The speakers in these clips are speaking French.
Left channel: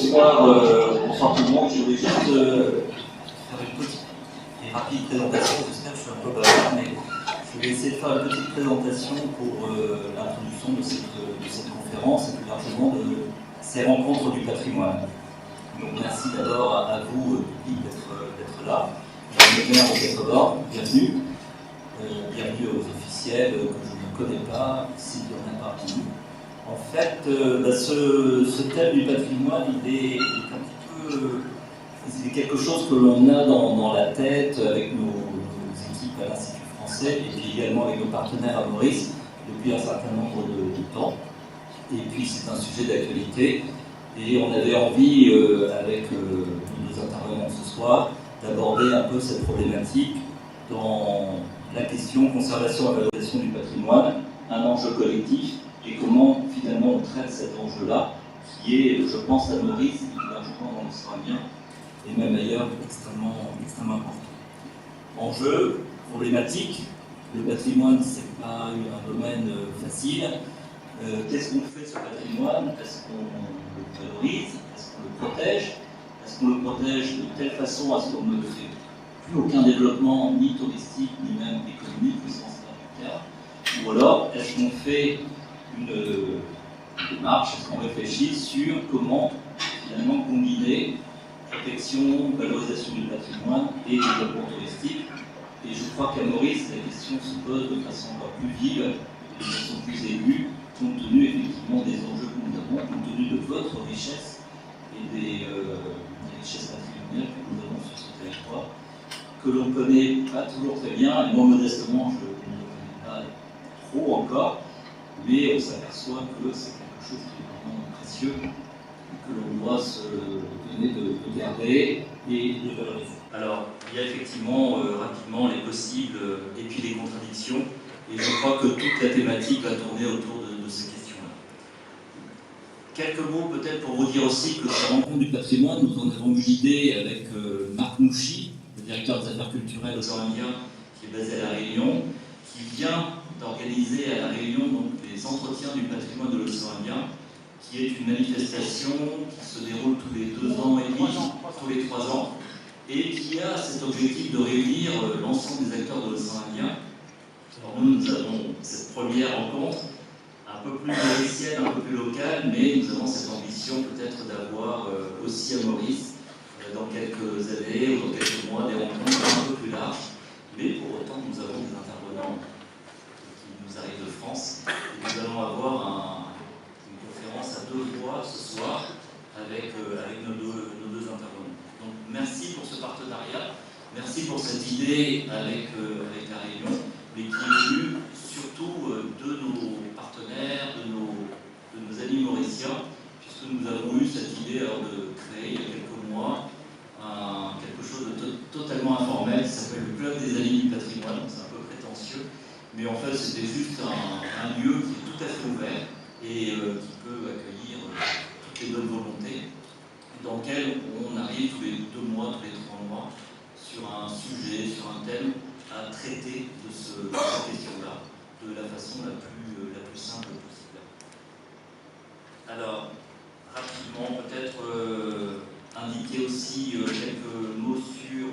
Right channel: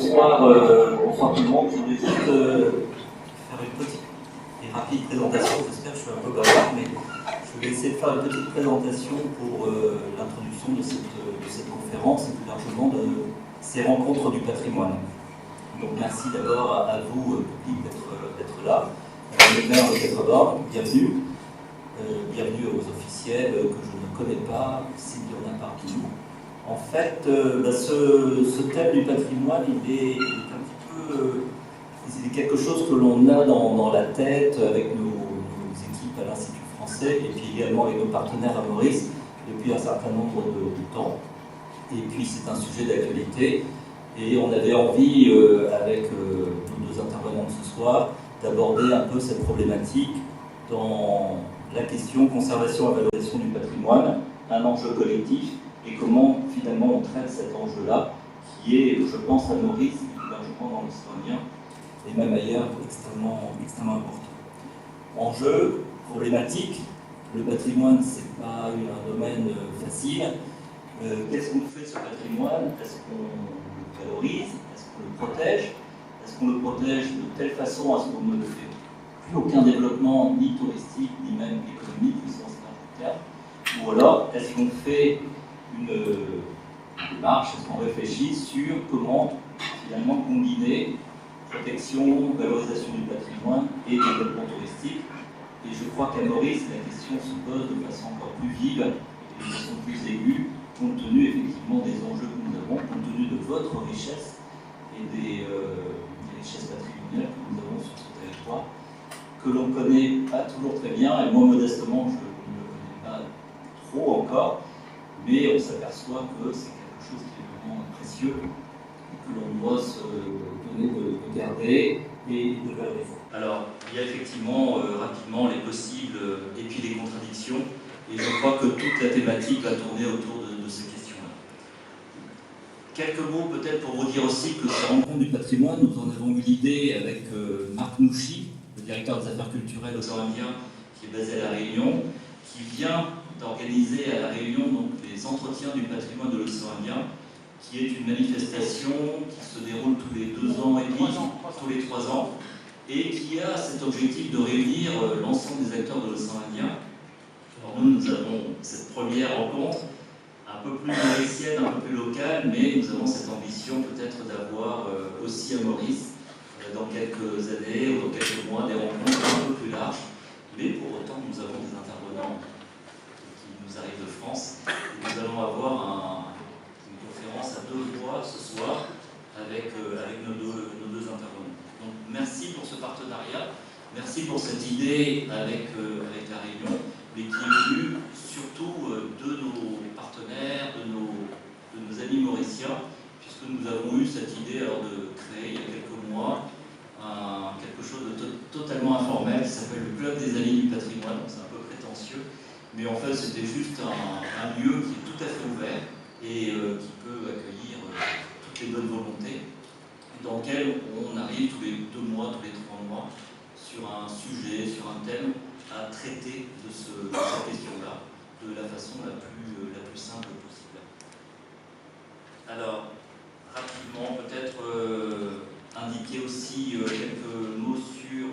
bonsoir tout le monde. Je voulais juste faire une petite et rapide présentation. J'espère que je suis un peu bavard, mais je vais essayer de faire une petite présentation pour l'introduction de cette conférence et plus largement de ces rencontres du patrimoine. Donc merci d'abord à vous, public, d'être là. Le maire de Petrodor, bienvenue. Bienvenue aux officiels que je ne connais pas, s'il y en a parmi nous. En fait, ce thème du patrimoine, il est un petit peu... il est quelque chose que l'on a dans la tête avec nos équipes à l'Institut français et puis également avec nos partenaires à Maurice depuis un certain nombre de temps. Et puis c'est un sujet d'actualité et on avait envie, avec nos deux intervenants de ce soir, d'aborder un peu cette problématique dans la question conservation et valorisation du patrimoine, un enjeu collectif, et comment finalement on traite cet enjeu-là, qui est, je pense, à Maurice, et plus largement dans l'océan Indien, et même ailleurs, extrêmement important. Enjeu, problématique, le patrimoine, c'est pas un domaine facile. Qu'est-ce qu'on fait de ce patrimoine? Est-ce qu'on le valorise? Est-ce qu'on le protège? Est-ce qu'on le protège de telle façon à ce qu'on ne fait plus aucun développement, ni touristique, ni même économique, au sens large du terme? Ou alors, est-ce qu'on fait une démarche, est-ce qu'on réfléchit sur comment finalement combiner protection, valorisation du patrimoine et développement touristique? Et je crois qu'à Maurice, la question se pose de façon encore plus vive et de façon plus aiguë, compte tenu effectivement des enjeux que nous avons, compte tenu de votre richesse et des richesses patrimoniales que nous avons sur ce territoire, que l'on ne connaît pas toujours très bien, et moi modestement je ne le connais pas trop encore, mais on s'aperçoit que c'est quelque chose qui est vraiment précieux et que l'on doit se donner de garder et de valoriser. Alors, il y a effectivement rapidement les possibles et puis les contradictions, et je crois que toute la thématique va tourner autour de ces questions-là. Quelques mots peut-être pour vous dire aussi que ces rencontres du patrimoine, nous en avons eu l'idée avec Marc Nouchi, le directeur des affaires culturelles aux Indiens, qui est basé à La Réunion, qui vient d'organiser à La Réunion donc, les entretiens du patrimoine de l'océan Indien, qui est une manifestation qui se déroule tous les 2 ans et demi, tous les 3 ans, et qui a cet objectif de réunir l'ensemble des acteurs de l'océan Indien. Alors nous avons cette première rencontre, un peu plus mauricienne, un peu plus locale, mais nous avons cette ambition peut-être d'avoir aussi à Maurice, dans quelques années ou dans quelques mois, des rencontres un peu plus larges, mais pour autant nous avons des intervenants qui nous arrivent de France, et nous allons avoir une conférence à 2 voix ce soir avec nos deux intervenants. Donc merci pour ce partenariat, merci pour cette idée avec La Réunion, mais qui est venue surtout de nos partenaires, de nos amis mauriciens, puisque nous avons eu cette idée alors, de créer il y a quelques mois quelque chose de totalement informel qui s'appelle le Club des Amis du Patrimoine. C'est un peu prétentieux, mais en fait c'était juste un lieu qui est tout à fait ouvert et qui peut accueillir toutes les bonnes volontés, dans lequel on arrive tous les 2 mois, tous les 3 mois, sur un sujet, sur un thème, à traiter de cette question-là de la façon la plus simple possible. Alors, rapidement, peut-être indiquer aussi quelques mots sur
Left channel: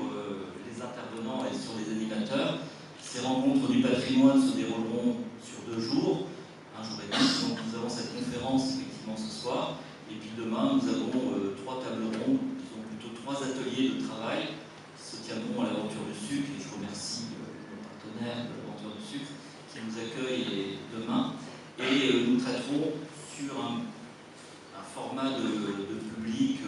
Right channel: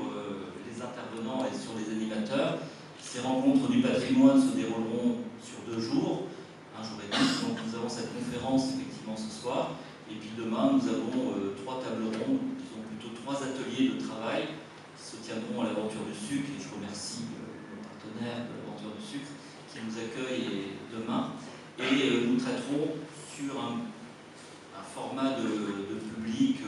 les intervenants et sur les animateurs. Ces rencontres du patrimoine se dérouleront sur 2 jours, un jour et demi. Donc nous avons cette conférence effectivement ce soir, et puis demain nous avons 3 tables rondes, disons plutôt 3 ateliers de travail qui se tiendront à l'Aventure du Sucre, et je remercie nos partenaires de l'Aventure du Sucre qui nous accueillent demain, et nous traiterons sur un format de public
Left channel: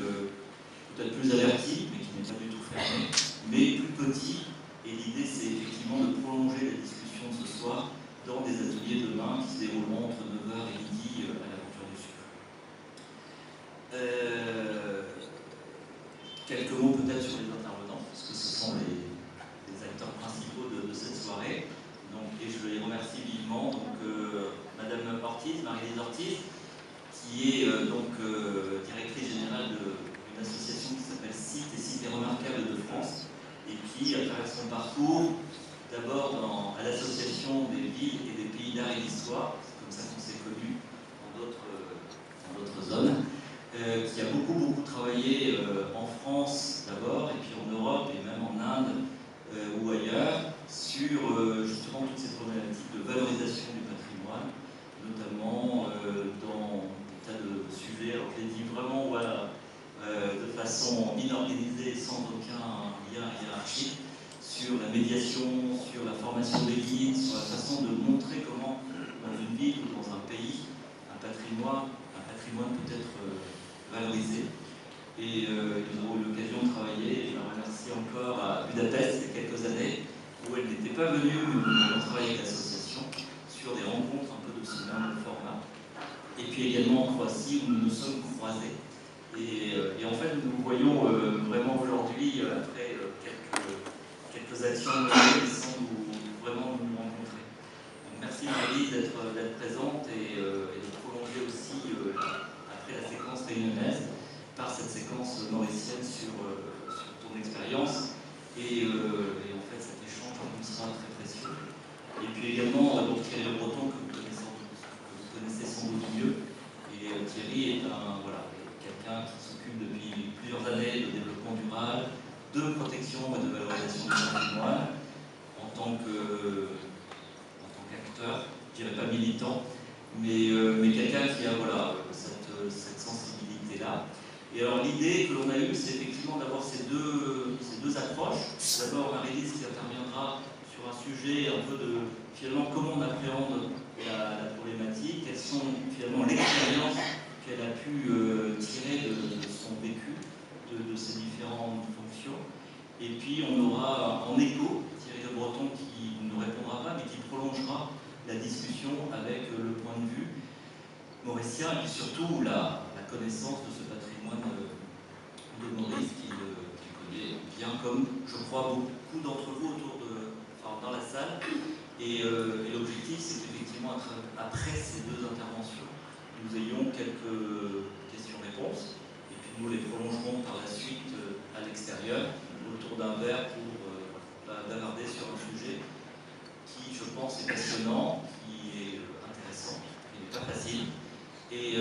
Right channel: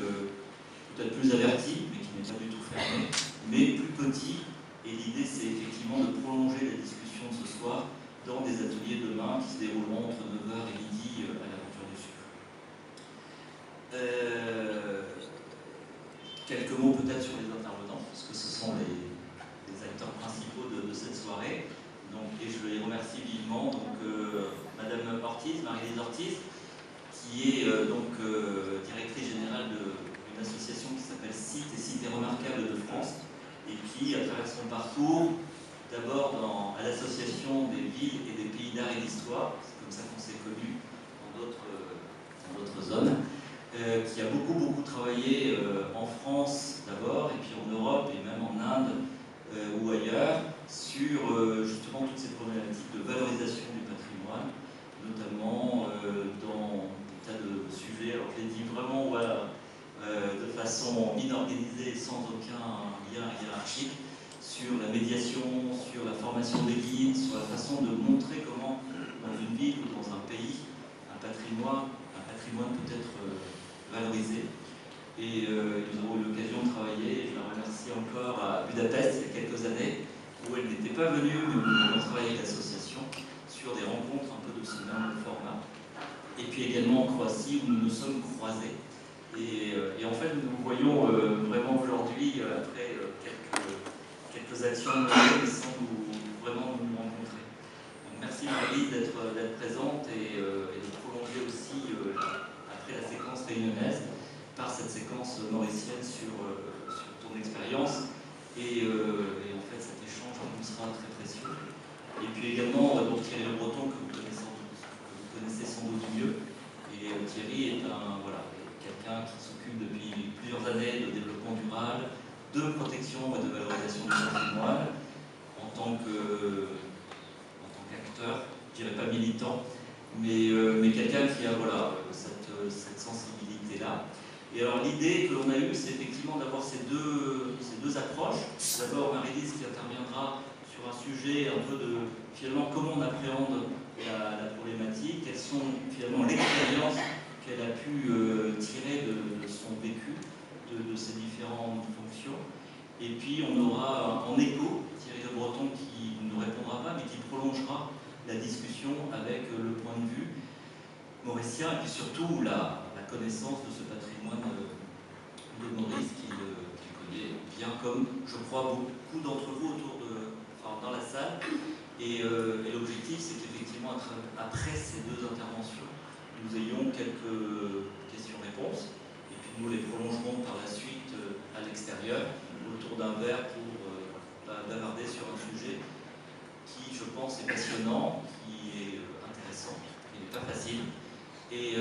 peut-être plus averti, mais qui n'est pas du tout fermé, mais plus petit, et l'idée c'est effectivement de prolonger la discussion ce soir dans des ateliers demain qui se dérouleront entre 9h et midi à l'Aventure du Sucre. Quelques mots peut-être sur les intervenants, parce que ce sont les acteurs principaux de cette soirée. Donc, et je les remercie vivement. Donc, Madame Ortiz, Marie-Lise Ortiz, qui est directrice générale d'une association qui s'appelle Sites et Cités Remarquables de France, et qui, à travers son parcours, d'abord à l'association des villes et des pays d'art et d'histoire, c'est comme ça qu'on s'est connus dans d'autres zones, qui a beaucoup travailler en France d'abord, et puis en Europe, et même en Inde ou ailleurs, sur justement toutes ces problématiques de valorisation du patrimoine, notamment dans des tas de sujets, alors je l'ai dit vraiment voilà, de façon inorganisée, sans aucun lien hiérarchique, sur la médiation, sur la formation des guides, sur la façon de montrer comment, dans une ville ou dans un pays, un patrimoine peut être valorisé. Et nous avons eu l'occasion de travailler, et je la remercie encore, à Budapest il y a quelques années, où elle n'était pas venue, mais où nous avons travaillé avec l'association sur des rencontres un peu de ce même format. Et puis également en Croatie, où nous nous sommes croisés. Et en fait, nous nous voyons vraiment aujourd'hui, après quelques actions menées, sans vraiment nous rencontrer. Donc, merci Marie d'être présente et de prolonger aussi, après la séquence réunionnaise, par cette séquence mauricienne sur ton expérience. Et en fait, cet échange nous sera très précieux. Et puis également, donc, Thierry Le Breton, que vous connaissez sans doute mieux. Et Thierry est quelqu'un qui s'occupe depuis plusieurs années de développement durable, de protection et de valorisation du patrimoine, en tant qu'acteur, je dirais pas militant, mais quelqu'un qui a cette sensibilité-là. Et alors l'idée que l'on a eue, c'est effectivement d'avoir ces deux approches. D'abord Marie-Lise qui interviendra sur un sujet un peu de finalement comment on appréhende la problématique, quelles sont finalement l'expérience qu'elle a pu tirer de son vécu, de ses différentes fonctions. Et puis on aura en écho Thierry Le Breton qui ne répondra pas, mais qui prolongera la discussion avec le point de vue mauricien et puis surtout la connaissance de ce patrimoine de Maurice qu'il connaît bien, comme je crois beaucoup d'entre vous dans la salle. Et l'objectif, c'est qu'effectivement, après ces deux interventions, nous ayons quelques questions-réponses, et puis nous les prolongerons par la suite à l'extérieur, autour d'un verre pour bavarder sur un sujet qui, je pense, est passionnant, qui est intéressant, qui n'est pas facile. Et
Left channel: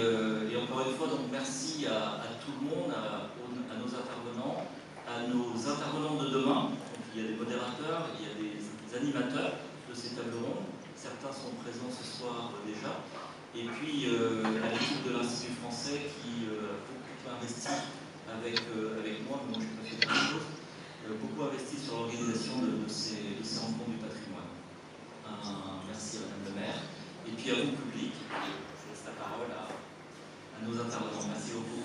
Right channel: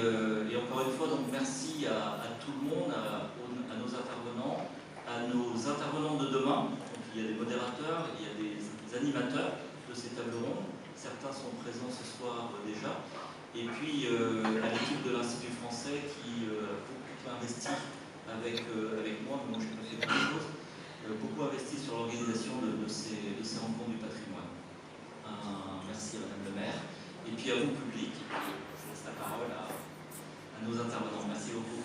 encore une fois, donc merci à tout le monde, à nos intervenants, de demain. Donc, il y a des modérateurs, il y a des animateurs de ces tables rondes. Certains sont présents ce soir déjà. Et puis à l'équipe de l'Institut français qui a beaucoup investi avec moi, mais moi j'ai pas fait plein de choses, beaucoup investi sur l'organisation de ces rencontres du patrimoine. Merci à Madame le maire. Et puis à vous, public. Je laisse la parole à nos intervenants. Merci beaucoup.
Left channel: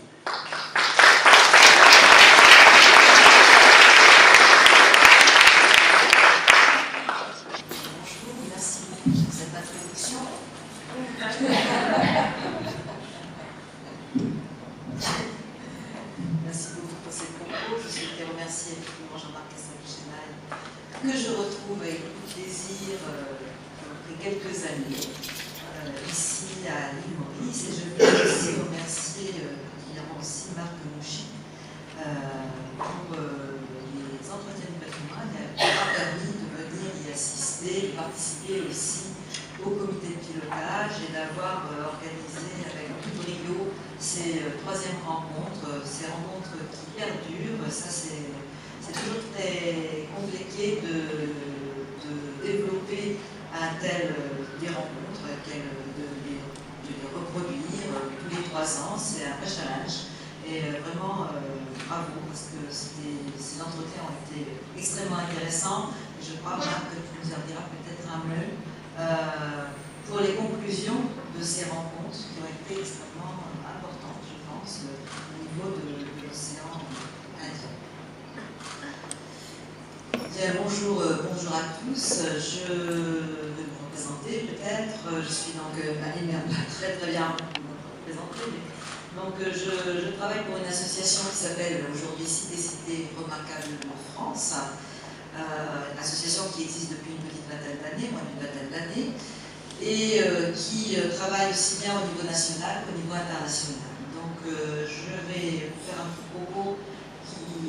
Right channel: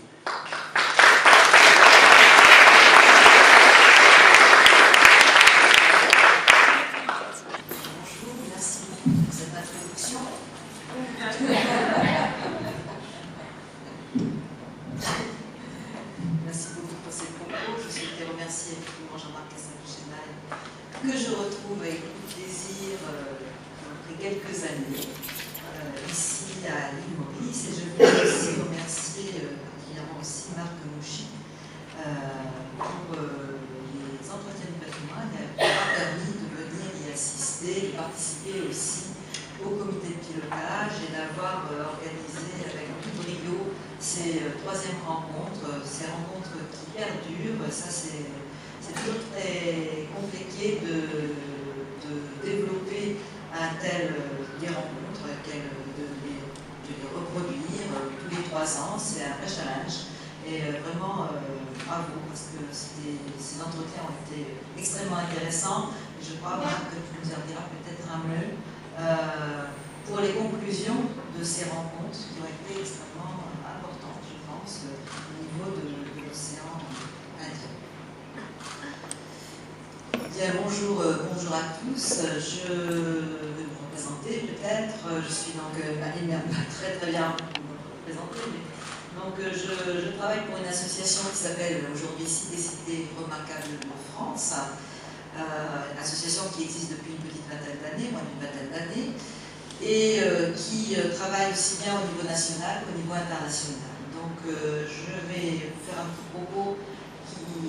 Bonjour, merci beaucoup pour cette introduction. Merci beaucoup pour ces propos. Je souhaitais remercier effectivement Jean-Marc Cassagne-Chenaille, que je retrouve avec beaucoup de plaisir après quelques années ici à l'île Maurice. Et je voulais aussi remercier particulièrement aussi Marc Mouchy pour les entretiens du patrimoine qui m'a permis de venir y assister, de participer aussi au comité de pilotage et d'avoir organisé avec beaucoup de brio ces troisièmes rencontres, ces rencontres qui perdurent. Ça, c'est toujours très compliqué de développer des rencontres, de les reproduire tous les 3 ans. C'est un vrai challenge. Et vraiment, bravo, parce que ces entretiens ont été extrêmement intéressants. Et je crois, Marc, que tu nous en diras peut-être un mot pour les conclusions de ces rencontres qui ont été extrêmement importantes, je pense, au niveau de l'océan Indien. Bien, bonjour à tous. Je vais me représenter peut-être. Je suis donc Marie Merba, très bien vous présenter. Donc je travaille pour une association qui s'appelle aujourd'hui Cités Remarquables de France. Une association qui existe depuis une petite vingtaine d'années, moins d'une vingtaine d'années, et qui travaille aussi bien au niveau national qu'au niveau international. Donc je vais faire un petit propos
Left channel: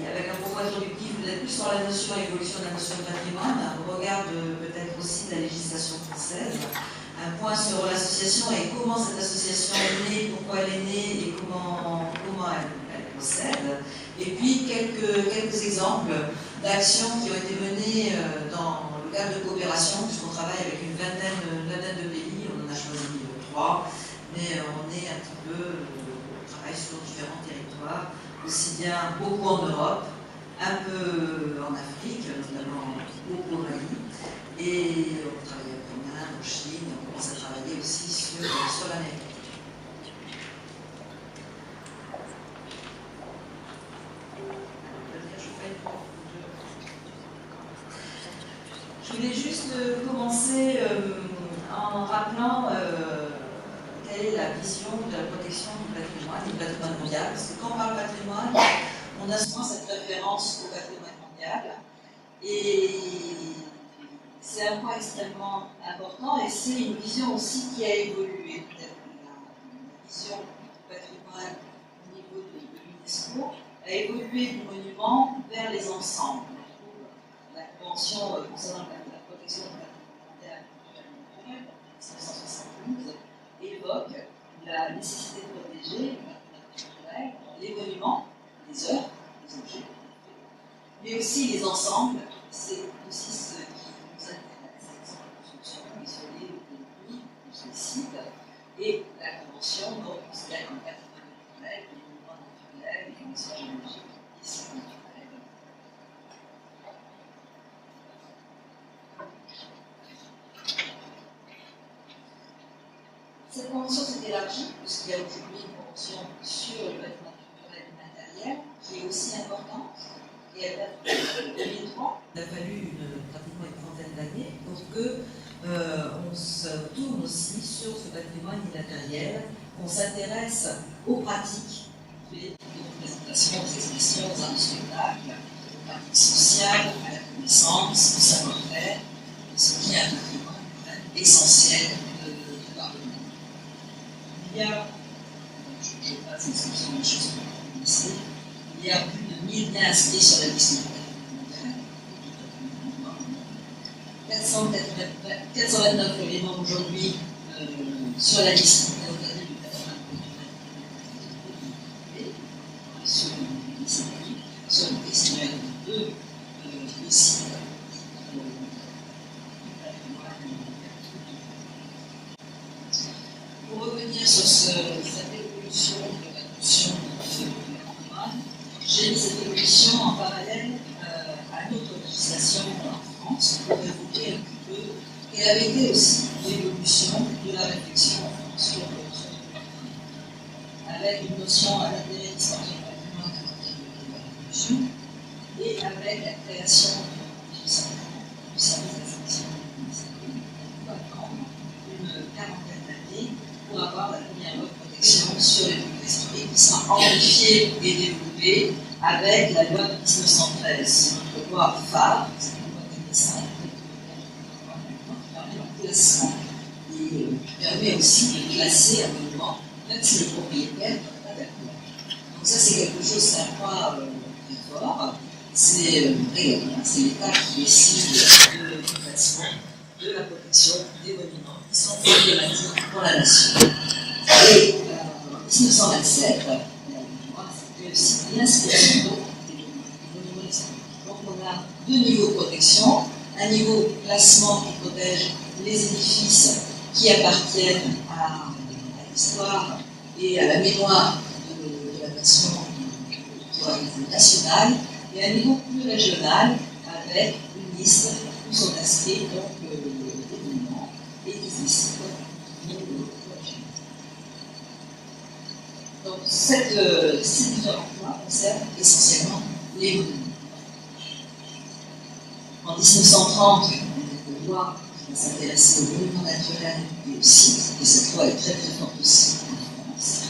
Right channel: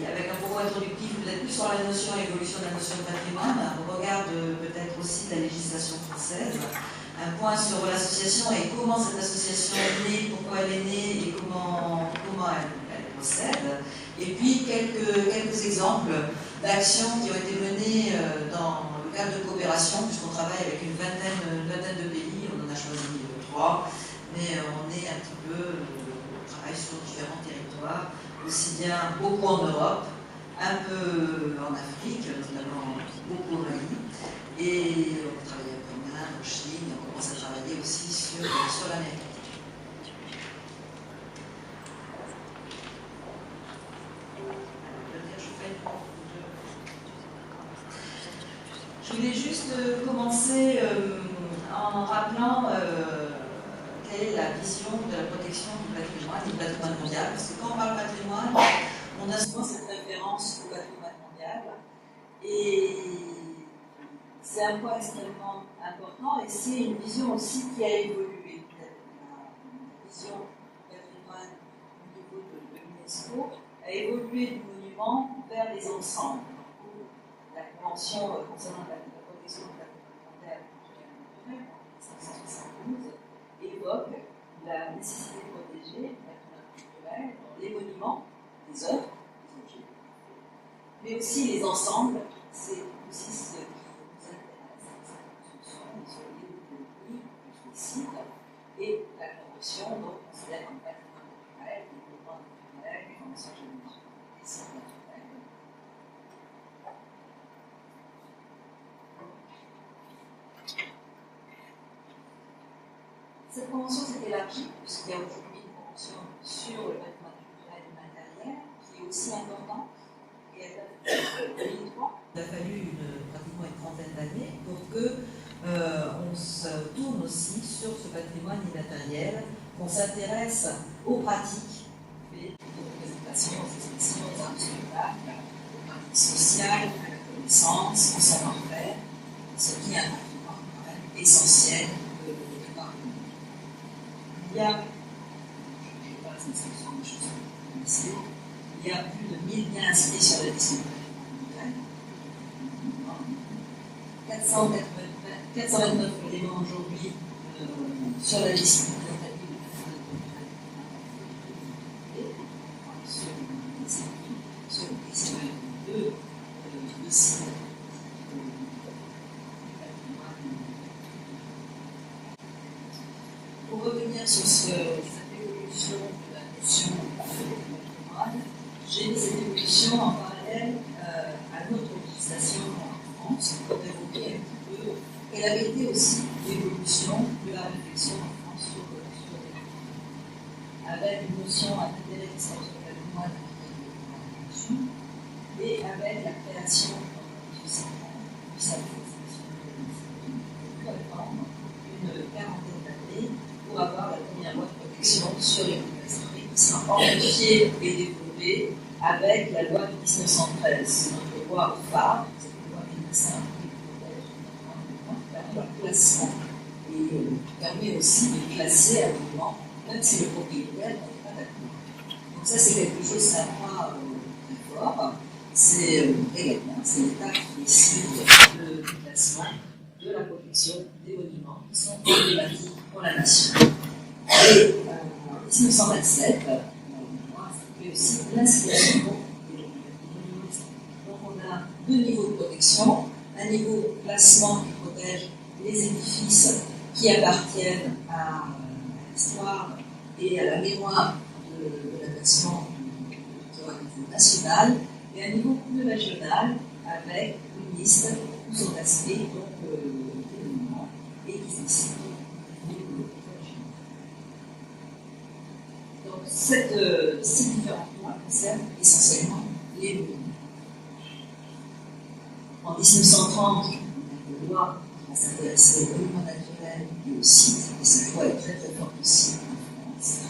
avec un propos introductif, peut-être plus sur la notion et l'évolution de la notion de patrimoine, au regard peut-être aussi de la législation française, un point sur l'association et comment cette association est née, pourquoi elle est née et comment elle procède. Et puis quelques exemples d'actions qui ont été menées dans le cadre de coopération, puisqu'on travaille avec une vingtaine de pays, on en a choisi 3, mais on est un petit peu, on travaille sur différents territoires, aussi bien beaucoup en Europe, un peu en Afrique, notamment beaucoup au Mali, et on travaille en Inde, en Chine, et on commence à travailler aussi sur l'Amérique. Je voulais juste commencer en rappelant quelle est la vision de la protection du patrimoine mondial, parce que quand on parle patrimoine, on a souvent cette référence au patrimoine mondial, et c'est un point extrêmement important, et c'est une vision aussi qui a évolué. La vision du patrimoine au niveau de l'UNESCO a évolué du monument vers les ensembles. La Convention concernant la protection du patrimoine mondial 1972 évoque la nécessité de protéger les monuments, les œuvres, les objets, mais aussi les ensembles. C'est aussi ce qui nous intéresse, les constructions isolées des pays, des sites, et la Convention donc considère comme patrimoine naturel les monuments naturels, les formations géologiques, les sites naturels. Cette convention s'est élargie puisqu'il y a aujourd'hui une convention sur le patrimoine culturel et matériel qui est aussi importante, et elle date de 2003. Il a fallu pratiquement une trentaine d'années pour qu'on se tourne aussi sur ce patrimoine immatériel, qu'on s'intéresse aux pratiques, les représentations, aux expressions, aux arts du spectacle, aux pratiques sociales, à la connaissance, au savoir-faire, ce qui est un patrimoine essentiel de l'art. Il y a, je passe une section de choses que vous connaissez, il y a plus de 1000 biens inscrits sur la liste mondiale. 429 éléments aujourd'hui sur la liste mondiale du patrimoine culturel. Sur le questionnaire 2, aussi. Pour revenir sur cette évolution de la notion de patrimoine, j'ai mis cette évolution en parallèle à notre législation en France pour évoquer un petit peu et avait été aussi l'évolution de la réflexion en France sur le patrimoine, avec une notion à l'intérêt d'histoire du patrimoine à partir de la révolution et avec la création en 1830 du service d'information de l'UNESCO pour attendre une quarantaine d'années pour avoir la première loi de protection sur les monuments historiques qui sera amplifiée et développée avec la loi de 1913, notre loi phare, c'est la loi d'Inissa, classement et qui permet aussi de classer un monument, même si le propriétaire n'est pas d'accord. Donc ça c'est quelque chose, c'est un point très fort, c'est régalien, c'est l'État qui décide du classement, de la protection des monuments qui sont problématiques pour la nation. Et en 1927, c'était aussi l'inscription des monuments historiques. Donc on a deux niveaux de protection, un niveau classement qui protège les édifices qui appartiennent à l'histoire et à la mémoire de la nation nationale, et un niveau plus régional avec une liste où sont inscrits donc les monuments et qui décident du niveau régional. Donc ces différents points concernent essentiellement les monuments. En 1930, on a une loi s'intéresser aux monuments naturels et aux sites, et cette loi est très très forte aussi en France.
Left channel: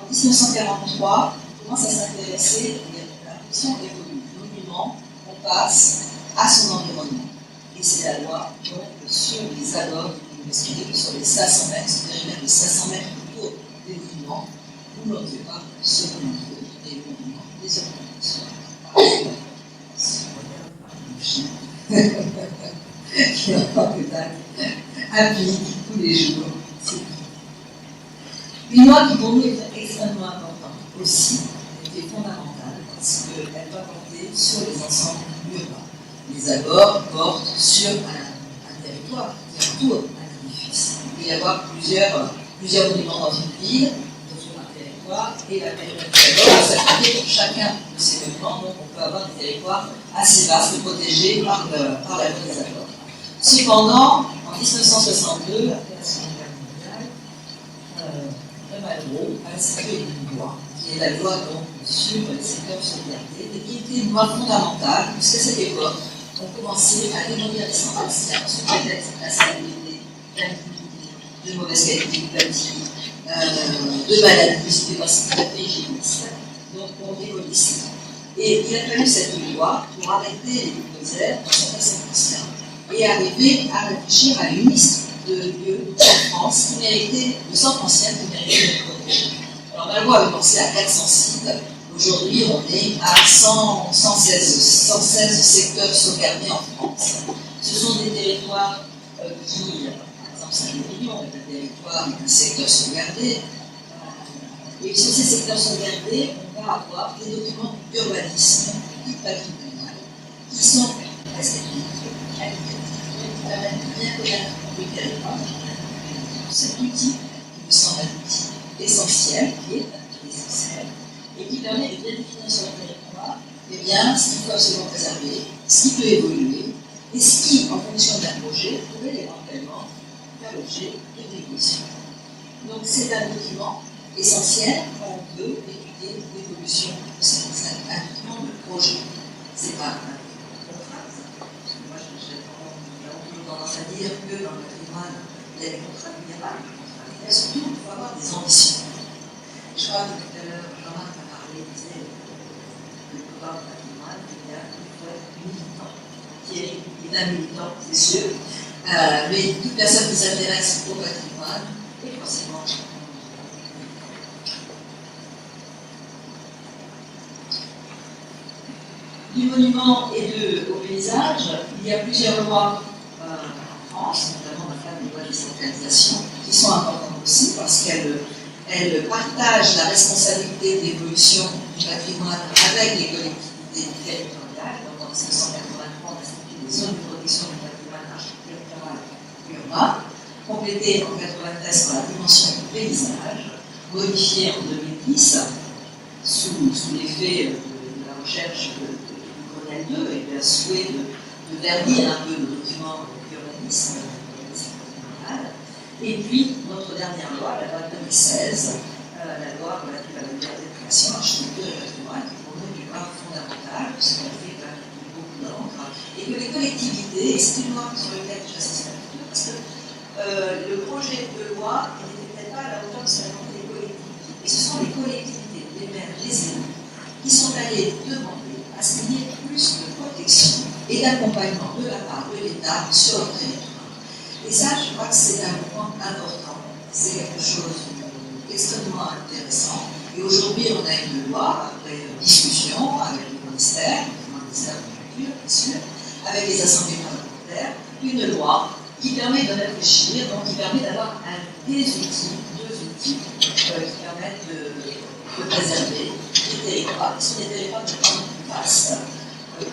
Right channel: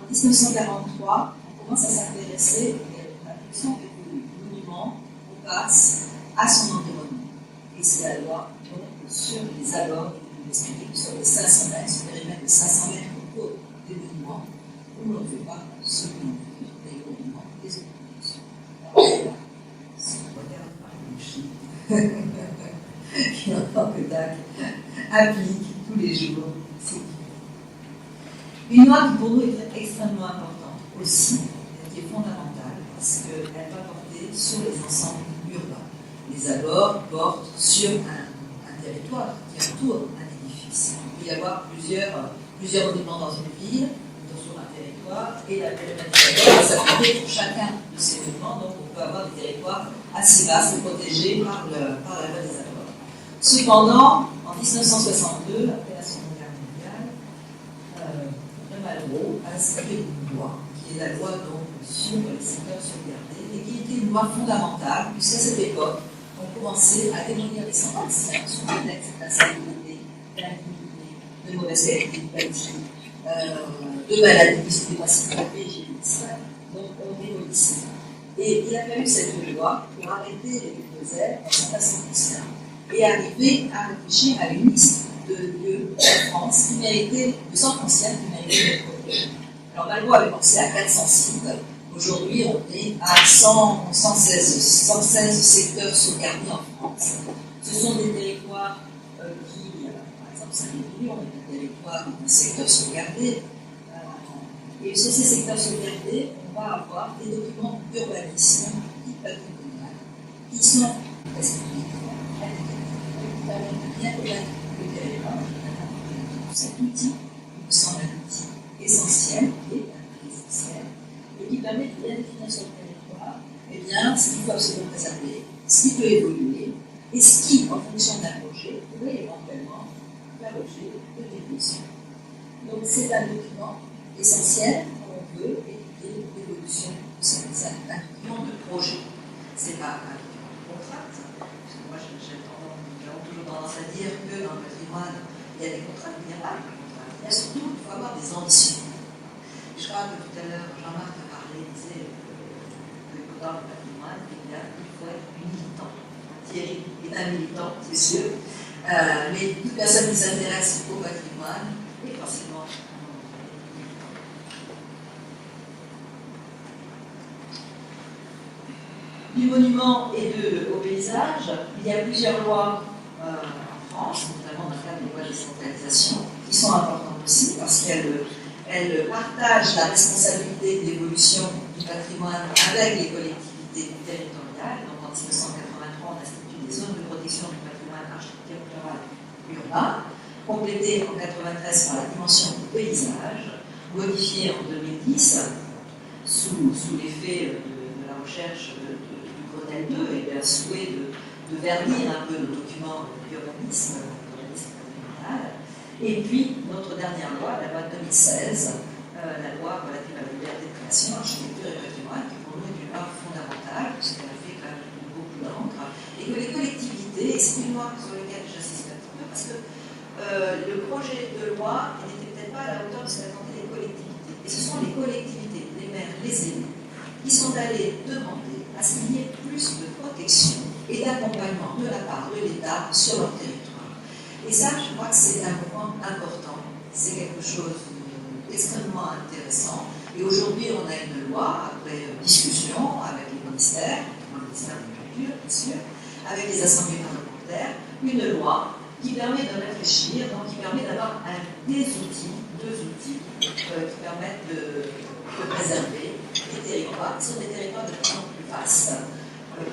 En 1943, on commence à s'intéresser à la question des monuments, on passe à son environnement. Et c'est la loi donc, sur les abords, on expliquait que sur les 500 mètres, ce périmètre de 500 mètres autour des monuments, on ne fait pas seulement des monuments, des organisations. Qui en tant que tel applique tous les jours. Une loi qui pour nous est extrêmement importante aussi, elle est fondamentale parce qu'elle va porter sur les ensembles urbains. Les abords portent sur un territoire qui entoure un édifice. Il peut y avoir plusieurs monuments dans une ville, sur un territoire, et la périmètre des abords va s'appliquer pour chacun de ces monuments. Donc on peut avoir des territoires assez vastes, protégés par la loi des abords. Cependant, en 1962, après la Seconde Guerre mondiale, le Malraux a institué une loi, qui est la loi donc, sur les secteurs sauvegardés, et qui était une loi fondamentale, puisqu'à cette époque, on commençait à démolir les centrales sous prétexte d'insalubrité, d'indignité, de mauvaise qualité de bâti, de maladies, de capacités hygiénistes. Donc on démolissait. Et il a fallu cette loi pour arrêter les bulldozers dans certains circonstances et arriver à réfléchir à une liste de lieux en France qui méritaient, de centres anciens qui méritaient d'être protégés. Alors Malraux avait pensé à 400 sites. Aujourd'hui, on est à 116 secteurs sauvegardés en France. Ce sont des territoires qui, par exemple, Saint-Émilion est un territoire, un secteur sauvegardé. Et sur ces secteurs sauvegardés, on va avoir des documents d'urbanisme, de patrimonial, qui sont respectifs, qui permettent bien connaître le territoire. Cet outil, il me semble un outil essentiel, qui est essentiel, et qui permet de bien définir sur le territoire ce qu'il faut absolument préserver, ce qui peut évoluer, et ce qui, en fonction d'un projet, pourrait éventuellement faire l'objet de dévolution. Donc c'est un document essentiel quand on veut étudier l'évolution de cette scène, un document de projet. C'est pas un contrat, parce que moi j'ai toujours tendance à dire que dans le patrimoine, il y a des contrats, mais il n'y a pas de contrat. Il y a surtout, il faut avoir des ambitions. Je crois que tout à l'heure, Jean-Marc a parlé, disait que dans le patrimoine, il faut être militant. Thierry est un militant, c'est sûr, mais toute personne qui s'intéresse au patrimoine est forcément du monument et au paysage. Il y a plusieurs lois en France, notamment dans le cadre des lois de décentralisation, qui sont importantes aussi parce qu'elles partagent la responsabilité de l'évolution du patrimoine avec les collectivités territoriales. Donc en 1983, on a institué des zones de protection du patrimoine architectural urbain, complétées en 1993 par la dimension du paysage, modifiée en 2010 sous l'effet de la recherche du Grenelle 2 et d'un souhait de vernir un peu le document d'urbanisme patrimonial. Et puis, notre dernière loi, la loi de 2016, la loi relative à la liberté de création, architecture et patrimoine, qui pour nous est une loi fondamentale, puisqu'elle a fait quand même beaucoup d'encre, et que les collectivités, et c'est une loi sur laquelle j'insiste un petit peu, parce que le projet de loi n'était peut-être pas à la hauteur de ce qu'attendaient les collectivités. Et ce sont les collectivités, les maires, les élus, qui sont allés demander à ce qu'il y ait plus de protection et d'accompagnement de la part de l'État sur leur territoire. Et ça, je crois que c'est un moment important. C'est quelque chose d'extrêmement intéressant. Et aujourd'hui, on a une loi, après discussion avec le ministère de la Culture, bien sûr, avec les assemblées parlementaires, une loi qui permet de réfléchir, donc qui permet d'avoir deux outils qui permettent de préserver les territoires, qui sont des territoires de plus en plus vastes,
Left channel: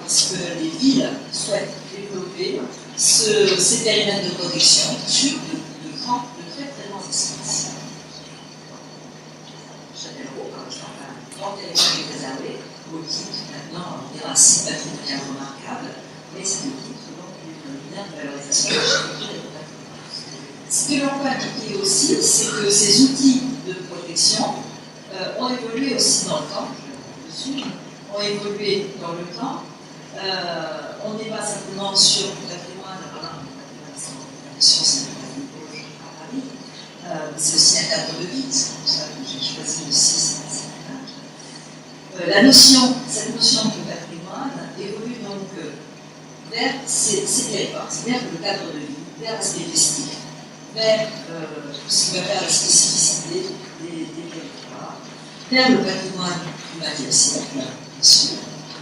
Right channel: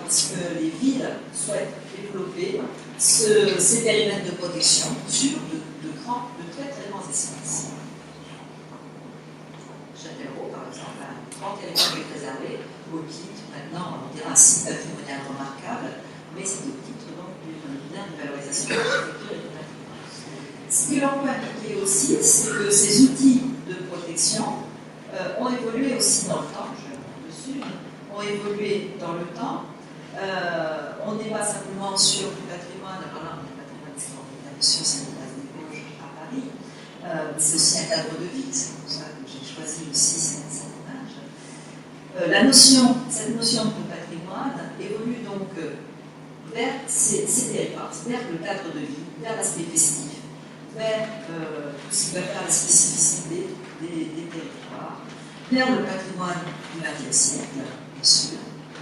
parce que les villes souhaitent développer ces périmètres de protection sur de très très grands espaces. Châtellerault, par exemple, a 30 territoires préservés, au titre, maintenant, on dira un site patrimonial remarquable, mais c'est au titre donc d'une valorisation de l'architecture et de patrimoine. Ce que l'on peut appliquer aussi, c'est que ces outils de protection ont évolué aussi dans le temps, je vais dessus, ont évolué dans le temps. On n'est pas simplement sur le patrimoine, alors là, le patrimoine extraordinaire, bien sûr, c'est le patrimoine Vosges à Paris, c'est aussi un cadre de vie, c'est pour ça que j'ai choisi aussi cette image. Cette notion de patrimoine évolue donc vers ces territoires, vers le cadre de vie, vers l'aspect festif, vers tout ce qui va faire la spécificité des territoires, vers le patrimoine du XXe siècle, bien sûr,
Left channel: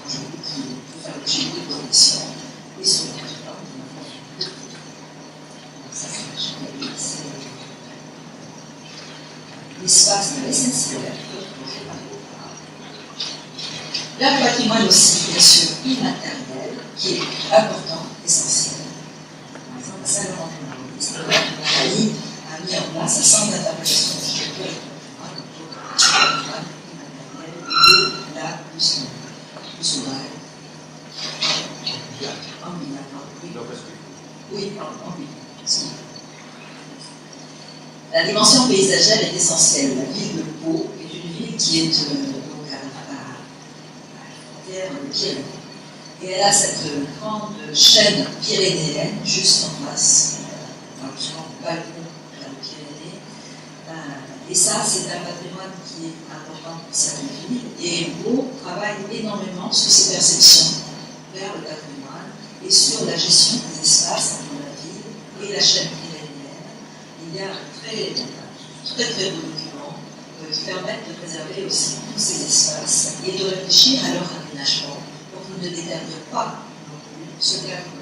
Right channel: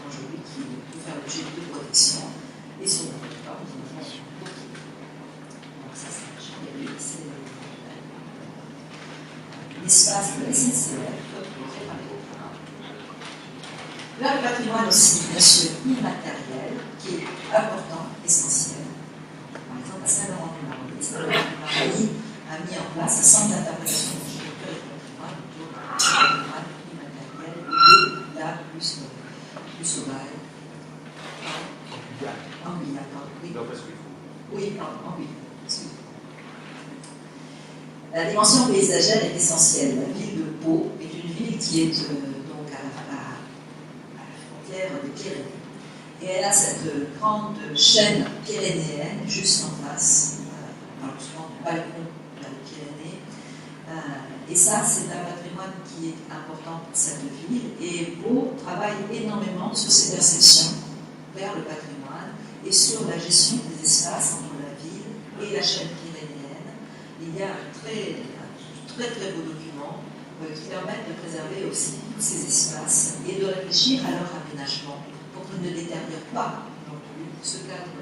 aujourd'hui qui peut faire l'objet de protection, et sur le territoire de la France. Donc ça, c'est l'espace de la SNCF, préparé au phare. Le patrimoine aussi, bien sûr, immatériel, qui est important, essentiel. Par exemple, Saint-Laurent-du-Maroni a mis en place un centre d'interprétation de l'architecture et du patrimoine immatériel de la Luce Sauvage. En Guyane, oui. Oui, en Guyane. La dimension paysagère est essentielle. La ville de Pau est une ville qui est donc à la frontière des Pyrénées. Et elle a cette grande chaîne pyrénéenne juste en face, souvent le balcon de la Pyrénées. Et ça, c'est un patrimoine qui est important pour cette ville. Et Pau travaille énormément sur ses perceptions vers le patrimoine et sur la gestion des espaces entre la ville et la chaîne pyrénéenne. Il y a un très beau document qui permet de préserver aussi tous ces espaces et de réfléchir à leur aménagement pour qu'ils ne détériorent pas non plus ce cadre de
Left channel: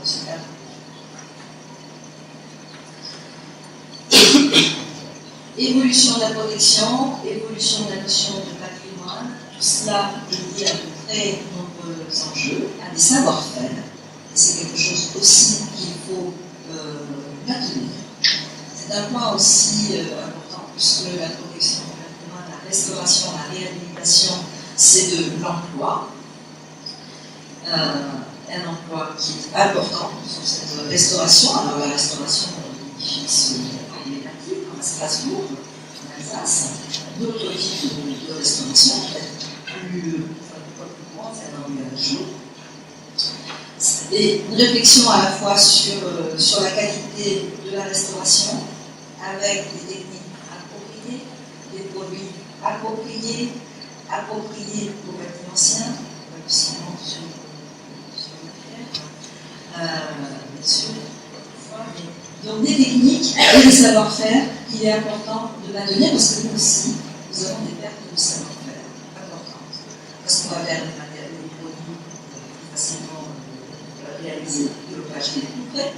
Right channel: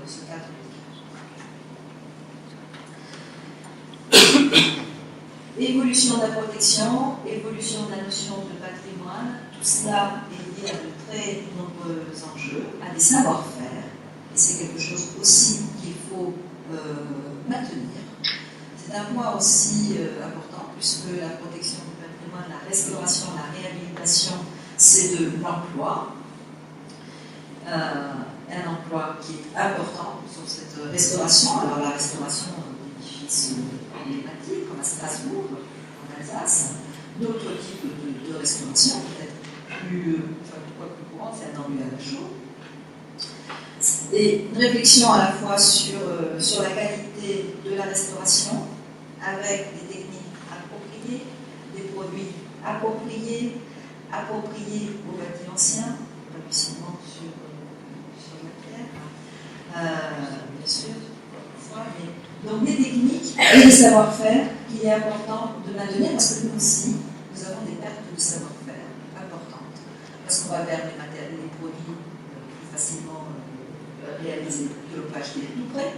vie. Évolution de la protection, évolution de la notion de patrimoine, tout cela est lié à de très nombreux enjeux, à des savoir-faire, et c'est quelque chose aussi qu'il faut maintenir. C'est un point aussi important, puisque la protection du patrimoine, la restauration, la réhabilitation, c'est de l'emploi. Un emploi qui est important sur cette restauration. Alors la restauration d'édifices emblématiques, comme à Strasbourg, en Alsace, d'autres types de restauration, peut-être plus courant, c'est un emblématique à jour. Et une réflexion à la fois sur la qualité de la restauration, avec des techniques appropriées, des produits appropriés aux bâtiments anciens, pas du ciment sur la pierre, bien sûr, mais donc des techniques et des savoir-faire qu'il est important de maintenir parce que nous aussi, nous avons des pertes de savoir-faire importantes. Parce qu'on va vers des matériaux, des produits plus facilement réalisés que l'opage qui est plus près.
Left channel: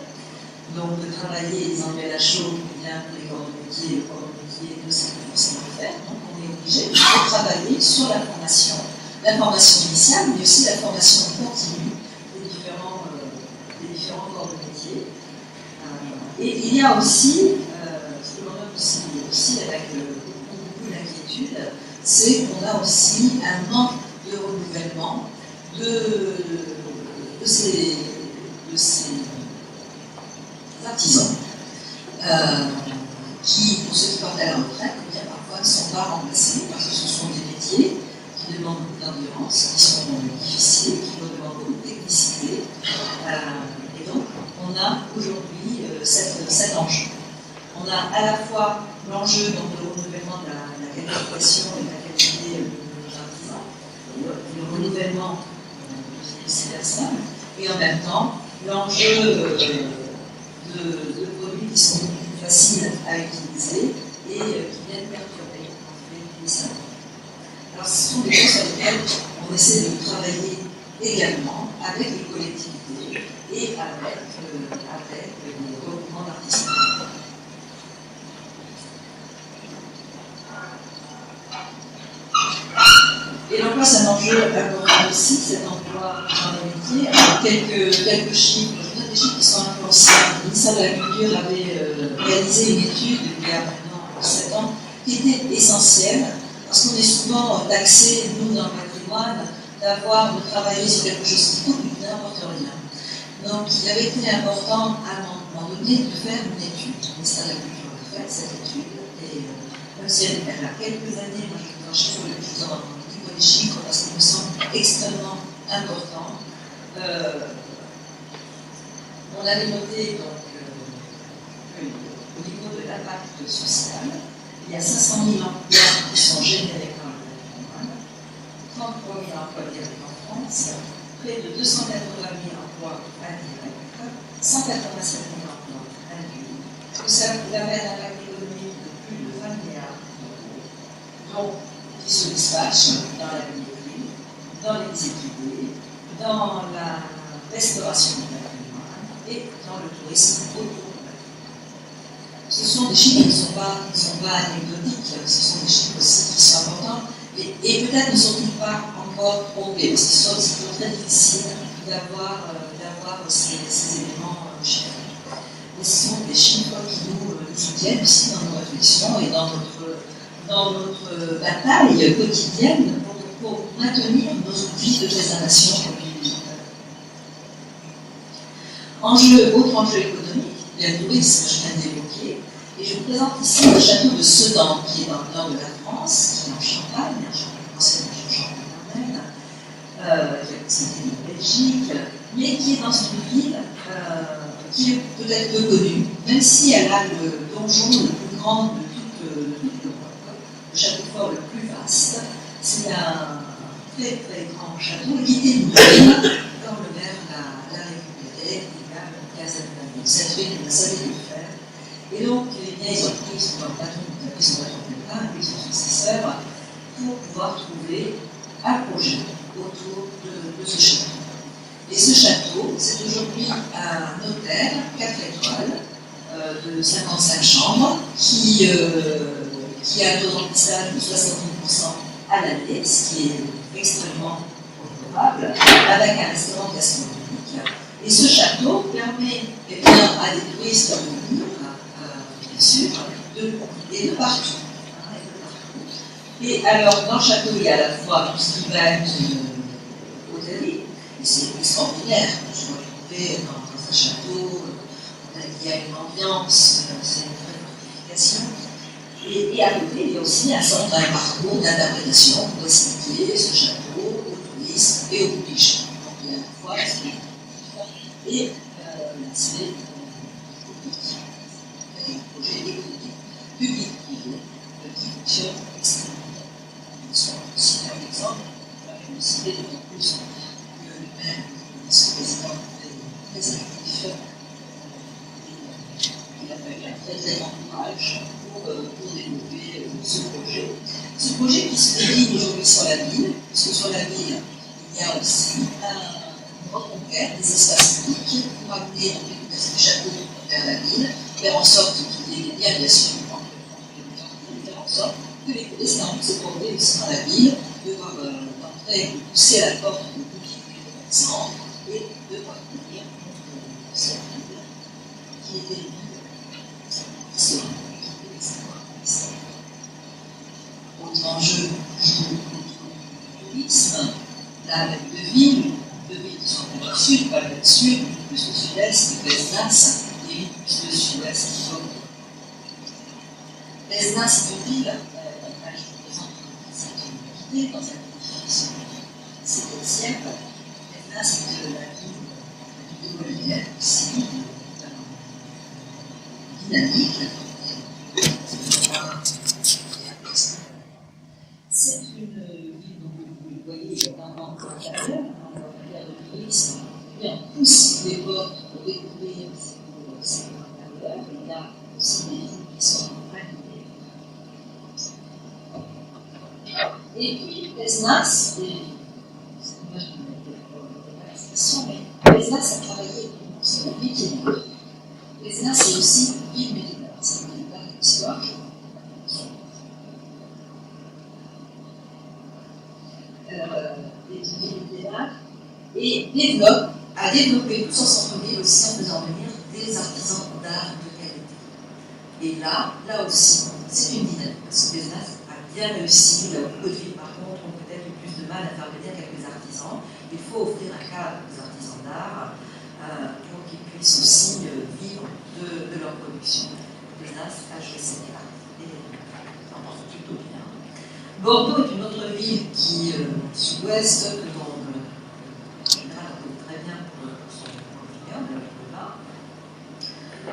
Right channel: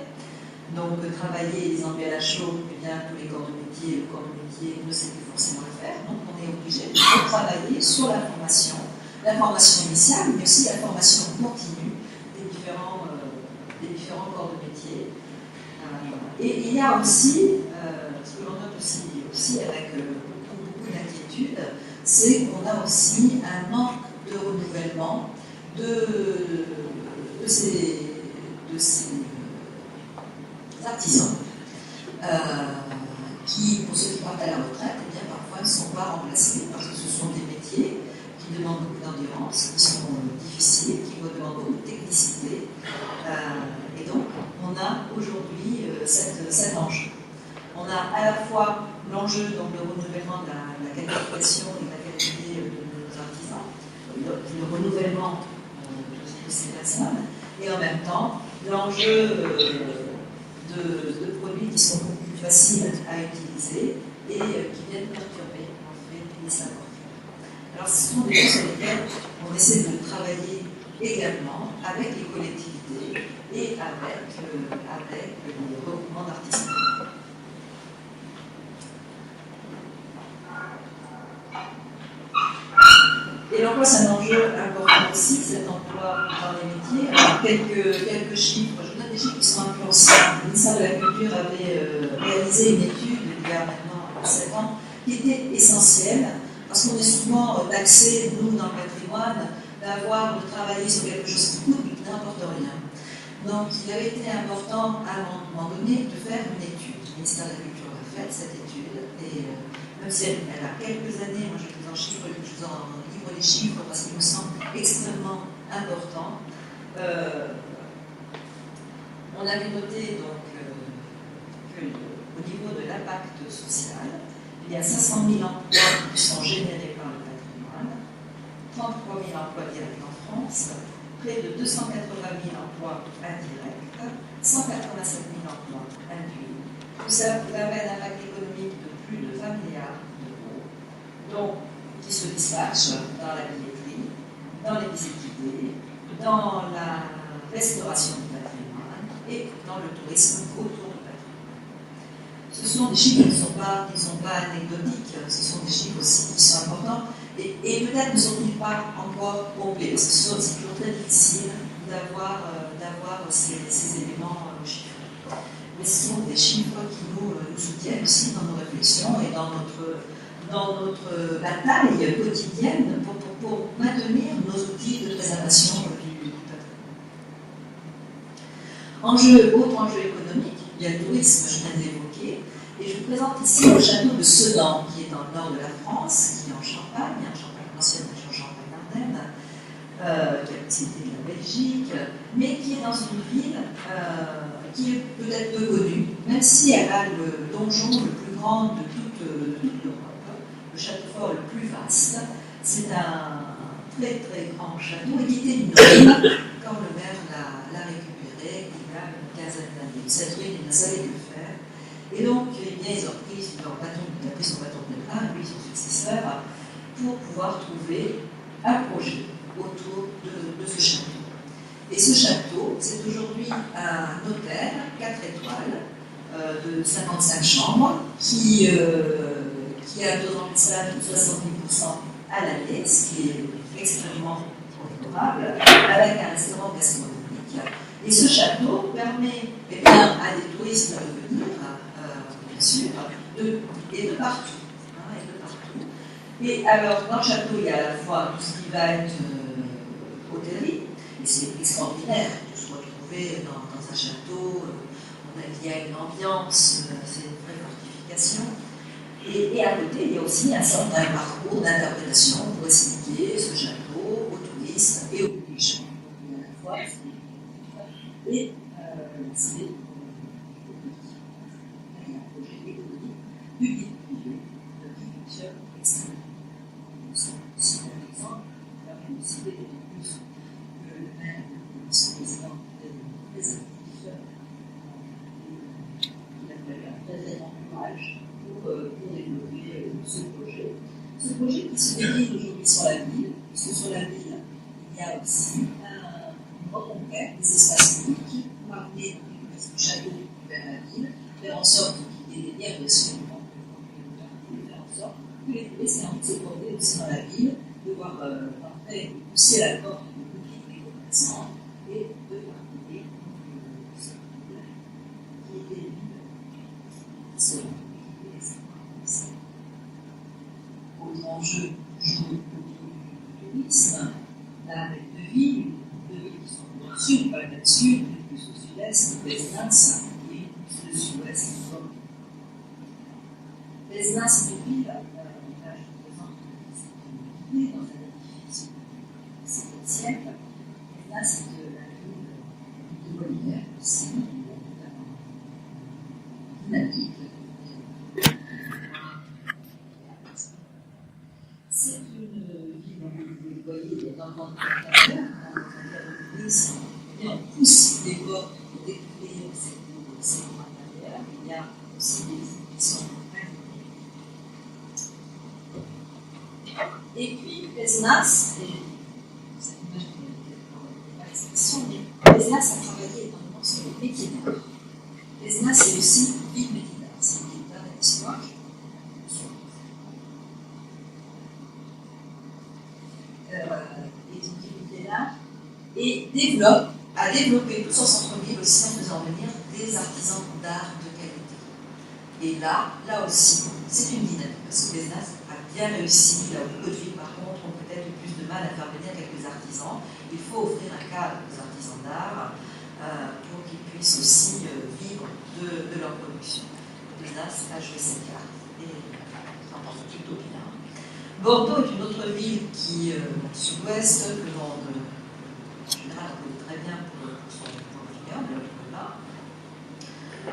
Donc, travailler les enlever à la chaux, eh bien, pour les corps de métier, le corps de métier ne sait plus forcément le faire. Donc, on est obligé de travailler sur la formation initiale, mais aussi la formation continue des différents corps de métier. Et il y a aussi, ce que l'on note aussi avec beaucoup d'inquiétude, c'est qu'on a aussi un manque de renouvellement de ces artisans qui, pour ceux qui partent à la retraite, eh bien, parfois ne sont pas remplacés parce que ce sont des métiers qui demandent beaucoup d'endurance, qui sont difficiles, qui demandent beaucoup de technicité. Et donc, on a aujourd'hui cet enjeu. On a à la fois l'enjeu de renouvellement de la qualification et de la qualité de nos artisans, le renouvellement de ces personnes, et en même temps l'enjeu de produits qui sont beaucoup plus faciles à utiliser et qui viennent perturber en fait les savoir. Alors ce sont des choses sur lesquelles on essaie de travailler également avec les collectivités et avec les regroupements d'artisans. Et l'emploi, c'est un enjeu important aussi, cet emploi dans les métiers. Alors, quelques chiffres, je donne des chiffres qui sont un peu anciens. Le ministère de la Culture avait réalisé une étude il y a maintenant 7 ans qui était essentielle parce qu'on est souvent taxé, nous, dans le patrimoine, de travailler sur quelque chose qui coûte, mais qui n'importe rien. Donc, il avait été important à un moment donné de faire une étude. Le ministère de la Culture a fait cette étude et même si elle a quelques années, moi je vous en chiffre, je vous en dis les chiffres parce qu'ils me semblent extrêmement importants. On avait noté donc au niveau de l'impact social, il y a 500 000 emplois qui sont générés par le patrimoine, 33 000 emplois directs en France, près de 280 000 emplois indirects, 187 000 emplois induits. Tout ça permet un impact économique de plus de 20 milliards d'euros, donc qui se dispatchent dans la billetterie, dans les équipés, dans la restauration du patrimoine et dans le tourisme autour du patrimoine. ce sont des chiffres qui ne sont pas anecdotiques, ce sont des chiffres aussi qui sont importants, et peut-être ne sont-ils pas encore complets, parce que c'est toujours très difficile d'avoir ces éléments chiffrés. Mais ce sont des chiffres qui nous soutiennent aussi dans nos réflexions et dans notre bataille quotidienne pour maintenir nos outils de préservation du autre enjeu économique, il y a le tourisme, je viens d'évoquer, et je vous présente ici le château de Sedan, qui est dans le nord de la France, qui est en Champagne, ancienne région Champagne-Ardenne, qui est à proximité de la Belgique, mais qui est dans une ville qui est peut-être peu connue, même si elle a le donjon le plus grand de toute l'Europe, le château fort le plus vaste. C'est un très très grand château qui était une ruine quand le maire l'a récupéré il y a une quinzaine d'années. Cette ruine, il savait le faire. Et donc, eh bien, ils ont pris son bâton de pèlerin, lui, son successeur, pour pouvoir trouver un projet autour de ce château. Et ce château, c'est aujourd'hui un hôtel 4 étoiles de 55 chambres qui a un taux de remplissage de 70% à l'année, ce qui est extrêmement profitable, avec un restaurant gastronomique. Et ce château permet à des touristes de venir, bien sûr, de partout. Et alors, dans le château, il y a à la fois tout ce qui va être hôtellerie, et c'est extraordinaire, tout ce qu'on va trouver dans un château, il y a une ambiance, c'est une vraie fortification. Et à côté, il y a aussi un centre, un parcours d'interprétation pour expliquer ce château aux touristes et aux publics. Donc il y a à la fois et l'aspect projet économique, public-privé, qui fonctionne extrêmement bien. Je cite un exemple, je vais citer d'autant plus que le maire, son président, est très actif. Il a fallu un très très grand courage pour développer ce projet. Ce projet qui se décline aujourd'hui sur la ville, puisque sur la ville, il y a aussi une reconquête des espaces publics pour amener ce château vers la ville, faire en sorte qu'il y ait bien sûr, faire en sorte que les touristes aient envie de se promener aussi dans la ville, de voir entrer, de pousser à la porte de boutiques commerçants et de voir venir cette ville qui était une ville autre enjeu joue le tourisme, la de villes qui sont plus au sud, pas le sud, plus au sud-est, Pézenas, et plus le sud-ouest. Pézenas est une ville, je vous présente cette unité dans un édifice du XVIIe siècle. Pézenas est la ville de Molière, aussi, dynamique. C'est une ville, donc vous le voyez, vraiment carrière, un tourisme, et on pousse les portes pour découvrir ces cours intérieurs. Il y a aussi des villes qui sont animées. Et puis, Pézenas, c'est une image qui m'a été l'expression, mais Pézenas a travaillé sur le métier d'art. Pézenas, c'est aussi une ville militaire, c'est une ville d'art et d'histoire. Et a développé tout son centre-ville aussi en faisant venir des artisans d'art de qualité. Et là aussi, c'est une dynamique, parce que Pézenas a bien réussi, là où beaucoup de villes par contre ont peut-être eu plus de mal à faire venir quelques artisans. Il faut offrir un cadre aux artisans d'art pour qu'ils puissent aussi vivre de leur production. Pézenas a joué cette carte et s'en porte plutôt bien. Bordeaux est une autre ville qui est au sud-ouest, que dans en général on connaît très bien pour son vignoble, là.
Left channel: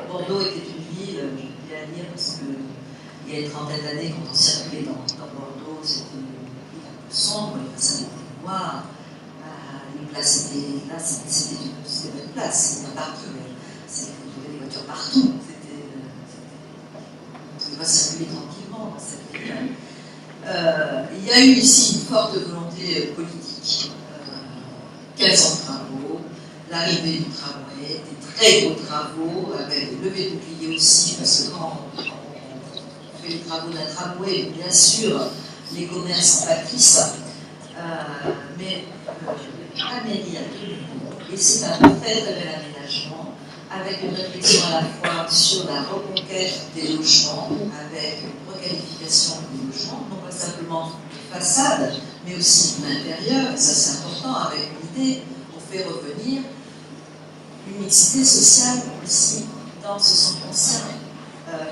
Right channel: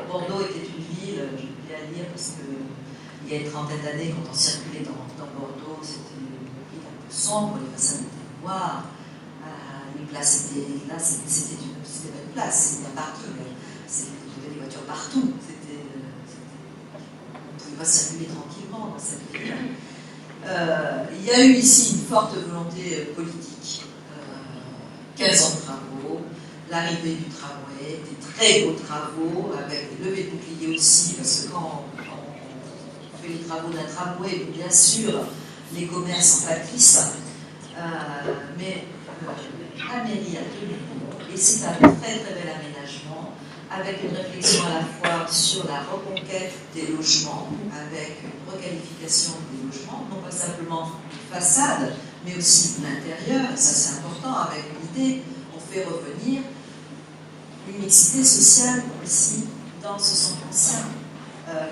Bordeaux était une ville, je peux bien dire, parce qu'il y a une trentaine d'années, quand on circulait dans Bordeaux, c'était une ville un peu sombre, les façades étaient noires, les places étaient là, c'était pas une place, c'était un parking, vous trouvez des voitures partout, on ne pouvait pas circuler tranquillement dans cette ville. Il y a eu ici une forte volonté politique, 15 ans de travaux, l'arrivée du tramway, des très gros travaux, avec des levées de boucliers aussi, parce que quand on fait les travaux d'un tramway, bien sûr, les commerces en pâtissent, mais la mairie a tenu compte, et c'est un très très bel aménagement, avec une réflexion à la fois sur la reconquête des logements, avec une requalification des logements, non pas simplement de façade, mais aussi de l'intérieur, et ça c'est important, avec l'idée, on fait revenir une mixité sociale aussi dans ce centre ancien,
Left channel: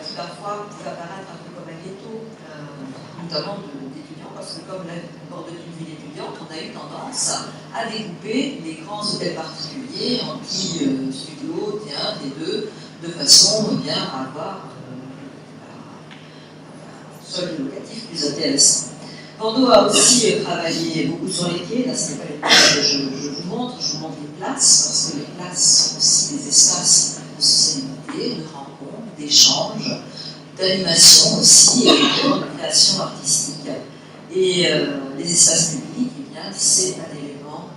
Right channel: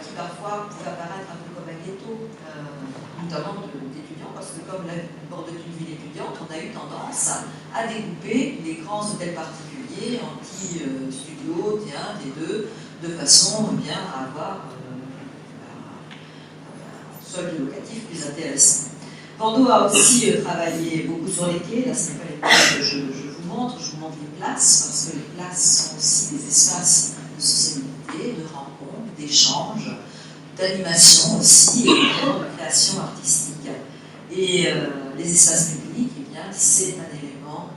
qui parfois pouvait apparaître un peu comme un ghetto, notamment d'étudiants, parce que comme la bord d'une ville étudiante, on a eu tendance à découper les grands hôtels particuliers en petits studios, tiens, des deux, de façon bien à avoir un solde locatif plus intéressant. Bordeaux a aussi travaillé beaucoup sur les quais. Là, ce n'est pas les quais que je vous montre les places, parce que les places sont aussi des espaces de socialité, de rencontres, d'échanges, d'animation aussi, et de création artistique. Et les espaces publics, eh bien, c'est un élément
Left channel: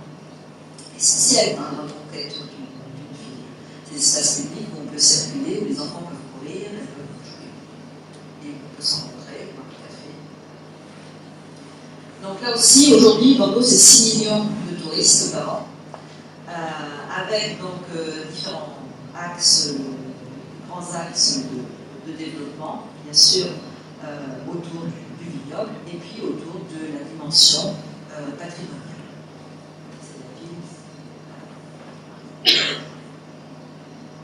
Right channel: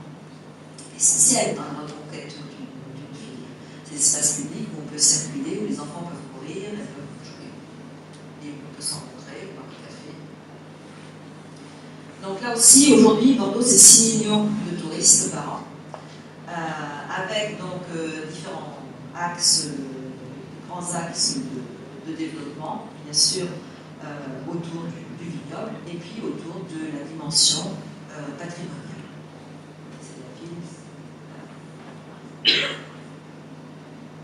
essentiel dans la reconquête d'une ville. Ces espaces publics où on peut circuler, où les enfants peuvent courir, elles peuvent jouer, et on peut s'en rencontrer, boire un café. Donc là aussi, aujourd'hui, Bordeaux, c'est 6 millions de touristes par an, avec donc différents axes, grands axes de développement, bien sûr, autour du vignoble, et puis autour de la dimension patrimoniale.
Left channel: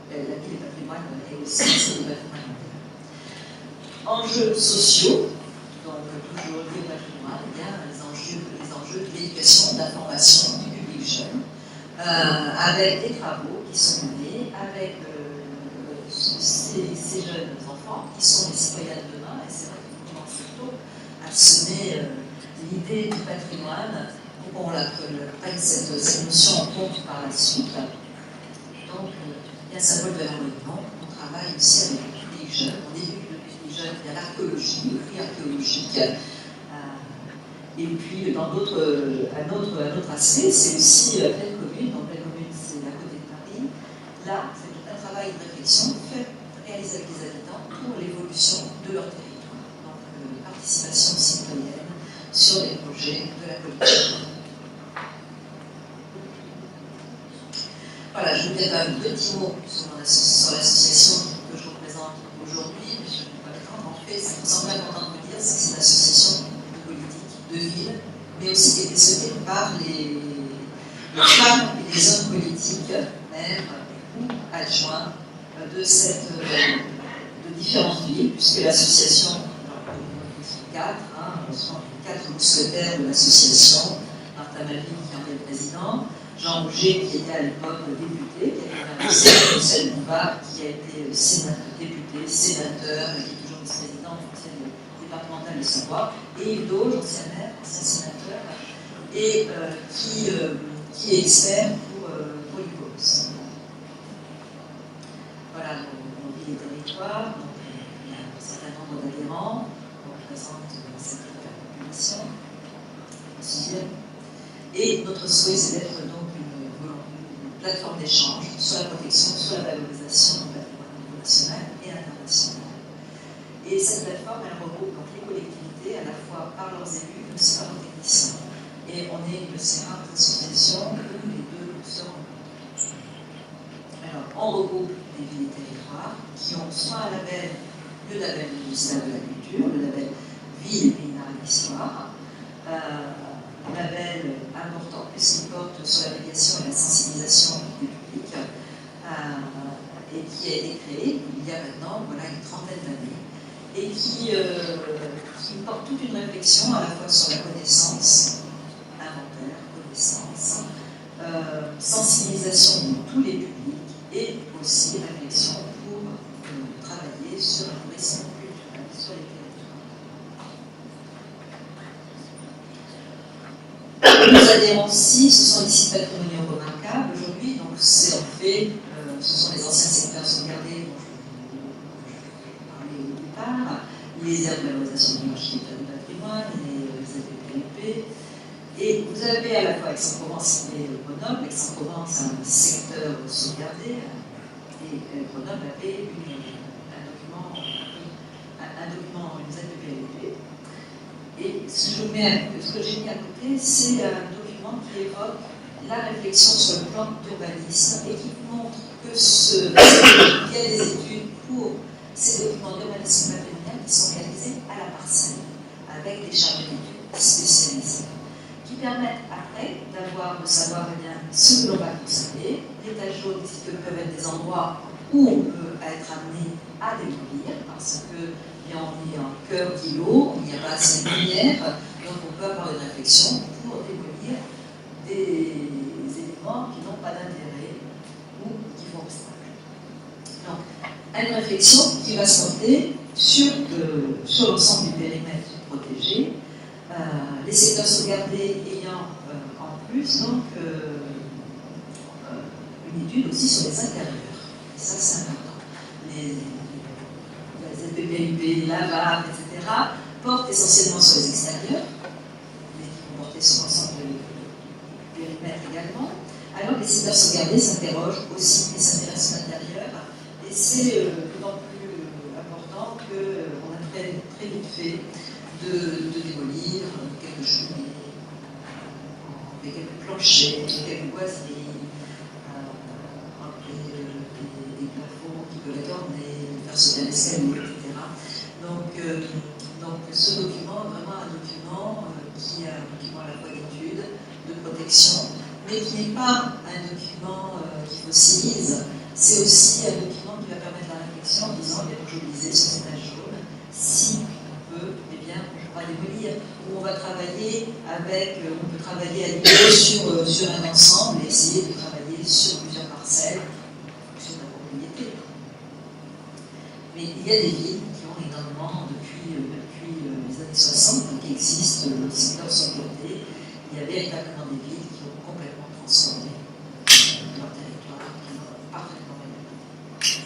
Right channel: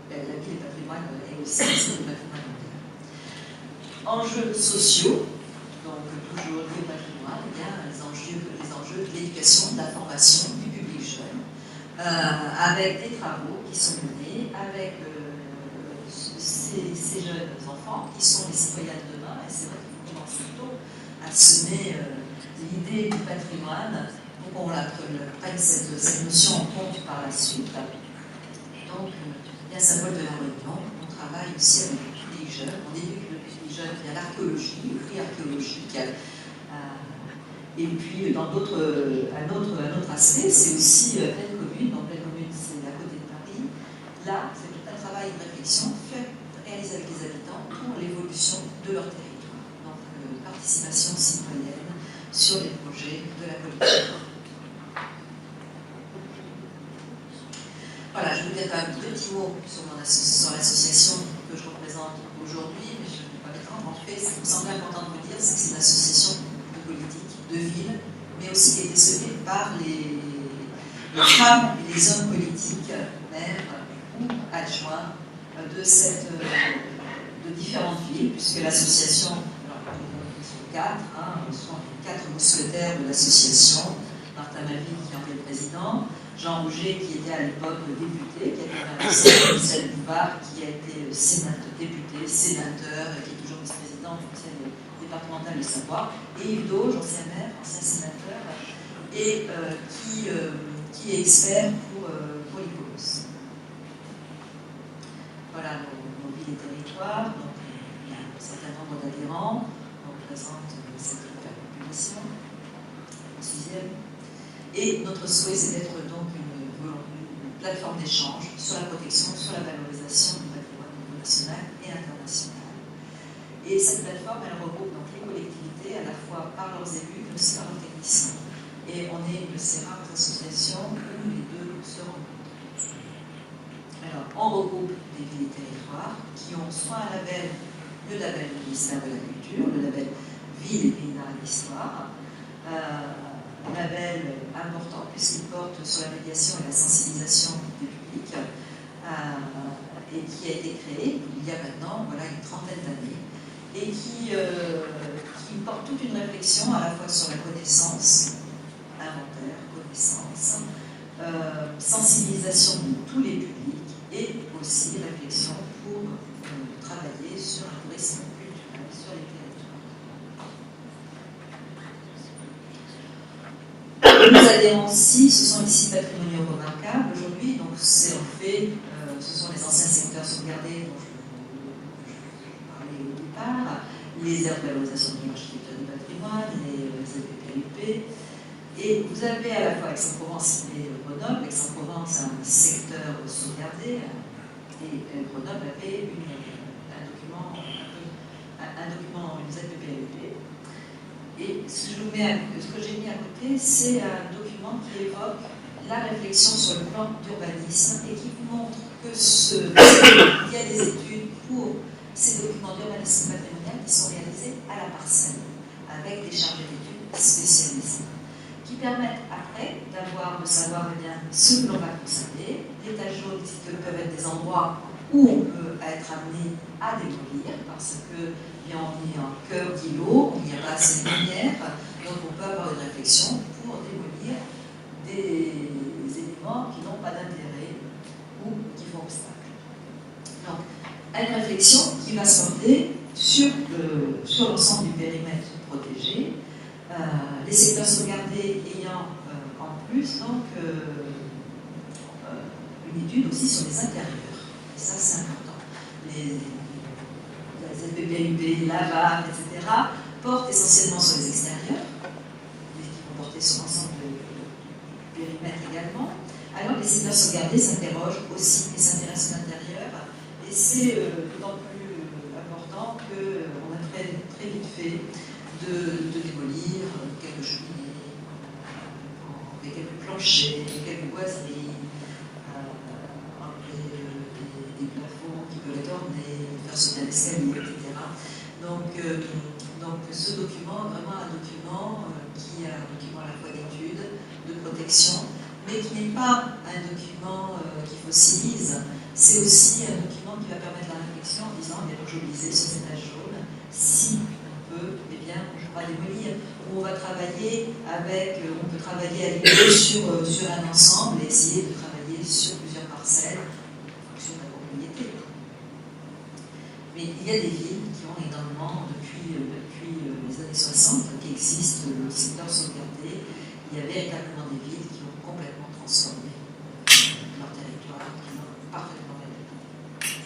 C'est la ville et patrimoine, et aussi c'est le patrimoine mondial. Enjeux sociaux, donc toujours liés au patrimoine, eh bien, les enjeux de l'éducation, de la formation du public jeune, avec des travaux qui sont menés, avec ces jeunes enfants qui sont les citoyens de demain, et c'est vrai qu'il faut commencer tôt à semer l'idée du patrimoine pour qu'on prenne cette notion en compte par la suite. Donc, bien symbole de la réunion, on travaille aussi avec le public jeune, on éduque le public jeune via l'archéologie, le prix archéologique. Et puis, un autre aspect, c'est aussi Pleine Commune. Donc, Pleine Commune, c'est à côté de Paris. Là, c'est tout un travail de réflexion réalisé avec les habitants pour l'évolution de leur territoire. Donc, participation citoyenne sur les projets de la politique. Voilà, je vous dire un petit mot sur l'association que je représente aujourd'hui, mais je ne vais pas l'étendre. En fait, ce qui me semble important de vous dire, c'est que c'est une association de politique, de ville, mais aussi qui a été soutenue par les femmes et les hommes politiques, maires ou adjoints de différentes villes, puisque l'association, alors ils sont 4, sont les 4 mousquetaires de l'association, Martin Maville qui en est le président, Jean Rouget qui était à l'époque député, qui a été investi, Michel Bouvard qui a été député, sénateur, et qui est toujours vice-président du conseil départemental de Savoie, et Yves Dauge, ancien maire, ancien sénateur, et qui est expert pour les causes. Voilà nos villes et territoires, donc il y a un certain nombre d'adhérents, on représente cette population, en 6e. Et notre souhait, c'est d'être donc une plateforme d'échange sur la protection, sur la valorisation du patrimoine au niveau national et international. Et cette plateforme, elle regroupe donc les collectivités, à la fois par leurs élus, mais aussi par leurs techniciens. Et on est une de ces rares associations où les deux se rencontrent. Alors, on regroupe des villes et territoires qui ont soit un label, le label du ministère de la Culture, le label Ville et Pays d'Art et d'Histoire, un label important puisqu'il porte sur la médiation et la sensibilisation du public et qui a été créé il y a maintenant une trentaine d'années et qui porte toute une réflexion à la fois sur la connaissance, inventaire, connaissance, sensibilisation de tous les publics et aussi réflexion pour travailler sur un tourisme culturel sur les territoires. Nous adhérons aussi, ce sont les sites patrimoniaux remarquables aujourd'hui, donc c'est en fait, ce sont les anciens secteurs sauvegardés dont je parlais au départ, les aires de valorisation de l'architecture du patrimoine, les ZPPLP, et vous avez à la fois Aix-en-Provence et Grenoble. Aix-en-Provence a un secteur sauvegarder, et Grenoble avait un document, une ZPPLP. Et ce que j'ai mis à côté, c'est un document qui évoque la réflexion sur le plan d'urbanisme et qui vous montre que il y a des études pour ces documents d'urbanisme patrimonial qui sont réalisés à la parcelle, avec des chargés d'études spécialisés, qui permettent après de savoir eh bien, ce que l'on va conserver. Les taches jaunes peuvent être des endroits où on peut être amené à démolir, parce que bien, on est en cœur d'îlot, il n'y a pas assez de lumière, donc on peut avoir une réflexion pour démolir des éléments qui n'ont pas d'intérêt ou qui font obstacle. Donc, une réflexion qui va se porter sur l'ensemble du périmètre protégé, les secteurs sauvegardés ayant en plus donc une étude aussi sur les intérieurs. Et ça, c'est important. Les ZPPLP, la VAR, etc., portent essentiellement sur les extérieurs, mais qui vont porter sur l'ensemble du périmètre également. Alors, les secteurs sauvegardés s'interrogent aussi et s'intéressent à l'intérieur. Et c'est d'autant plus important qu'on a très, très vite fait de démolir quelques cheminées, quelques planchers, quelques boiseries, des plafonds qui peuvent être ornés, faire sauter un escalier, etc. Donc ce document est vraiment un document qui est un document à la fois d'étude, de protection, mais qui n'est pas un document qui fossilise, c'est aussi un document qui va permettre la réflexion en disant, bien, je lisais sur ces taches jaunes, si on peut, eh bien, on va démolir, on va travailler avec, on peut travailler à niveau sur un ensemble et essayer de travailler sur plusieurs parcelles en fonction de la propriété. Mais il y a des villes qui ont énormément, depuis les années 60, qui existent, le secteur sauvegardé. Il y a véritablement des villes qui ont complètement transformé leur territoire, qui l'ont parfaitement réalisé.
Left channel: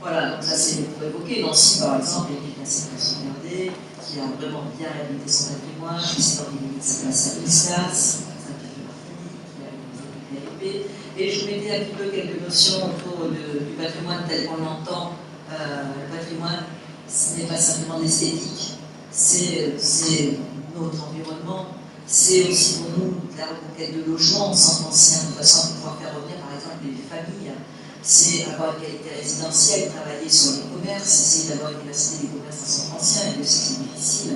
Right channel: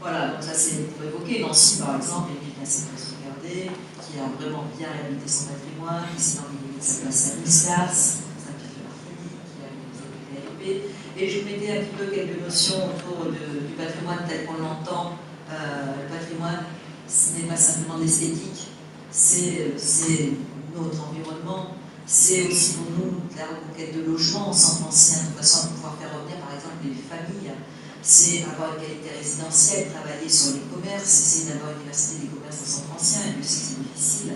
Voilà, donc ça c'est pour évoquer. Nancy, par exemple, est une classée très sauvegardée, qui a vraiment bien réhabilité son patrimoine, qui s'est dans les limites de sa place à Islas, Saint-Pierre-de-Martigny, qui a réalisé le PLP. Et je mettais un petit peu quelques notions autour du patrimoine tel qu'on l'entend. Le patrimoine, ce n'est pas simplement l'esthétique, c'est notre environnement, c'est aussi pour nous la reconquête de logements au centre ancien, de façon à pouvoir faire revenir par exemple les familles. C'est avoir une qualité résidentielle, travailler sur les commerces, essayer d'avoir une diversité des commerces dans le centre ancien, et Dieu sait que c'est difficile.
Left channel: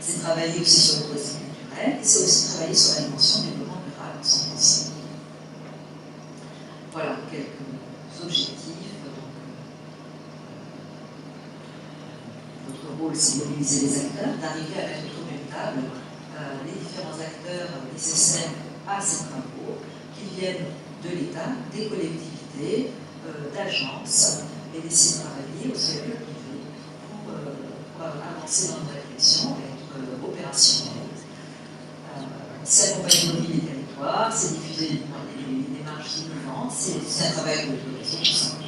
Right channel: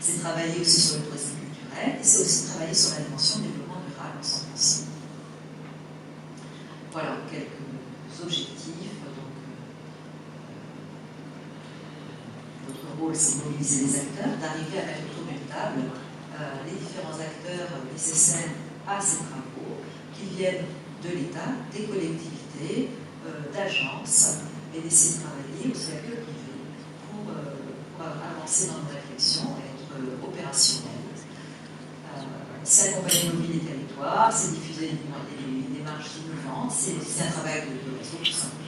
C'est travailler aussi sur le tourisme culturel, et c'est aussi travailler sur la dimension développement rural en centre ancien. Voilà quelques objectifs. Notre rôle, c'est de mobiliser les acteurs, d'arriver à mettre autour d'une table les différents acteurs nécessaires à ces travaux, qui viennent de l'État, des collectivités, d'agences, et d'essayer de travailler aussi avec le privé pour avancer dans une réflexion et être opérationnel. C'est accompagner nos villes et territoires, c'est diffuser les démarches innovantes, c'est un travail de réseau tout simplement.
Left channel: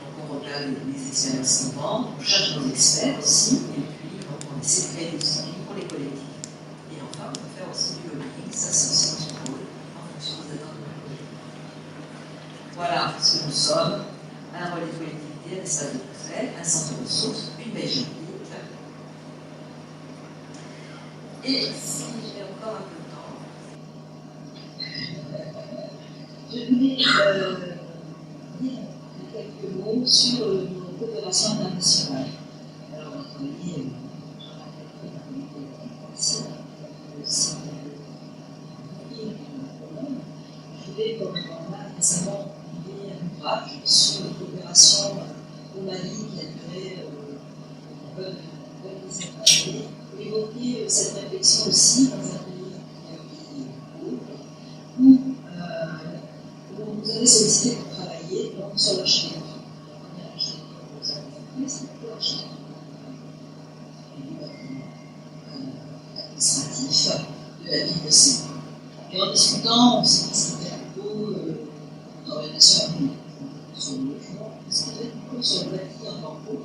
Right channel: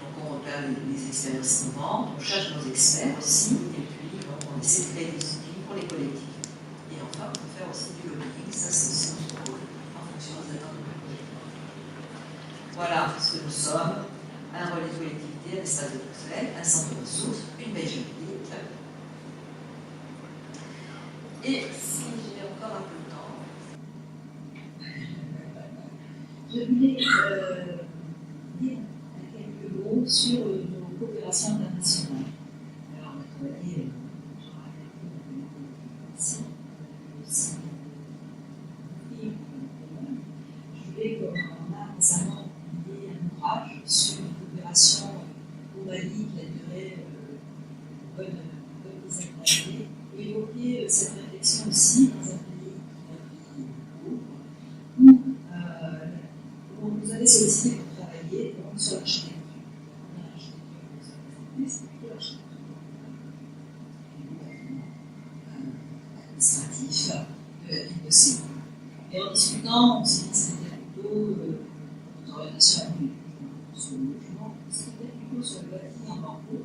Donc on repère les expériences innovantes, on cherche nos experts aussi, et puis on essaie de créer des outils pour les collectivités. Et enfin, on peut faire aussi du lobbying, ça c'est aussi notre rôle, en fonction des attentes de la collectivité. Voilà ce que nous sommes, un relais de collectivité, un espace de Bruxelles, un centre de ressources, une veille juridique. Et si j'ai encore un peu de temps, je voulais dire quelques mots sur nos coopérations internationales. Alors, on a travaillé, je rappelle, dans les politiques aussi, je voulais, comme on a récemment publié un ouvrage sur une coopération au Mali qui a duré une bonne dizaine d'années, évoquer cette réflexion aussi dans un pays où on nous avait sollicité pour travailler sur l'architecture. L'architecture que nous avons fait, c'est plutôt l'architecture du bâtiment administratif de la ville de Séoul. Et en discutant, on s'est dit que c'était plutôt une orientation sur le logement, c'était plutôt sur le bâti en bambou.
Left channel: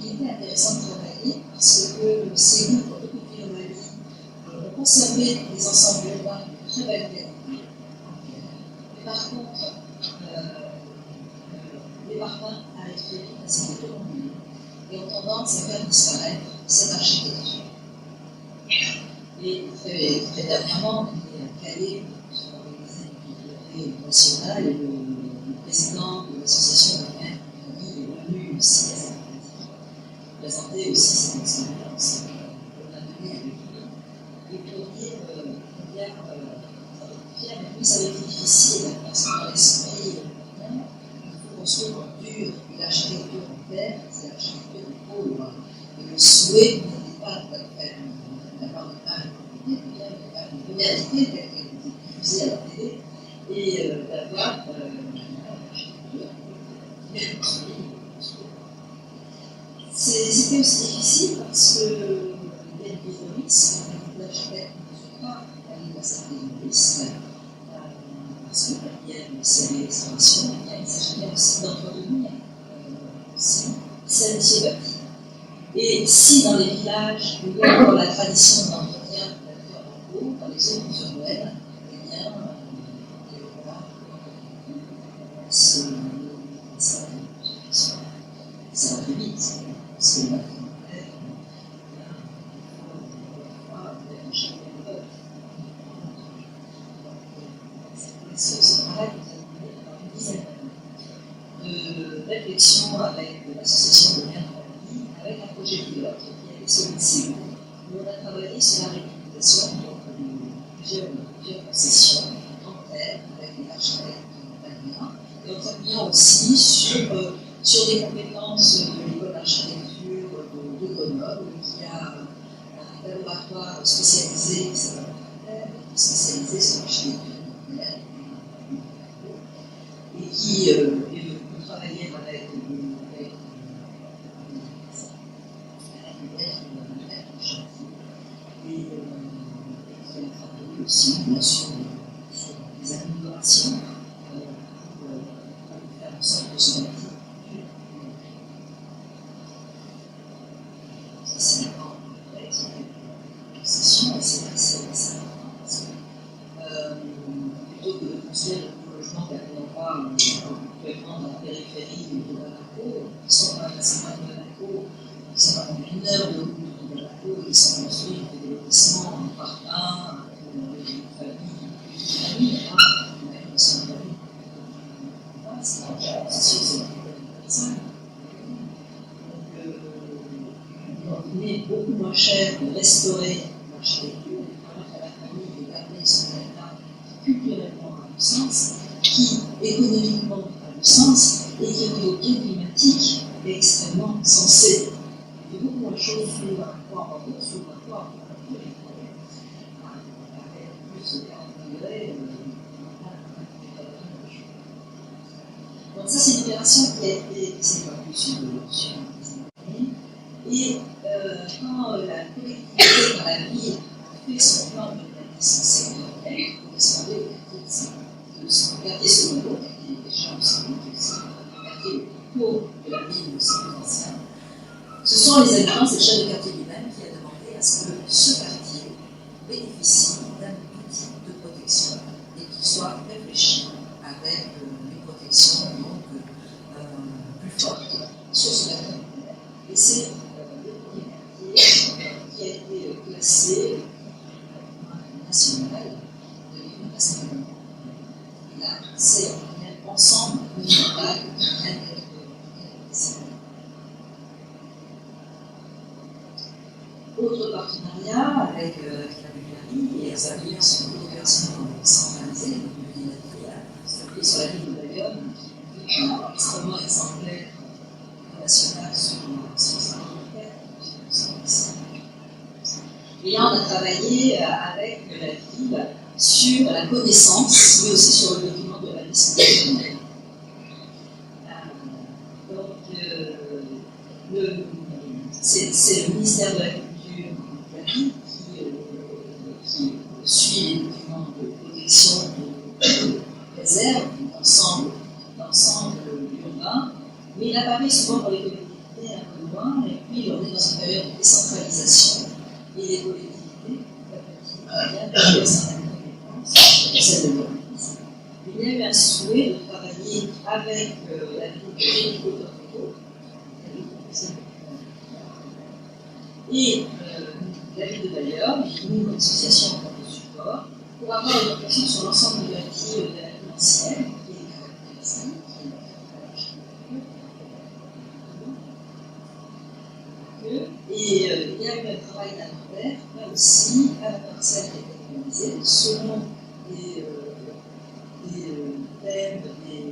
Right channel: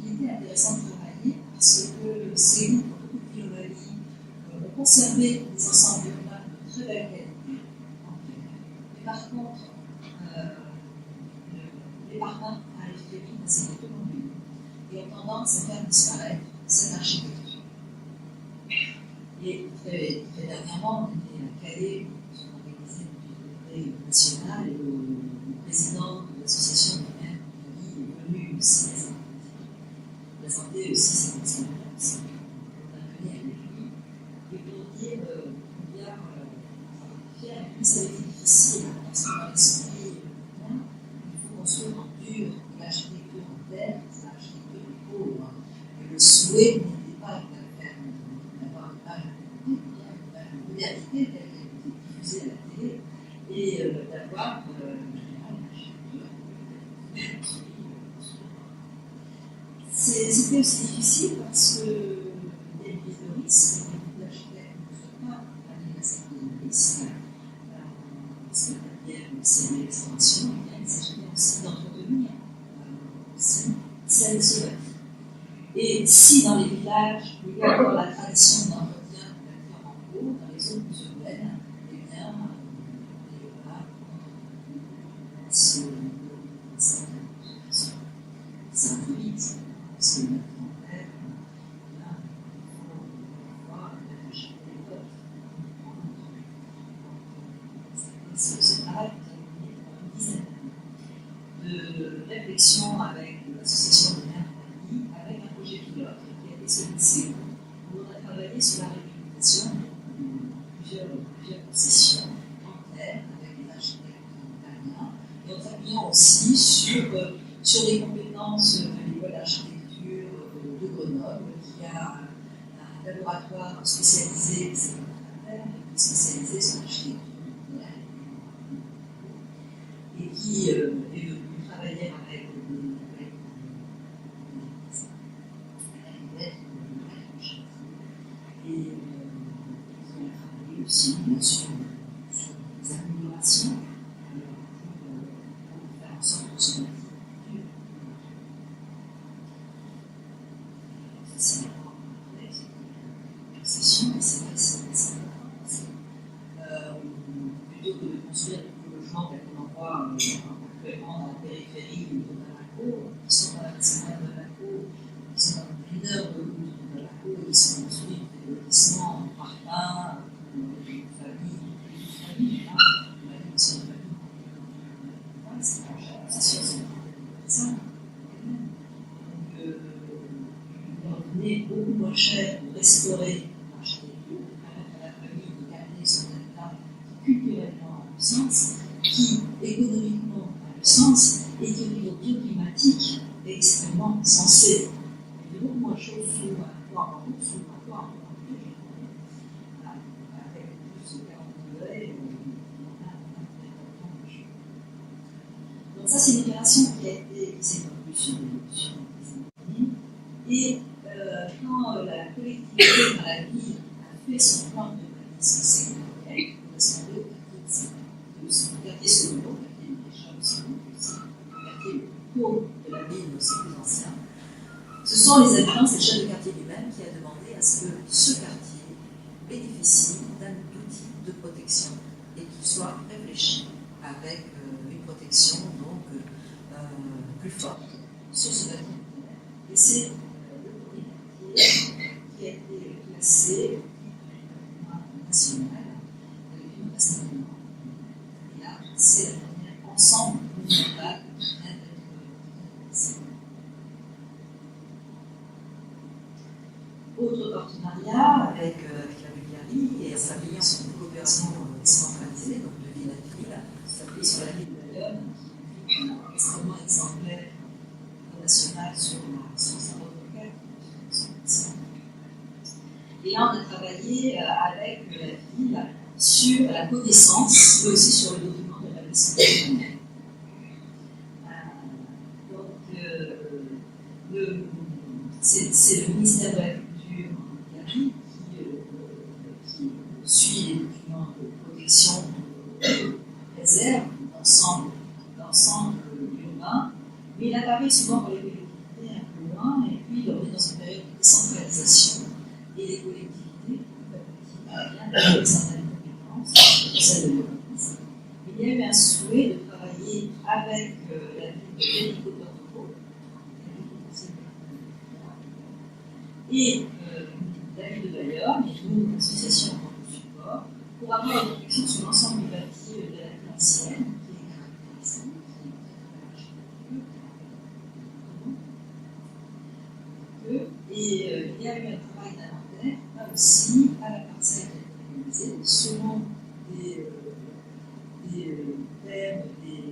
Il était intéressant de travailler parce que Séoul, pour beaucoup de villes au Mali, ont conservé des ensembles urbains de très belle qualité. commence à faire disparaître cette architecture. Et très dernièrement, on était à Calais pour organiser une bibliothèque nationale et le président de l'association de maires est venu aussi à cette politique, présenter aussi cette expérience qu'on a menée avec lui. Et pour dire combien ça avait été difficile parce que dans l'esprit européen, il faut construire en dur et l'architecture en terre, c'est l'architecture de pauvre. Et le souhait n'était pas de faire d'avoir une modernité telle qu'elle était diffusée à la télé et d'avoir une architecture bien construite. C'était aussi difficile parce qu'il y a des risques, l'architecte ne peut pas aller à certains risques. Parce que s'il y a des restaurations, il s'agit aussi d'entretenir celle de ce bâti. Et si dans les villages, il y a encore la tradition d'entretien de la terre en eau, dans les zones urbaines, eh bien, voilà, ça va très vite. Parce que le bâtiment en terre, ce travail pendant une dizaine d'années de réflexion avec l'association de maires de Paris, avec un projet pilote qui a été celui de Séoul, où on a travaillé sur la réutilisation de plusieurs concessions en terre avec les architectes italiens, et en s'appuyant aussi sur des compétences de l'école d'architecture de Grenoble, qui a un laboratoire spécialisé qui s'appelle spécialisé sur l'architecture moderne et qui est venu travailler avec et qui a travaillé aussi, bien sûr, sur les améliorations pour faire en sorte que ce bâtiment dure. Ça, c'est la grande complexe, une session, et c'est assez parce que plutôt que de construire le logement d'un endroit complètement dans la périphérie de Bamako, qui sont dans la facilement de Bamako, qui sont à une heure de route de Bamako, qui sont construits pour des lotissements par un, pour une famille, même si une famille. C'est sûr, c'est ça. Donc, il est beaucoup moins cher de restaurer l'architecture, de permettre à la famille de garder son état qui culturellement a du sens, qui économiquement a du sens, et qui au niveau climatique est extrêmement sensé. Il y a beaucoup moins de choses sous un toit en haut, sous un toit en haut, avec plus de 40 degrés, donc ça, c'est une opération qui a été développée sur des années. Et quand la collectivité dans la ville a fait son plan de bâtissement sectoriel, il correspondait au quartier secondaire, au quartier des champs aussi, le quartier le plus pauvre de la ville, aussi plus ancien. Ce sont les habitants, c'est le chef de quartier lui-même qui a demandé à ce que ce quartier bénéficie d'un outil de protection et qu'il soit réfléchi avec une protection donc plus forte sur ce bâtiment. Et c'est le premier quartier qui a été classé national de l'Union nationale. Et là, c'est un ensemble monumental autre partenariat avec la Bulgarie et en s'appuyant sur une coopération centralisée, donc de ville à ville, s'appuie sur la ville de Bayonne, qui est extrêmement exemplaire national sur son et là, on a travaillé avec la ville sur la connaissance, mais aussi sur le document de la liste nationale. Donc, c'est le ministère de la Culture de la ville qui suit les documents de protection de réserve, d'ensemble urbain, mais il apparaît souvent pour les collectivités un peu loin, et puis on est dans une période de décentralisation, et les collectivités, petit à petit, viennent certaines compétences, celles de l'urbanisme. Il y a eu un souhait de travailler avec la ville de Génico-Torrico, Et l'avis de bailleur, nous, comme association en tant que support, pour avoir une réflexion sur l'ensemble de l'actif de la vie ancienne, qui est caractéristique, et il y a eu un travail d'inventaire, là aussi, à la parcelle qui est organisée, selon des thèmes, des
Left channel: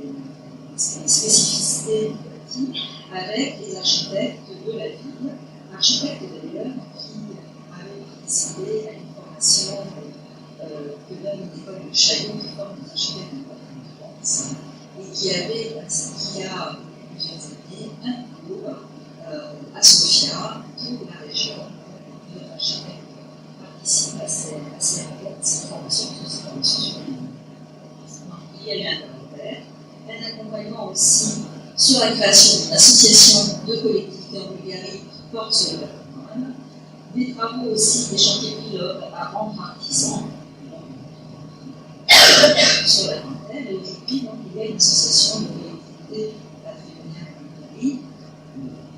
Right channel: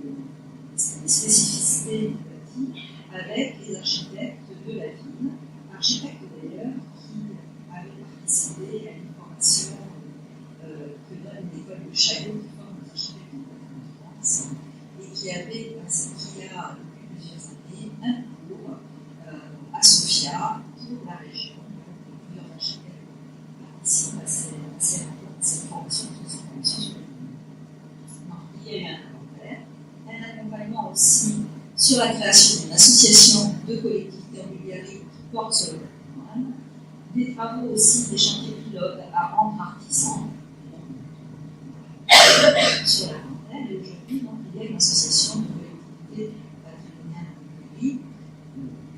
spécificités du bâti, avec les architectes de la ville, architectes d'ailleurs qui avaient participé à une formation que donne l'école de Chaillot, qui forme des architectes de France, et qui a plusieurs années un cours à Sofia pour la région. Plusieurs architectes participent à cette formation, sur il y a eu un accompagnement aussi sur la création d'une association de collectivités en Bulgarie qui porte sur le patrimoine, des travaux aussi, des chantiers pilotes à rendre artisans sur la dentelle, et aujourd'hui, donc, il y a une association de collectivités patrimoniales en Bulgarie,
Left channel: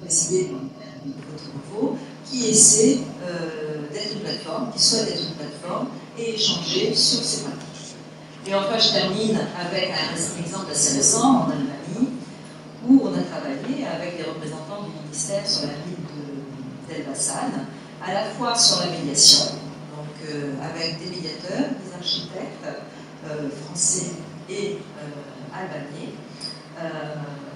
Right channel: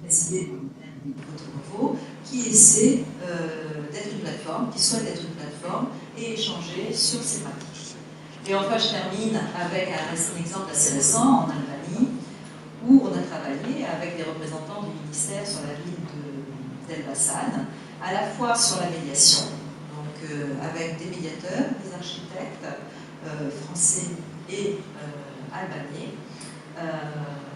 présidée par votre nouveau, qui essaie d'être une plateforme, qui souhaite être une plateforme et échanger sur ces pratiques. Et enfin, je termine avec un exemple assez récent en Albanie, où on a travaillé avec les représentants du ministère sur la ville d'Elbasan, à la fois sur la médiation, donc avec des médiateurs, des architectes français et albanais,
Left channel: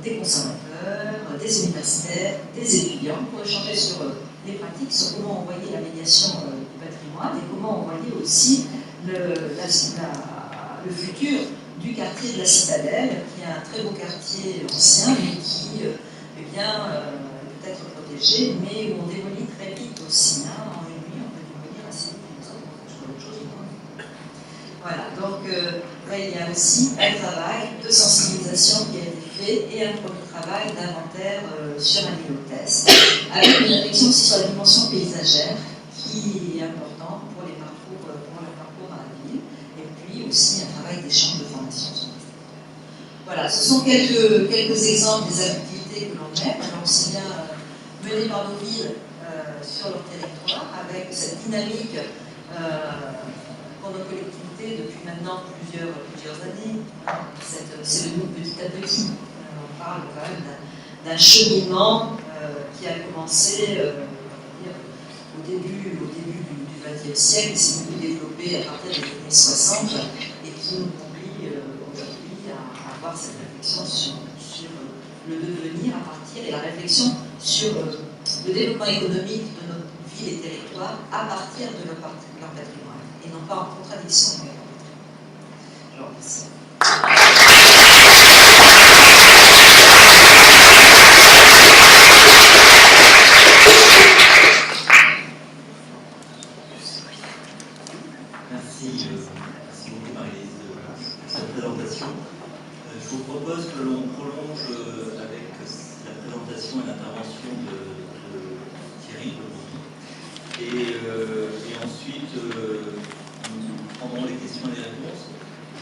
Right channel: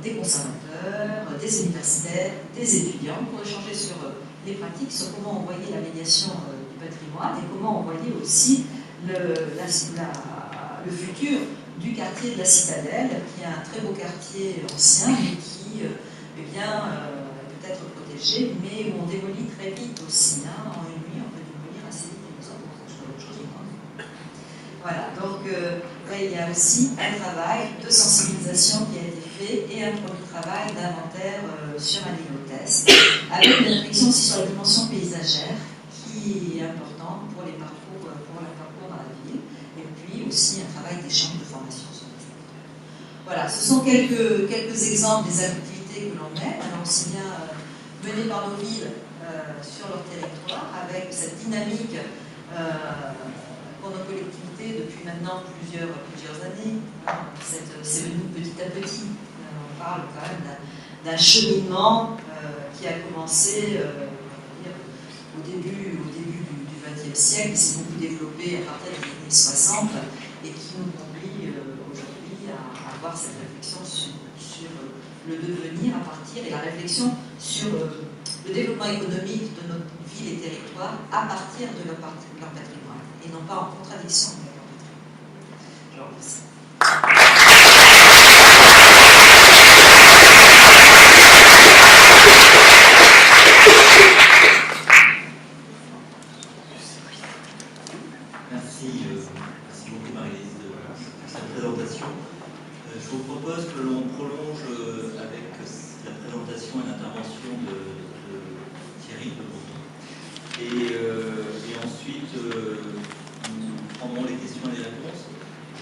des conservateurs, des universitaires, des étudiants, pour échanger sur les pratiques, sur comment on voyait la médiation du patrimoine et comment on voyait aussi le futur du quartier de la Citadelle, qui est un très beau quartier ancien, mais qui peut être protégé, mais où on démolit très vite aussi. En une nuit, on peut démolir assez vite les autres, on trouve autre chose. Voilà, donc là, il y a aussi un travail de sensibilisation qui a été fait et un premier travail d'inventaire sur un niveau test, avec une réflexion aussi sur la dimension paysagère, qui est importante pour le parcours dans la ville, et puis aussi un travail d'échange de formation sur les territoires. Voilà, ce sont quelques exemples des activités que l'on mène, alors aussi bien menées par nos villes sur leur territoire, avec cette dynamique pour nos collectivités depuis maintenant plusieurs années. C'est venu petit à petit. On parle quand même d'un cheminement qui a commencé au début du XXe siècle, qui s'est beaucoup développé à partir des années 60 et qui nous conduit aujourd'hui à avoir cette réflexion sur le devenir à partir, et la réflexion sur le développement économique de nos villes et territoires à partir de leur patrimoine, et non pas en contradiction avec leur patrimoine. Je vous remercie. Merci beaucoup Marie-Lise pour cette présentation. Je vous propose que l'on prolonge avec la présentation et l'intervention de Thierry Le Breton. Et ensuite, nous prendrons les questions et les réponses.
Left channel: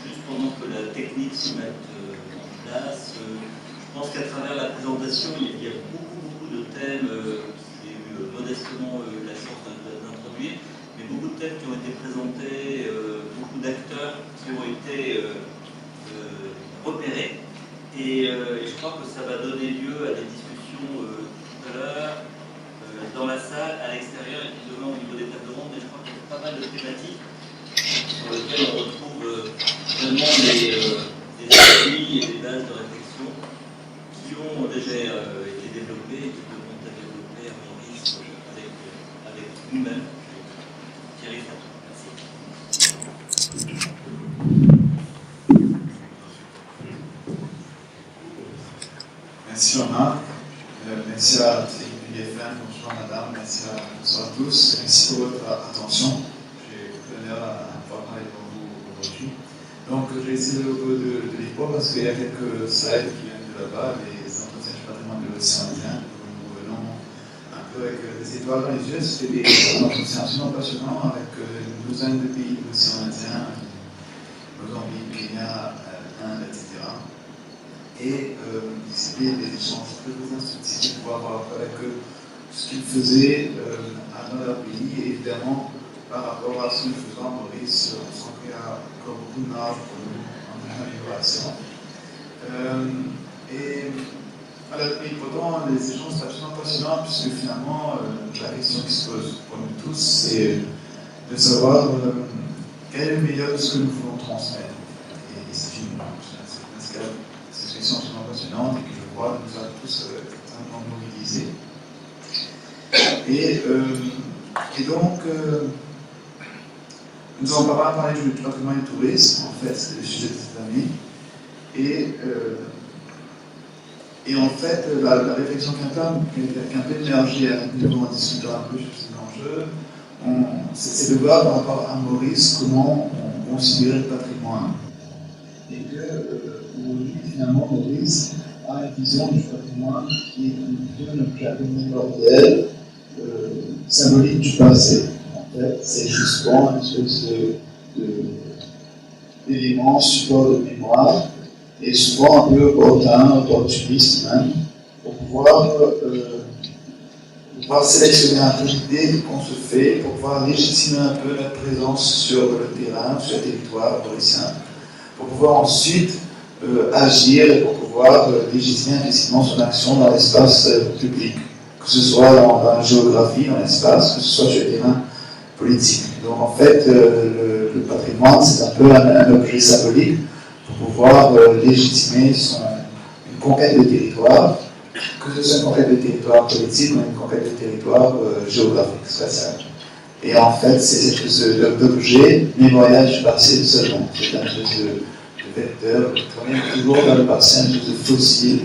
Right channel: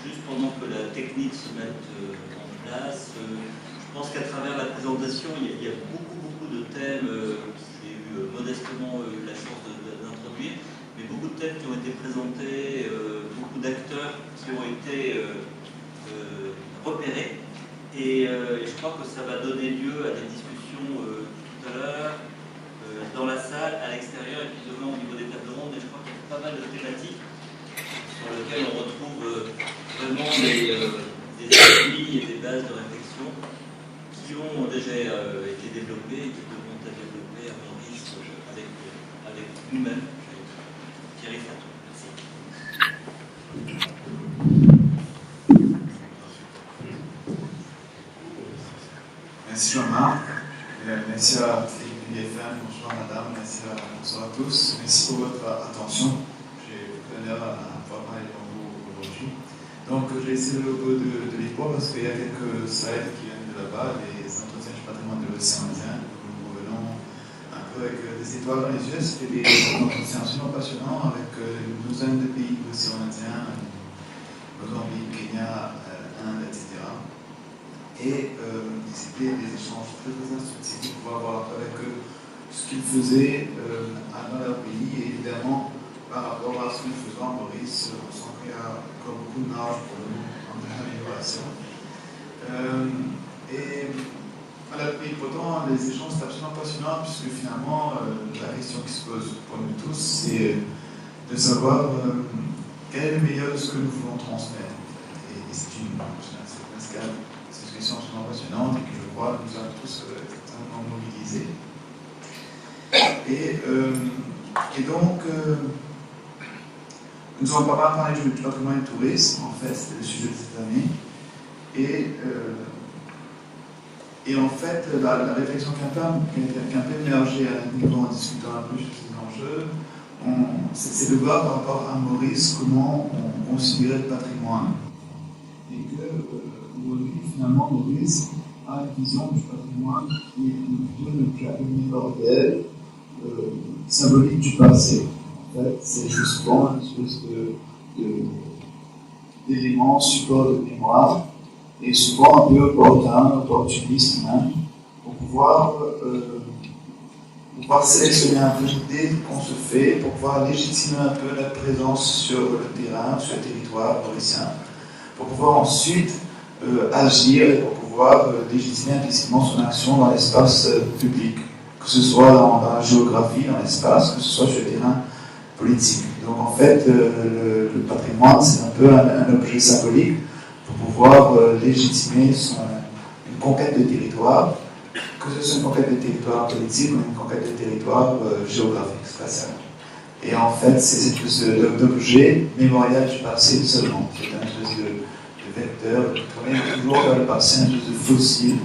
Juste pendant que la technique se mette en place, je pense qu'à travers la présentation, il y a beaucoup de thèmes que j'ai eu modestement la chance d'introduire, mais beaucoup de thèmes qui ont été présentés, beaucoup d'acteurs qui ont été repérés. Et je crois que ça va donner lieu à des discussions tout à l'heure, dans la salle, à l'extérieur, et puis demain au niveau des tables rondes. Et je crois qu'il y a pas mal de thématiques sur lesquelles on retrouve vraiment des appuis et des bases de réflexion qui ont déjà été développées et qui devront être développées à mon risque avec nous-mêmes. Thierry Fatou, merci. Merci Omar, merci à TFM, bonjour madame, bonsoir à tous, merci pour votre attention. J'ai l'honneur à pouvoir parler devant vous aujourd'hui. Donc je vais essayer de lire parce qu'il y a quelques slides qui viennent de là-bas, les entretiens du patrimoine de l'océan Indien. Nous revenons un peu avec des étoiles dans les yeux. C'était des entretiens absolument passionnants avec une douzaine de pays de l'océan Indien, Mozambique, Kenya, Inde, etc. Et c'était des échanges très instructifs pour avoir avec eux ce qu'ils faisaient dans leur pays, et évidemment, par rapport à ce que nous faisons à Maurice, on sent qu'il y a encore beaucoup de marge pour nous en amélioration. Mais pourtant, les échanges sont absolument passionnants, puisque finalement, la question qui se pose pour nous tous, c'est de savoir quel est le meilleur de ce que nous voulons transmettre. Et c'est une discussion absolument passionnante et qui, je crois, nous a tous extrêmement mobilisés. Et donc, nous allons pas parler du patrimoine du tourisme, en fait, c'est le sujet de cette année. Et en fait, la réflexion qui a un peu émergé avec nous en discutant un peu sur ces enjeux, c'est de voir par rapport à Maurice comment on considérait le patrimoine. Et qu'aujourd'hui, finalement, Maurice a une vision du patrimoine qui est plutôt une objet mémoriel, symbolique du passé. En fait, c'est justement une espèce d'élément, support de mémoire, et souvent un peu opportuniste même, pour pouvoir sélectionner un peu l'idée qu'on se fait, pour pouvoir légitimer un peu notre présence sur le terrain, sur le territoire mauricien, pour pouvoir ensuite agir et pour pouvoir légitimer implicitement son action dans l'espace public, que ce soit dans la géographie, dans l'espace, que ce soit sur le terrain politique. Donc en fait, le patrimoine, c'est un peu un objet symbolique pour pouvoir légitimer une conquête de territoire, que ce soit une conquête de territoire politique ou une conquête de territoire géographique, spatial. Et en fait, c'est cette espèce d'objet mémorial du passé seulement. C'est un espèce de vecteur qui travaille toujours vers le passé, un espèce de fossile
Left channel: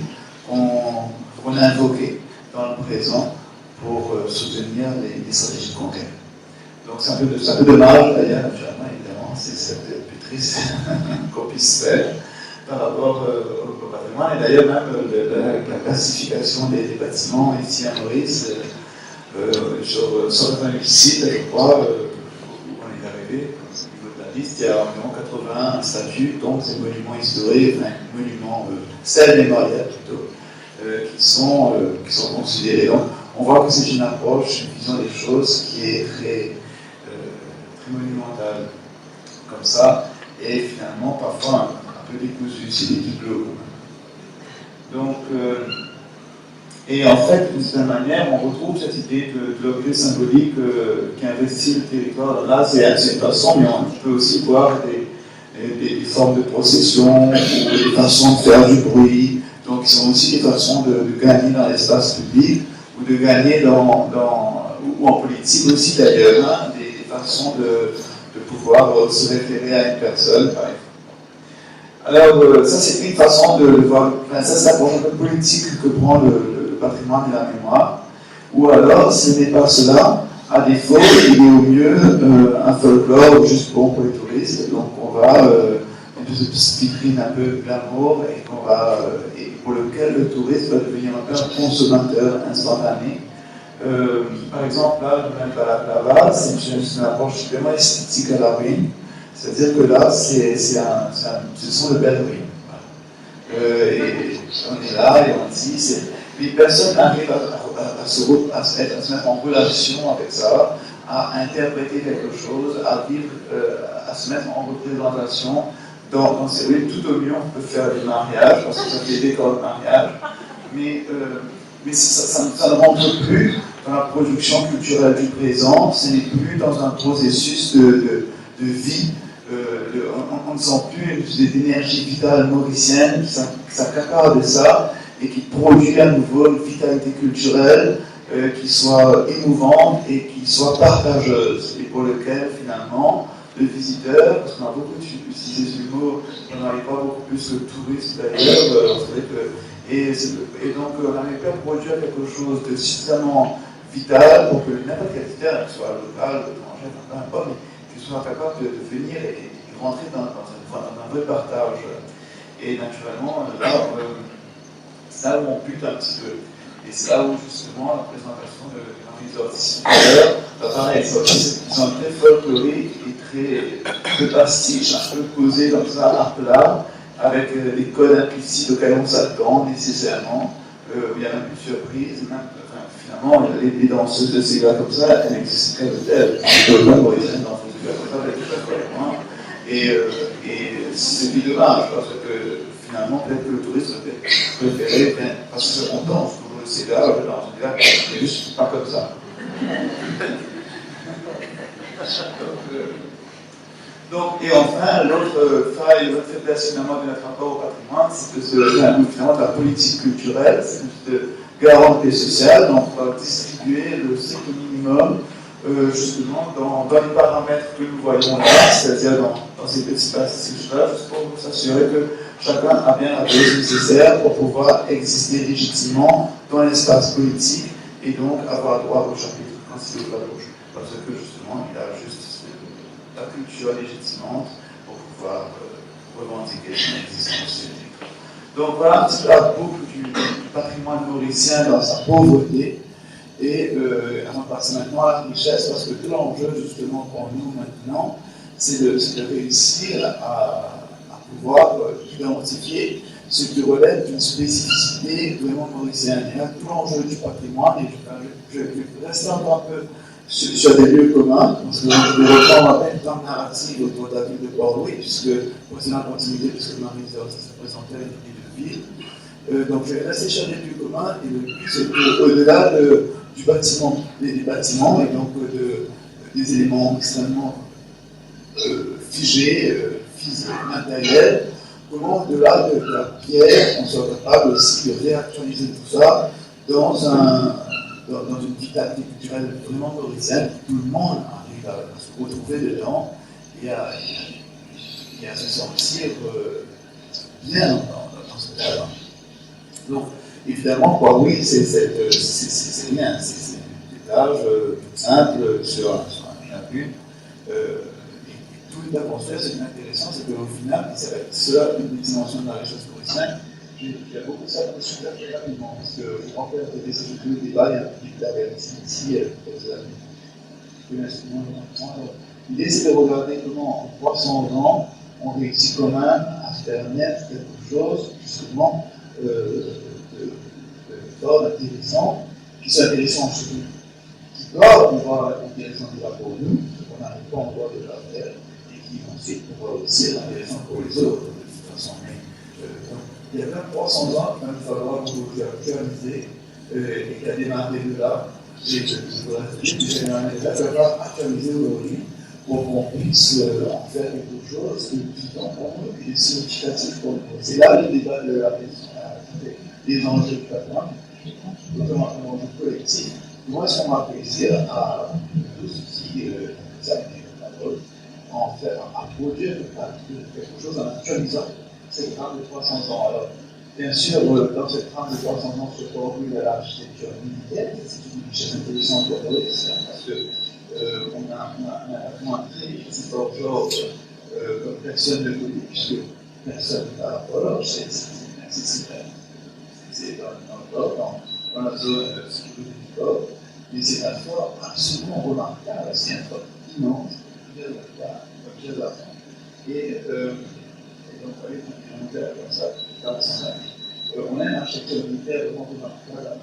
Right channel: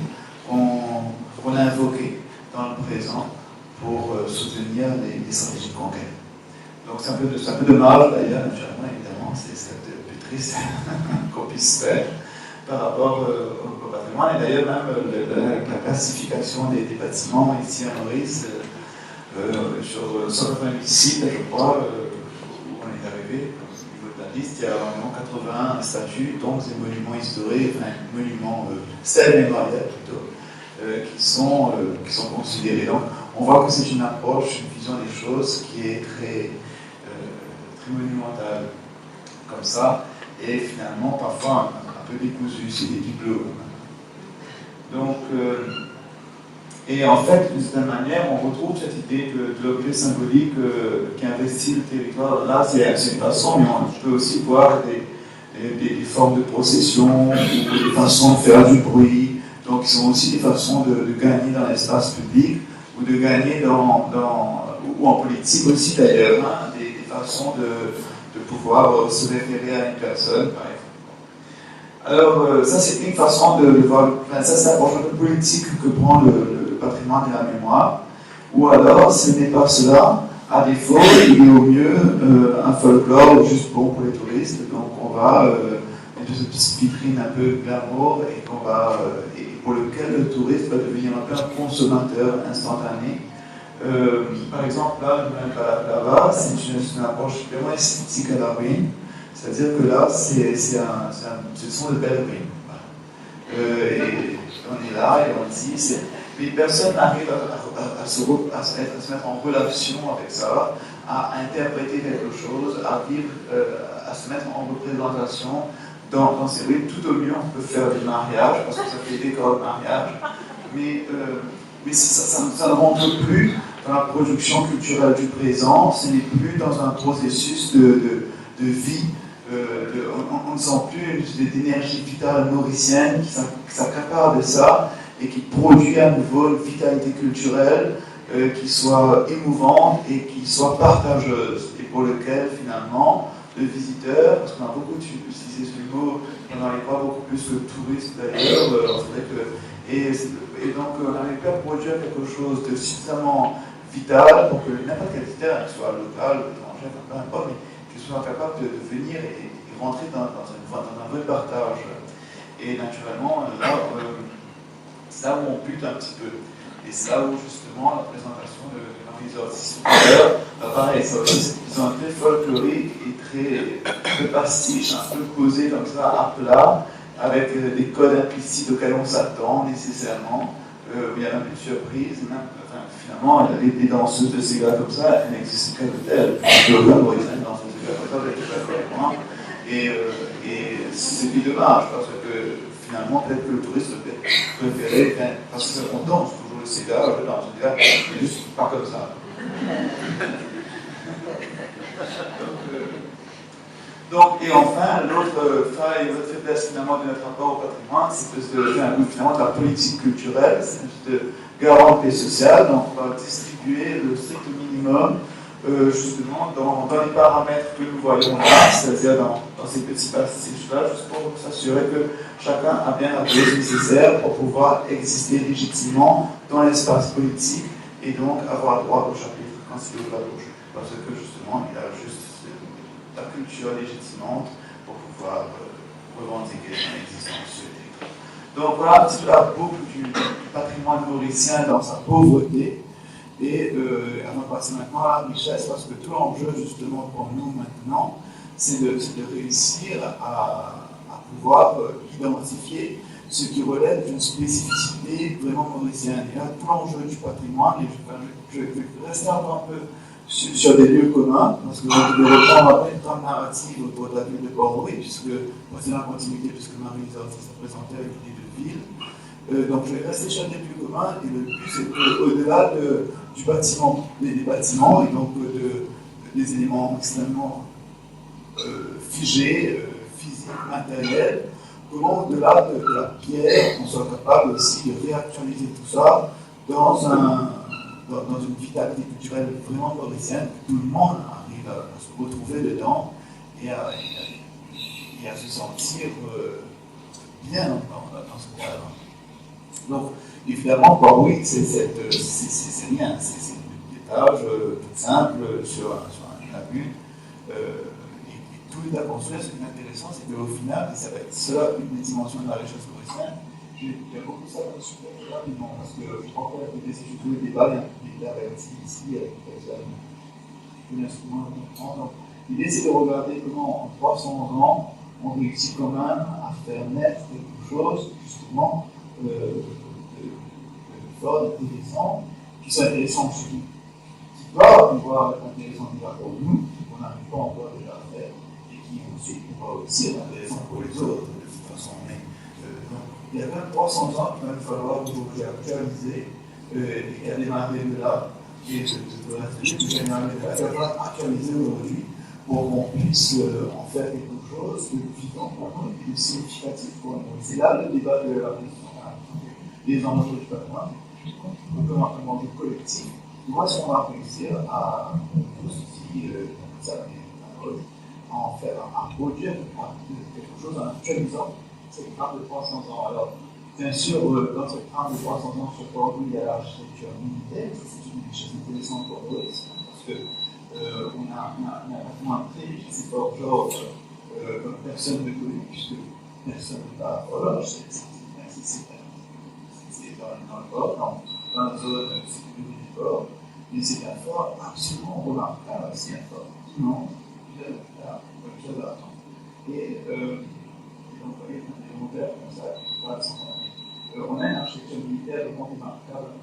qu'on a invoqué dans le présent pour soutenir les stratégies de conquête. Donc c'est un peu dommage d'ailleurs, naturellement, évidemment, c'est un peu plus triste qu'on puisse faire par rapport au patrimoine. Et d'ailleurs, même la classification des bâtiments ici à Maurice, sur 188 sites, je crois, où on est arrivé, au niveau de la liste, il y a environ 81 statues, donc des monuments historiques, enfin, monuments, stèles mémoriales plutôt, qui sont considérés. Donc, on voit que c'est une approche, une vision des choses qui est très monumentale, comme ça, et finalement, parfois, un peu décousu, c'est des bibelots. Donc, et en fait, d'une certaine manière, on retrouve cette idée de l'objet symbolique qui investit le territoire. Là, c'est une façon, mais on peut aussi voir des formes de procession, ou des façons de faire du bruit, donc qui sont aussi des façons de gagner dans l'espace public, ou de gagner ou en politique aussi d'ailleurs, hein, des façons de pouvoir se référer à une personne, par exemple. Alors, ça c'est une façon de voir, ça c'est l'approche un peu politique que prend le patrimoine et la mémoire, ou alors, ce n'est pas cela, à défaut, il est au mieux un folklore juste bon pour les touristes, donc on va, une petite vitrine un peu glamour, et pour lequel le touriste va devenir un peu un consommateur instantané. Par exemple, là, je me balade là-bas, c'est une approche vraiment esthétique à la ruine, c'est-à-dire que là, ce sont de belles ruines. Voilà. Et on est là et on dit, mais personne n'arrive à se mettre en relation avec ça, à interpréter quelque chose, à se mettre en représentation dans ces ruines. Tout au mieux, on peut faire des mariages, parce que ça fait des décors de mariage, mais ça ne rentre plus dans la production culturelle du présent, ce n'est plus dans un processus de vie. On ne sent plus d'énergie vitale mauricienne qui s'accapare de ça et qui produit à nouveau une vitalité culturelle qui soit émouvante et qui soit partageuse, et pour lequel finalement le visiteur, parce qu'on a beaucoup utilisé ce mot, on n'en est pas beaucoup plus que touriste d'ailleurs, et donc on n'arrive pas à produire quelque chose de suffisamment vital pour que n'importe quel visiteur, qu'il soit local ou étranger, peu importe, mais qu'il soit capable de venir et rentrer dans un vrai partage. Et naturellement, là où on bute un petit peu. Et c'est là où justement la présentation de Henri Zorzi tout à l'heure, pareil, ils sont très folkloriques et très pastiche, un peu posés comme ça à plat, avec des codes implicites auxquels on s'attend nécessairement, où il y a même une surprise, même, enfin, finalement, les danseuses de ces gars comme ça, elles n'existent qu'à l'hôtel. Les mauriciennes danseuses de gars comme ça, elles étaient pas vraiment. Et c'est du dommage, parce que finalement, peut-être que le touriste préféré, parce qu'on danse toujours le Sega, je danse le Sega, mais juste pas comme ça. Donc, et enfin, l'autre faille, l'autre faiblesse finalement de notre rapport au patrimoine, c'est finalement de la politique culturelle, c'est de garantie sociale, donc on va distribuer le strict minimum justement dans les paramètres que nous voyons là, c'est-à-dire dans ces petits passages-là, juste pour s'assurer que chacun a bien la dose nécessaire pour pouvoir exister légitimement dans l'espace politique et donc avoir droit au chapitre ainsi de la gauche. Parce que justement, il a juste la culture légitimante pour pouvoir revendiquer son existence. Donc voilà un petit peu la boucle du patrimoine mauricien dans sa pauvreté. Et on va passer maintenant à la richesse, parce que tout l'enjeu justement pour nous maintenant, c'est de réussir à pouvoir identifier ce qui relève d'une spécificité vraiment mauricienne. Et là, tout l'enjeu du patrimoine, et je vais rester encore un peu sur des lieux communs, parce que je vais reprendre un peu une trame narrative autour de la ville de Port-Louis, puisque c'est la continuité, puisque Marie-Lise se présentait avec l'idée de ville. Donc je vais rester sur des lieux communs, et le but c'est qu'au-delà du bâtiment, des bâtiments, et donc des éléments extrêmement figés, physiques, matériels, comment au-delà de la pierre, on soit capable aussi de réactualiser tout ça dans une vitalité culturelle vraiment mauricienne, où tout le monde arrive à se retrouver dedans et à se sentir bien dans ce cadre. Donc, évidemment, oui, c'est rien, c'est des plages toutes simples sur une lagune. Et tout est à construire. Ce qui est intéressant, c'est qu'au final, ça va être cela une des dimensions de la richesse mauricienne. Il y a beaucoup de ça dans le super très rapidement, parce que en fait, c'est surtout le débat, il y a un public d'arrière ici, l'idée, c'est de regarder comment en 300 ans, on réussit quand même à faire naître quelque chose, justement, fort, d'intéressant, qui soit intéressant surtout, qui doit pouvoir être intéressant déjà pour nous, qu'on n'arrive pas encore déjà à faire, et qui ensuite pourra aussi être intéressant pour les autres, de toute façon. Mais, il y a même 300 ans qu'il va falloir actualiser et qu'à démarrer de là, et il va falloir actualiser aujourd'hui pour qu'on puisse en faire quelque chose de vivant pour nous et de significatif pour nous. C'est là le débat de la question, des enjeux du patrimoine, notamment un enjeu collectif. Où est-ce qu'on va réussir à tout ceci, ça, à produire quelque chose en actualisant cette trame de 300 ans. Alors, bien sûr, dans cette trame de 300 ans sur Port-Louis, il y a l'architecture militaire, c'est une richesse intéressante pour nous, parce qu'on a un très vite forgeron comme personne ne connaît, puisque personne n'a la horloge, c'est accessible. C'est dans le port, dans la zone sécurité du port, mais c'est un fort absolument remarquable, c'est un fort immense, comme je l'ai. Et donc, comme ça, on a un architecture militaire vraiment remarquable,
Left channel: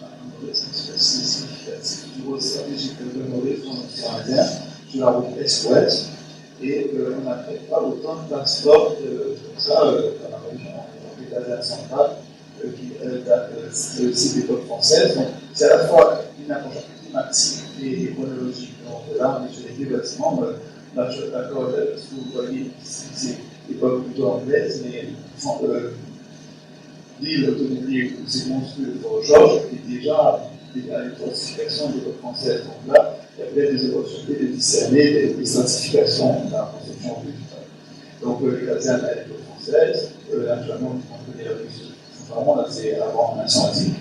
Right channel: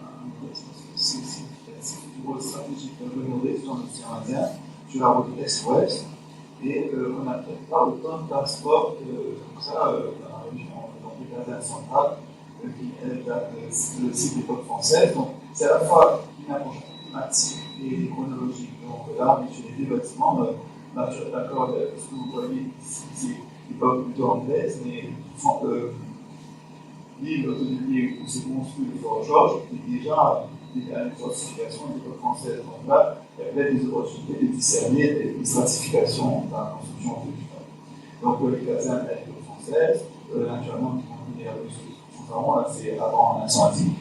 c'est significatif du rôle stratégique de Maurice dans l'océan Indien, sur la route est-ouest, et on a fait pas autant de passeports comme ça dans la région des Alpes centrales, qui date de l'époque française. Donc, c'est à la fois une approche climatique et chronologique. Donc, là, on est sur les deux bâtiments. Là, je suis d'accord avec ce que vous voyez ici, c'est l'époque plutôt anglaise, mais l'île autonomie où c'est construit le Fort Georges est déjà une fortification de l'époque française. Donc là, il y a peut-être des opportunités de discerner des stratifications dans la construction végétale. Donc les casernes à l'époque française, naturellement, on peut dire vraiment là, c'est avant la nation asiatique.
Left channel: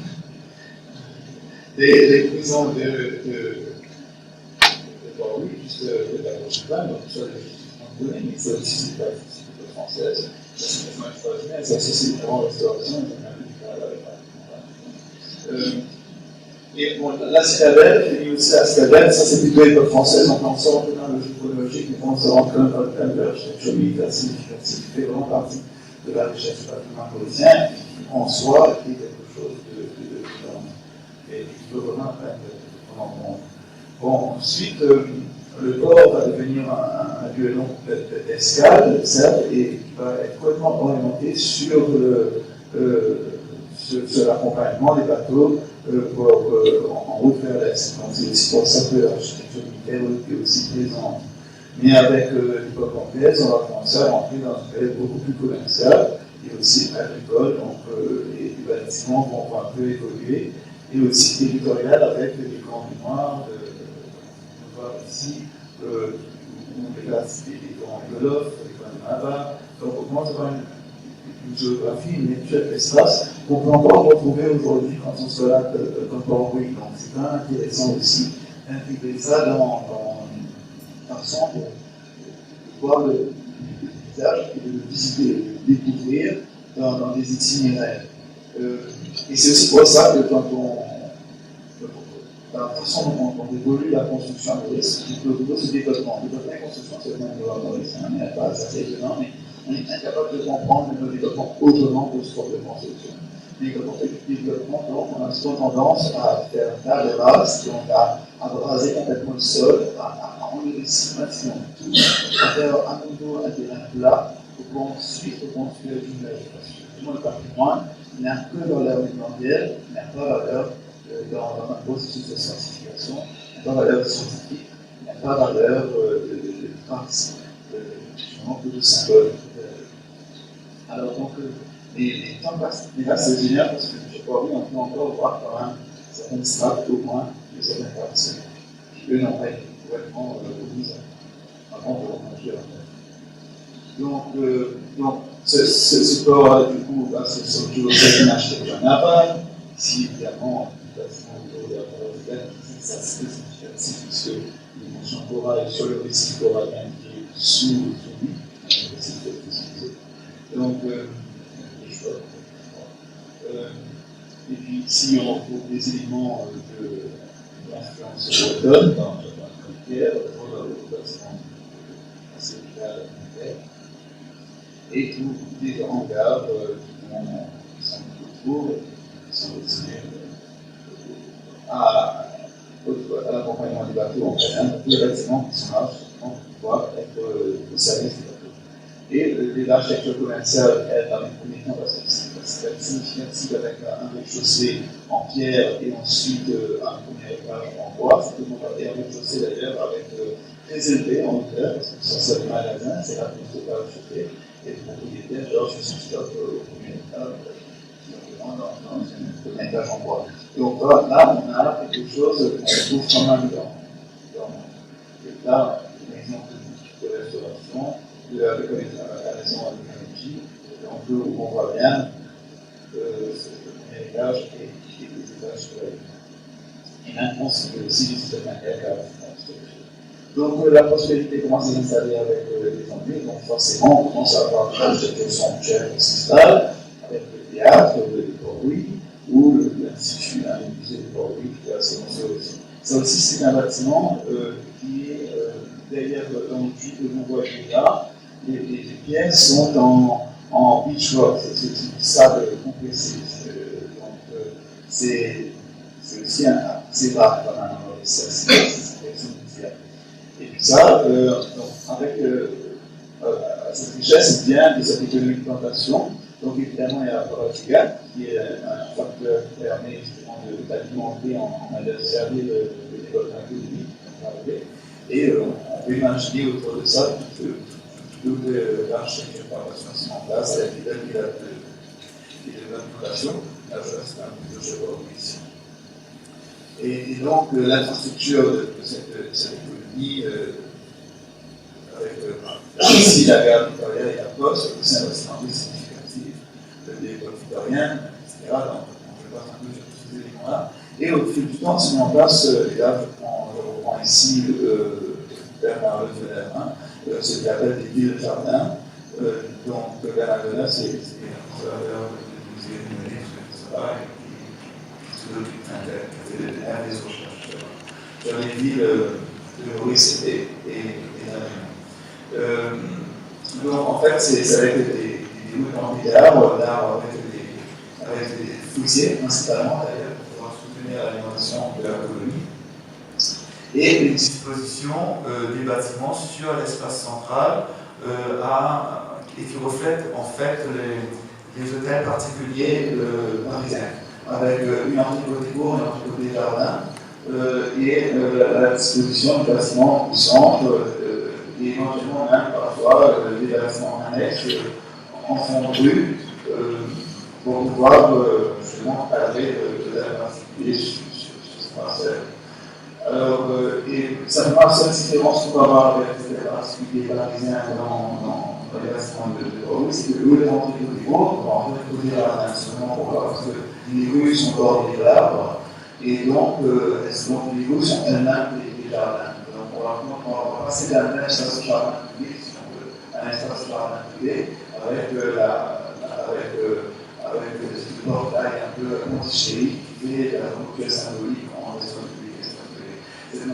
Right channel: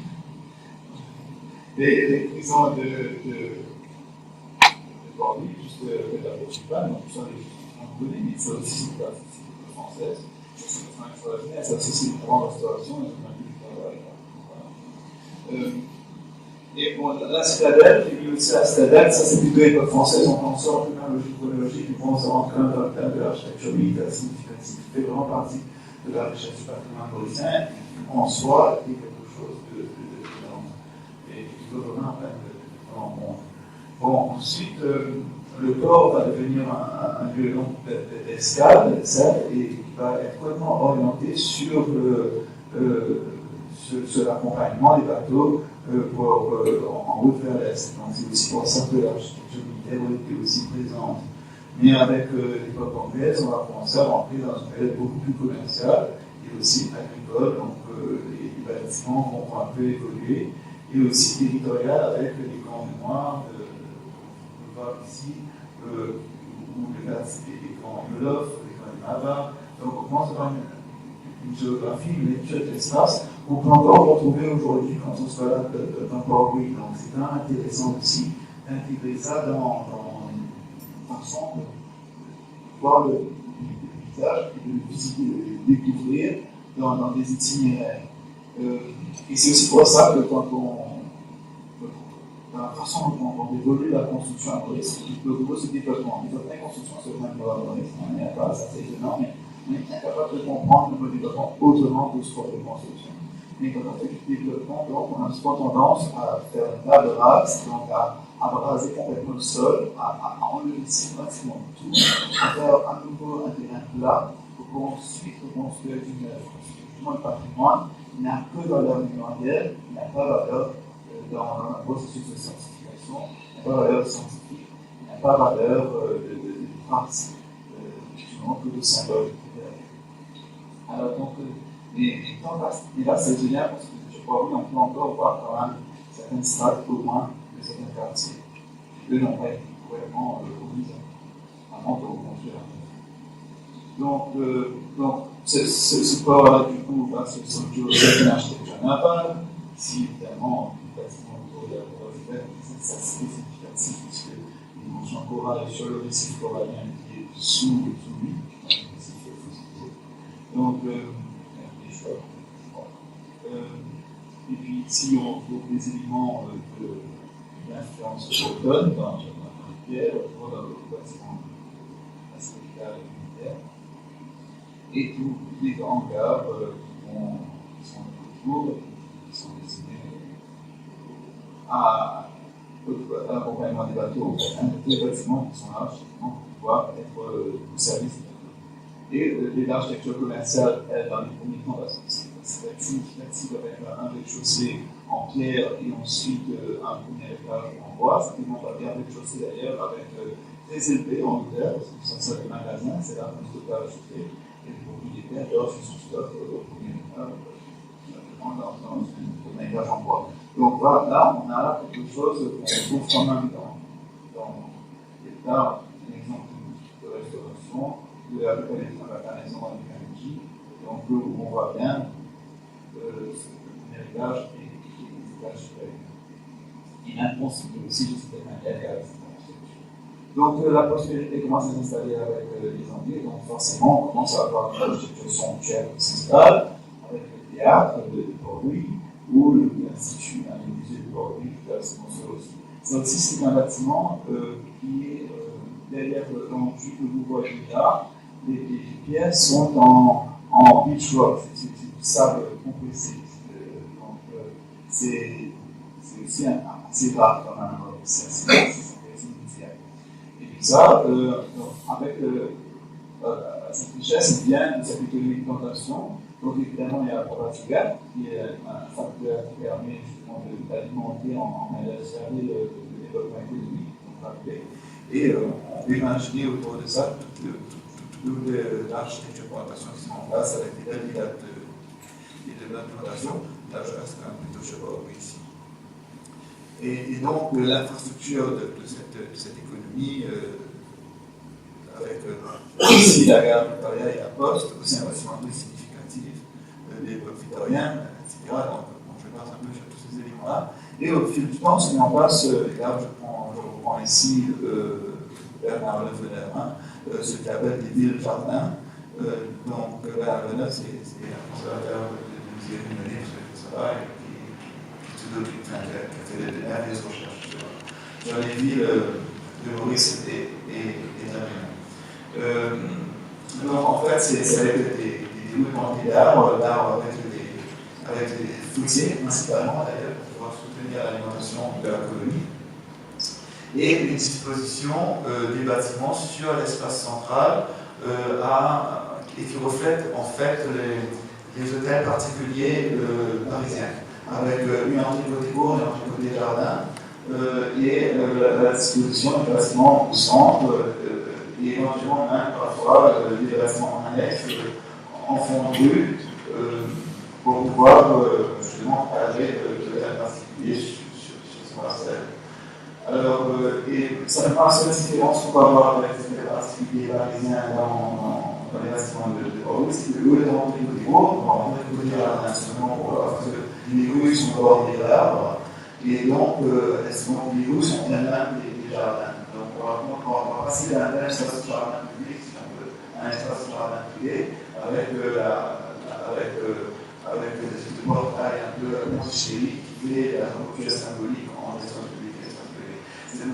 Les prisons de Port-Louis, juste de la Portugal, donc sur les données, mais ça aussi c'est l'époque française. Ça aussi c'est vraiment restauration et bon, la citadelle, j'ai mis aussi la citadelle, ça c'est plutôt l'époque française, donc on sort un peu dans le logique chronologique, mais on sort quand même dans le thème de l'architecture militaire significative, qui fait vraiment partie de la richesse du patrimoine mauricien, qui en soi est quelque chose de et qui peut vraiment Bon, ensuite, le port va devenir un lieu d'escale, certes, et qui va être complètement orienté sur l'accompagnement des bateaux en route vers l'Est. Donc c'est aussi pour ça que l'architecture militaire est aussi présente. Mais avec l'époque anglaise, on va commencer à rentrer dans une période beaucoup plus commerciale et aussi agricole, donc les bâtiments vont un peu évoluer, et aussi territorial avec les camps mémoire on voit ici où les camps Wolof, les camps de Maba. Donc on commence à avoir une géographie, une lecture de l'espace qu'on peut encore retrouver aujourd'hui quand on se balade dans Port-Louis. Donc c'est quand même intéressant aussi d'intégrer ça dans une façon de voir le paysage et de le visiter, de le découvrir dans des itinéraires. Et c'est aussi pour ça que quand la façon dont on évolue la construction à Maurice, le gros développement. La construction, c'est vraiment à Maurice, on n'est pas assez étonnant, mais on est incapable de comprendre le développement autrement que ce qu'on peut construction. Mais quand on fait du développement, donc, on a souvent tendance à faire une table rase, donc à raser complètement le sol, à enlever le maximum de tout, à faire à nouveau un terrain plat pour ensuite reconstruire une immeuble. Parce que justement, le patrimoine n'a que valeur mémorielle, il n'a pas valeur dans un processus de certification, il n'a pas valeur scientifique, il n'a pas valeur de trace, de symbole. Alors donc, les temps passent. Et là, c'est génial parce que je crois qu'on peut encore voir quand même certaines strates au moins de certains quartiers qui, eux, n'ont pas été complètement omises avant de reconstruire. Donc ce port, du coup, c'est une architecture navale. Ici, évidemment, le bâtiment autour de la Port-Royal, c'est assez significatif puisque les mentions chorales sur le récif corallien qui est sous lui, le récif est fossilisé. Donc, les choix. Et puis ici, on trouve des éléments d'influence bretonne dans le pierre, le bâtiment assez vital militaire. Et tous les grands gares qui sont autour, qui sont destinés à l'accompagnement des bateaux en terrain, tous les bâtiments qui sont là, pour pouvoir être au service des bateaux. Et l'architecture commerciale, elle, dans les premiers temps, c'est significatif avec un rez-de-chaussée en pierre et ensuite un premier étage en bois. C'est un rez-de-chaussée d'ailleurs avec très élevé en hauteur, parce que ça c'est le magasin, c'est la plus totale chauffée. Et le propriétaire, Georges Stock, au premier étage, dans un premier étage en bois. Donc voilà, là, on a quelque chose qu'on trouve quand même là, un exemple de restauration, de la maison à l'énergie, donc où on voit bien ce premier étage et les étages supérieurs. Et maintenant, c'est aussi juste un étage. Donc la prospérité commence à s'installer avec les Anglais, donc forcément on commence à avoir des sanctuaires qui s'installent, avec le théâtre de Port-Louis, ou l'Institut, le musée de Port-Louis qui a se construit aussi. Ça aussi, c'est un bâtiment qui est derrière l'enduit que vous voyez là. Les pièces sont en beach rock, c'est du sable compressé. Donc c'est aussi assez rare quand même, c'est exceptionnel. Et puis ça, avec cette richesse vient de cette économie de plantation. Donc évidemment, il y a la propagande qui est un facteur qui permet justement d'alimenter en main-d'œuvre servie le développement économique. Et on peut imaginer autour de ça toute l'architecture de plantation qui se met en place avec des dates de plantation. Là, je reste un peu plutôt chez vous ici. Et donc l'infrastructure de cette économie, avec ici la gare Victoria et la Poste, c'est un bâtiment très significatif de l'époque victorienne, etc. Donc je vais passer un peu sur tous ces éléments-là. Et au fil du temps, si on en passe, et là je reprends ici Bernard Lefebvre, ce qu'il appelle des villes-jardins. Donc Bernard Lefebvre, c'est un conservateur de musée numérique, ça va, qui a fait un des recherches sur les villes de Maurice et d'Avignon. Donc en fait, c'est avec des développements d'arbres avec des foussiers, principalement d'ailleurs, pour pouvoir soutenir l'alimentation de la colonie. et une disposition des bâtiments sur l'espace central et qui reflète en fait les hôtels particuliers parisiens, avec une entrée côté cour, une entrée côté jardin, et la disposition du bâtiment au centre, et éventuellement même parfois des bâtiments annexes en fond de rue, pour pouvoir justement cadrer l'hôtel particulier sur ce parcelle. Alors, et ça me paraît cette différence qu'on va avoir avec les hôtels particuliers parisiens dans les bâtiments de Bordeaux, c'est que où les entrées côté cour, on va rentrer côté jardin seulement, parce que les rues sont bordées d'arbres, et donc les rues sont elles-mêmes des jardins. Donc on va passer d'un espace jardin public, si on veut, à un espace jardin privé, avec des portails un peu antichériques qui fait la rupture symbolique entre espace public et espace privé.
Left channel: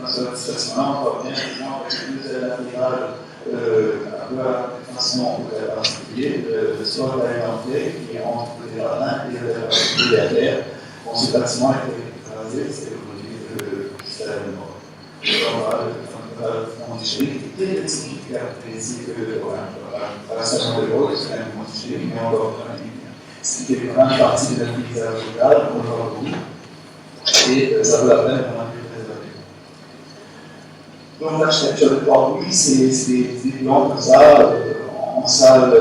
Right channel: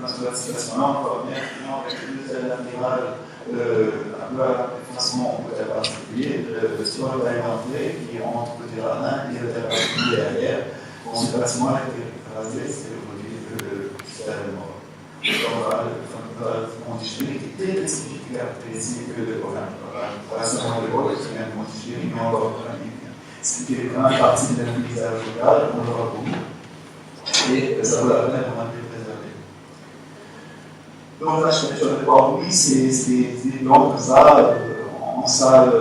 Cette situation-là, on va bien avec les deux ailes latérales, un peu à la façon hôtel particulier, sur le taille d'entrée qui est entre côté jardin et l'hôtel particulier derrière. Bon, ce bâtiment a été rasé, c'est aujourd'hui le stade mort. Antichérique est très spécifique que de programme. Pas seulement le rôle, c'est un antichérique, mais on va voir ce qui est quand même partie de l'utilisation locale, on le voit beaucoup, et ça vaut la peine de le préserver. Donc l'architecture de Bordeaux, oui, c'est des plans comme ça, en salle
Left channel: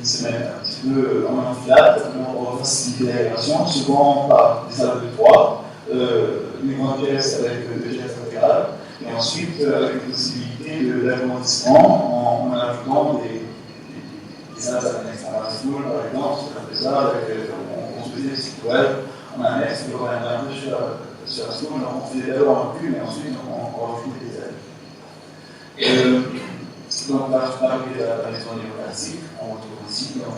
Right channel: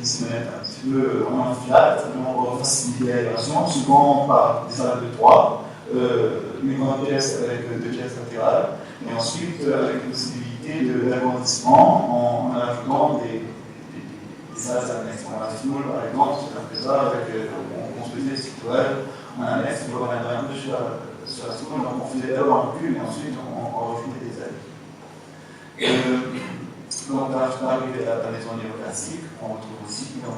qui se mettent un petit peu en enfilade, pour faciliter l'aération, souvent par des salles de 3, une grande pièce avec 2 pièces latérales, et ensuite avec une possibilité d'agrandissement en ajoutant des salles annexes. La foule, par exemple, c'est ça, on construisait des sites web en annexe, on reviendrait un peu sur la foule, donc on faisait d'abord un cube et ensuite on rajoutait des ailes. Donc l'arrivée de la maison néoclassique, on retrouve aussi à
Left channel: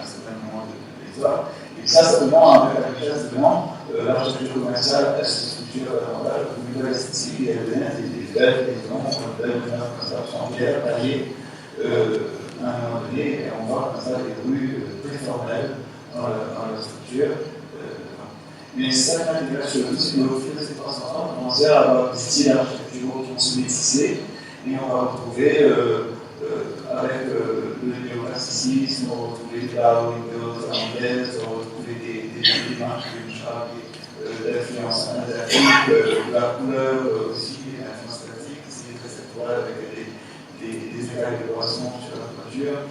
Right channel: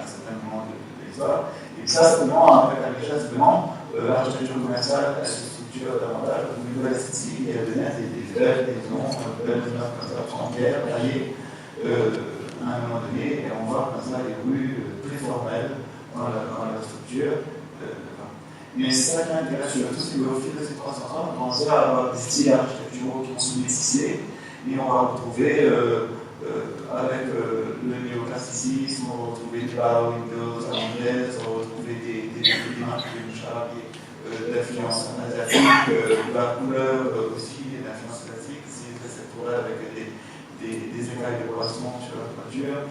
un certain moment de l'histoire. Et ça, simplement, avec l'architecture commerciale, elle se structure davantage comme une nouvelle esthétique et elle devient des belles maisons, belles maisons comme ça, en pierre, taillées. À un moment donné, et on voit comme ça les rues très formelles dans la structure. Mais c'est ça qui m'intéresse le plus, c'est qu'au fil de ces 300 ans, on commence à avoir des styles architecturaux qui vont se métisser, et on va retrouver, avec le néoclassicisme, on va retrouver des bar windows à l'anglaise, on va retrouver des éléments qui chargent d'influence asiatique, la couleur aussi, l'influence classique, c'est très sectoriel avec des écailles de poisson sur la toiture.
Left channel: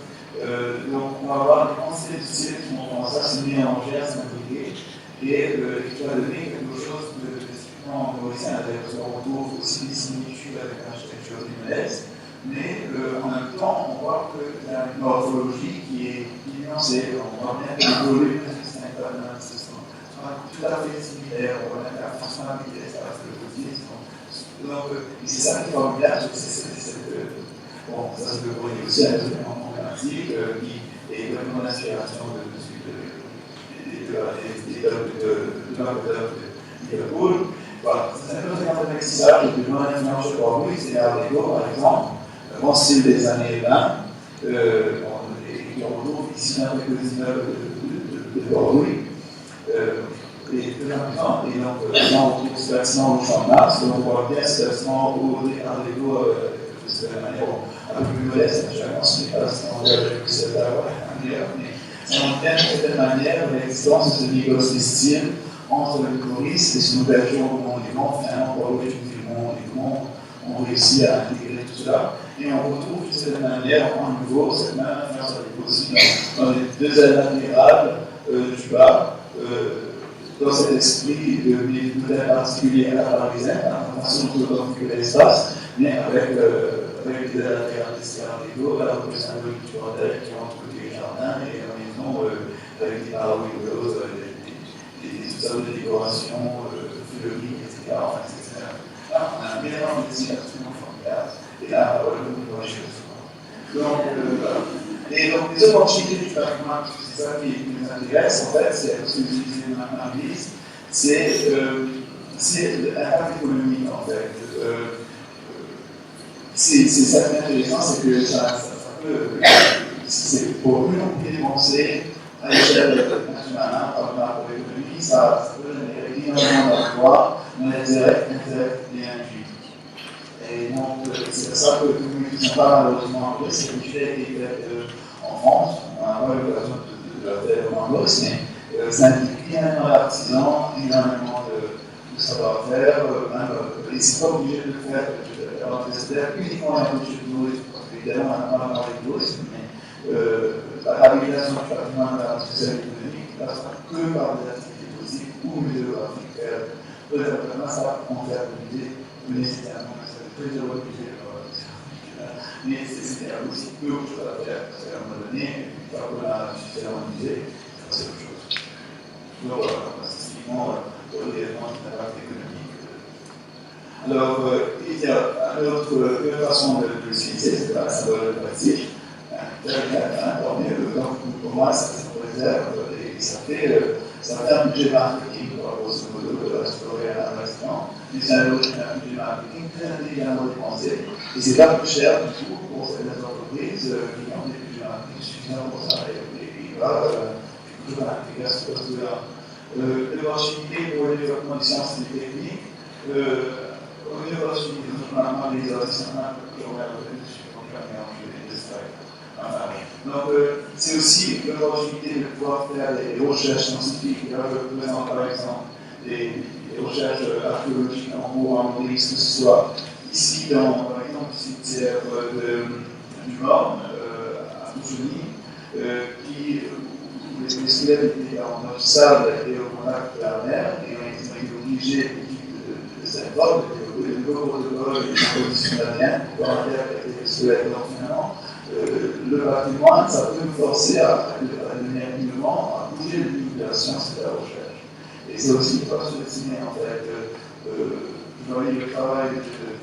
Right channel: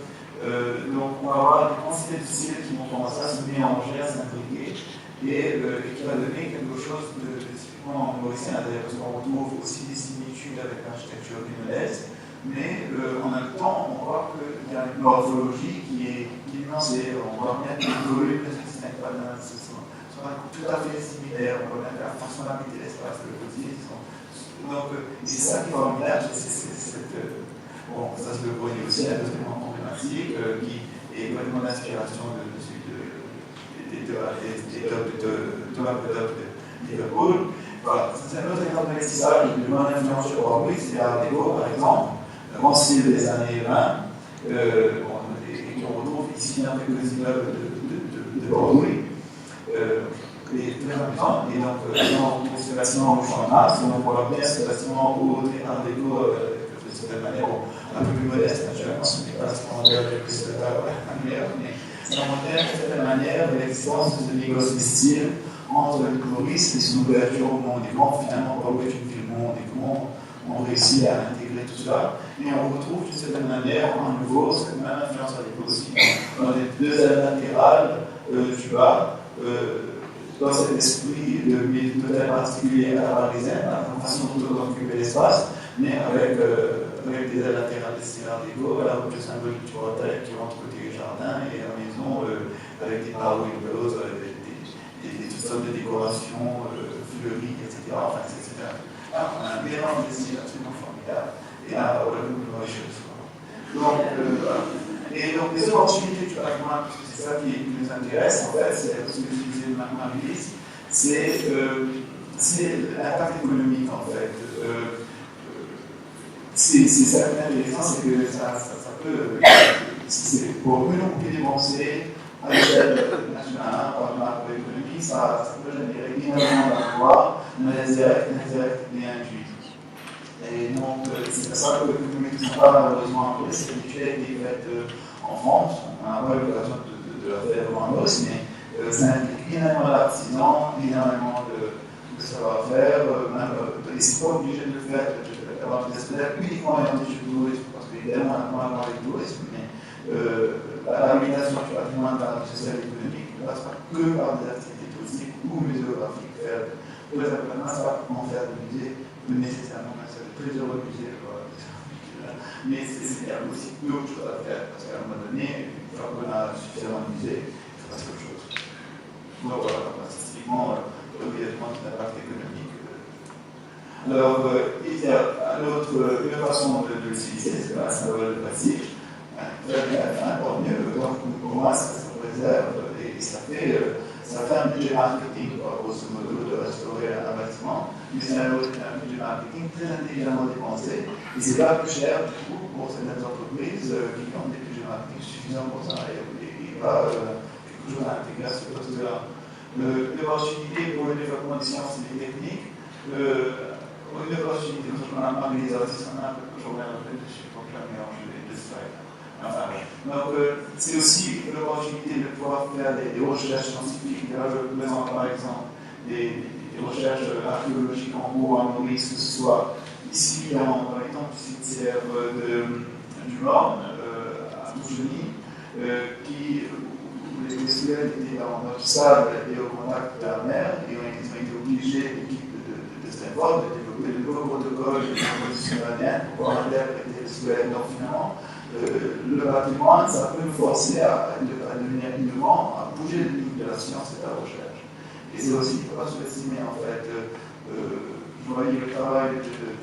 Donc on va avoir des quantités de styles qui vont commencer à se mélanger, à s'imbriquer, et qui va donner quelque chose de typiquement mauricien, parce qu'on retrouve aussi des similitudes avec l'architecture lyonnaise, mais en même temps on voit qu'il y a une morphologie qui est nuancée, on voit bien que les volumes ne sont pas tout à fait similaires, on voit bien que la fonctionnalité de l'espace de côté. Donc c'est ça qui est formidable, bon, ça se peut aussi à un élément problématique qui est vraiment l'inspiration de Liverpool. Voilà, c'est un autre exemple d'investissage de mon influence sur Bordeaux, c'est l'Art déco par exemple, le grand style des années 20, et qu'on retrouve ici dans quelques immeubles de Bordeaux. Et très important, et donc on retrouve ce bâtiment au Champ de Mars, donc on voit bien ce bâtiment au Art déco de certaine manière, un peu plus modeste, naturellement, ce n'est pas ce qu'on dirait que c'est meilleur, mais ça montre de certaine manière l'existence de négoce de style entre le coloriste et son ouverture au monde des grands. Finalement, Bordeaux est une ville monde des grands, on réussit à intégrer tout cela, et on retrouve d'une certaine manière à nouveau cette même influence avec aussi dans les deux ailes latérales du bas. Dans cet esprit de peut-être particulier à la parisienne, la façon d'occuper l'espace, mais avec des ailes latérales des Art déco, la rupture symbolique du hôtel qui rentre côté jardin et la maison avec des bar windows, toutes sortes de décorations fleuries, etc. Enfin, etc. Là, on a un mélange de styles absolument formidable, et là, on va chez le soir. Donc, et donc, les opportunités du patrimoine, parce que c'est ça qui nous intéresse, en fait, c'est ce que j'utilisais Marie-Lise, c'est l'impact économique, en fait. C'est ça qui est intéressant, c'est que ça peut, c'est pour une dépensée à l'échelle nationale, par l'économie, ça peut générer énormément d'avoir, indirect et intuitif. Et donc, c'est à ça que nous ne sommes pas malheureusement appris, c'est une étude qui est faite en France, on n'a pas eu l'occasion de la faire en Angleterre, mais ça implique énormément d'artisans, énormément de savoir-faire, et c'est pas obligé de le faire, d'avoir des experts uniquement dans les jeux de tourisme, parce qu'évidemment on a parlé de tourisme, mais la réalisation du patrimoine de la société économique ne passe pas que par des activités touristiques ou muséographiques. Peut-être que ça va en faire des musées, nécessairement, ça fait plusieurs musées, mais il y a aussi d'autres choses à faire, parce qu'à un moment donné, une fois qu'on a suffisamment de musées, il faut passer à autre chose. Donc voilà, statistiquement, directement de l'impact économique. Alors, il y a une façon de l'utiliser, c'est pas la symbole passif. Très bien, tant mieux. Donc, pour moi, ça préserve et ça fait un budget marketing, grosso modo, de restaurer un bâtiment. Mais c'est un budget marketing très intelligemment dépensé. Et c'est pas plus cher du tout pour certaines entreprises qui ont des budgets marketing suffisants pour ça. Et il va quelque chose à intégrer à ce poste-là. L'opportunité pour le développement des sciences et des techniques, une opportunité, je m'en parle des artistes, je reviens je suis pour jamais mélanger les slides. Enfin, donc, c'est aussi l'opportunité de pouvoir faire des recherches scientifiques. Là, je vous présente par exemple des recherches archéologiques en haut, en Maurice, que ce soit ici dans les temples du cimetière du Morne, à Mougeny, qui les squelettes étaient dans notre sable et au contact de la mer, et on a été obligés, l'équipe de Stanford, de développer de nouveaux protocoles de composition d'ADN pour pouvoir interpréter les squelettes. Donc finalement, le patrimoine, ça peut nous forcer à devenir innovant, à bouger le limite de la science et de la recherche. Et c'est aussi pas sous-estimer en fait. Je voyais le travail que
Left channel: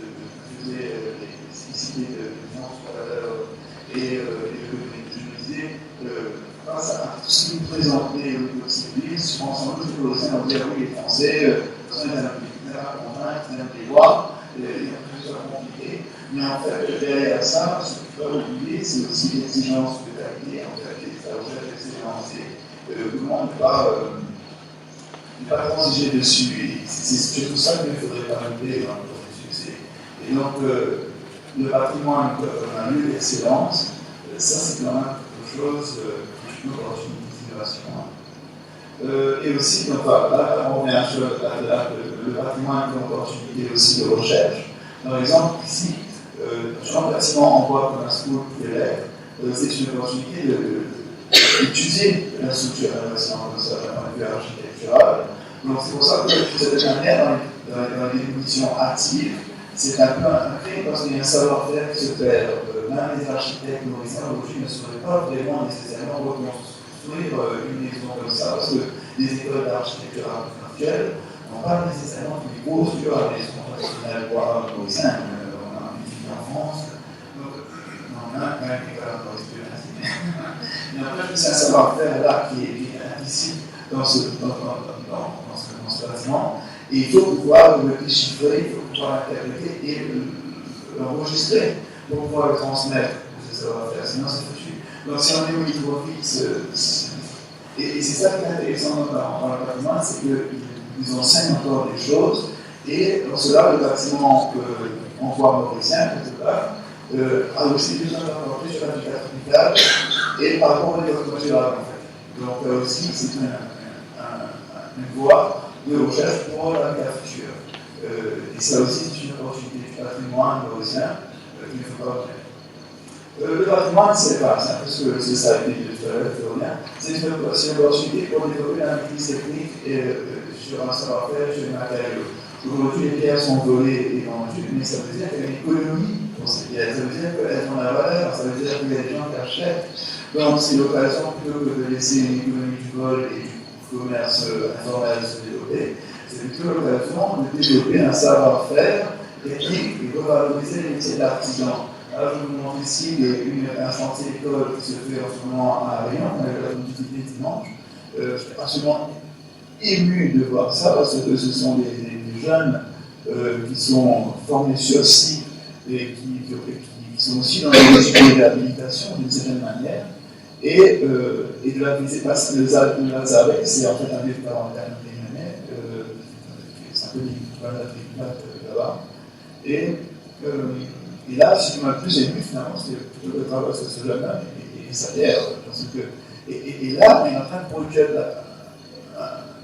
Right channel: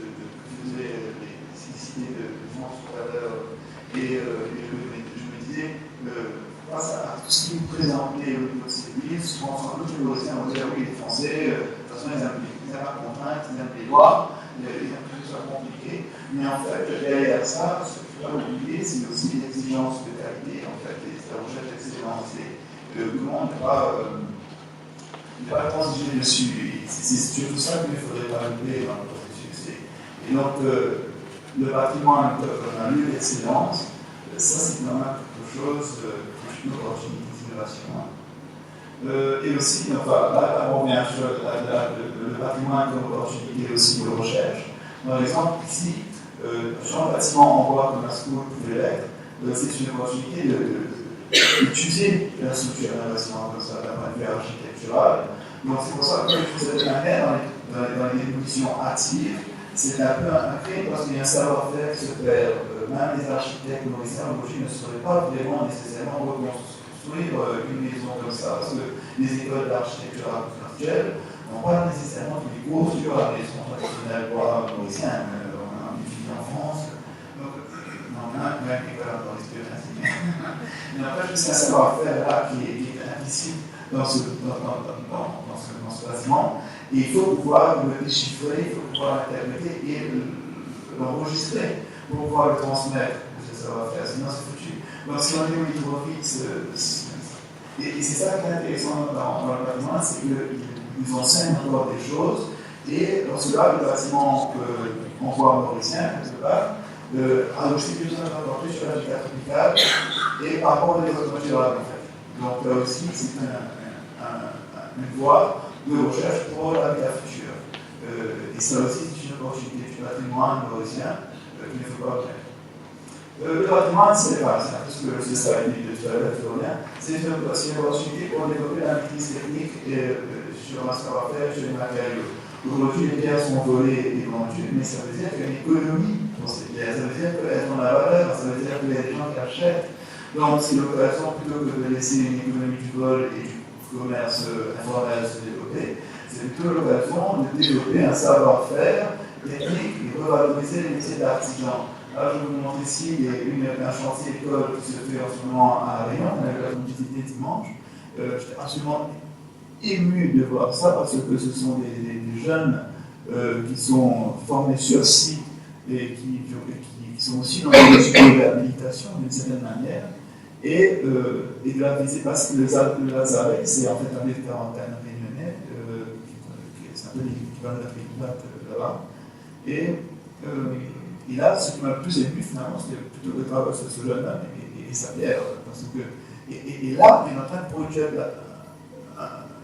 faisait les cyclicités de France tout à l'heure, et je me disais, face à tout ce qui nous présentait au niveau de ces pays, souvent sans doute nous aussi on disait oui, les Français, de toute façon ils n'aiment pas contraintes, ils aiment les lois, ils aiment que ce soit compliqué, mais en fait derrière ça, ce qu'il faut pas oublier, c'est aussi l'exigence de qualité, en fait, la recherche d'excellence, et comment ne pas transiger dessus, et c'est surtout ça qu'il ne faudrait pas oublier dans le processus. Et donc le patrimoine comme un lieu d'excellence, ça c'est quand même quelque chose une opportunité d'innovation. Et aussi, enfin, là, on revient sur le patrimoine comme opportunité aussi de recherche. Par exemple, ici, sur un bâtiment en bois comme un school pouvait l'être, c'est une opportunité d'étudier la structure d'un bâtiment comme ça, d'un point de vue architectural. Donc c'est pour ça que de cette manière, dans les évolutions actives, c'est un peu un crime parce qu'il y a un savoir-faire qui se perd. Même les architectes mauriciens aujourd'hui ne sauraient pas vraiment nécessairement reconstruire une maison comme ça, parce que les écoles d'architecture actuelles n'ont pas nécessairement tous les cours sur la maison traditionnelle bois mauricien. On a un étudié en France, donc on a même une école d'architecture. Mais en fait, c'est un savoir-faire là qui est implicite dans ce bâtiment. Et il faut pouvoir le déchiffrer, il faut pouvoir l'interpréter et l'enregistrer pour pouvoir le transmettre. C'est ça va faire, sinon c'est foutu. Donc si on est au niveau fixe, et c'est ça qui est intéressant dans le patrimoine, c'est qu'ils enseignent encore des choses, et dans cela, le bâtiment en bois mauricien, quelque part, a aussi besoin d'apporter sur l'habitat tropical et par rapport au développement durable, en fait. Donc là aussi, c'est une voie de recherche pour l'habitat futur. Et ça aussi, c'est une opportunité du patrimoine mauricien qu'il ne faut pas oublier. Le patrimoine, c'est un peu ce que c'est ça, c'est une opportunité pour développer la maîtrise technique sur un savoir-faire, sur les matériaux. Aujourd'hui, les pierres sont volées et vendues, mais ça veut dire qu'il y a une économie pour ces pierres. Ça veut dire qu'elles ont la valeur, ça veut dire qu'il y a des gens qui achètent. Donc, c'est l'occasion, plutôt que de laisser une économie du vol et du commerce informel se développer, c'est plutôt l'occasion de développer un savoir-faire technique et de revaloriser les métiers d'artisan. Alors, je vous montre ici un chantier école qui se fait en ce moment à Réunion, avec la visité dimanche. J'étais absolument ému de voir ça parce que ce sont des jeunes qui sont formés sur site et qui sont aussi dans les études d'habilitation d'une certaine manière. Et de la visite, parce que le Lazare, c'est en fait un vieux quarantaine réunionnais qui dans l'Afrique plate là-bas. Et là, ce qui m'a le plus ému, finalement, c'était plutôt le travail de ce jeune-là et sa terre. Parce que, et là, on est en train de produire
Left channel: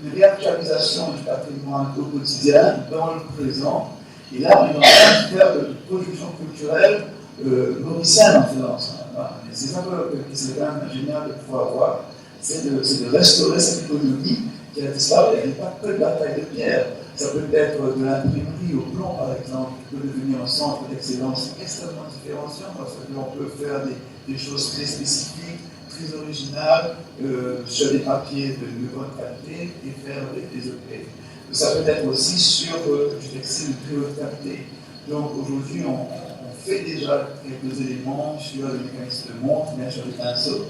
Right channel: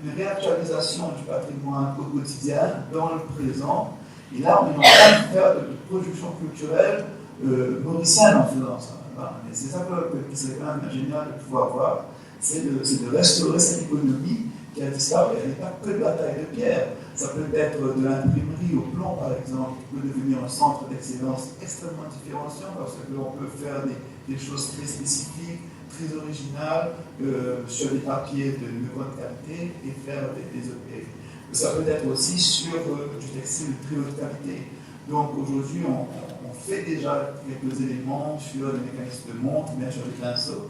une réactualisation du patrimoine au quotidien, dans le présent. Et là, on est en train de faire de production culturelle mauricienne en faisant ça. Voilà. Et c'est ça que c'est quand même génial de pouvoir voir, c'est de restaurer cette économie qui a disparu. Elle n'est pas que de la taille de pierre. Ça peut être de l'imprimerie au plomb, par exemple, qui peut devenir un centre d'excellence extrêmement différenciant parce que l'on peut faire des choses très spécifiques, très originales, sur des papiers de bonne qualité et faire des objets. Ça peut être aussi sur du textile de très haute qualité. Donc aujourd'hui, on fait déjà quelques éléments sur les mécanismes de montre, bien sûr les pinceaux.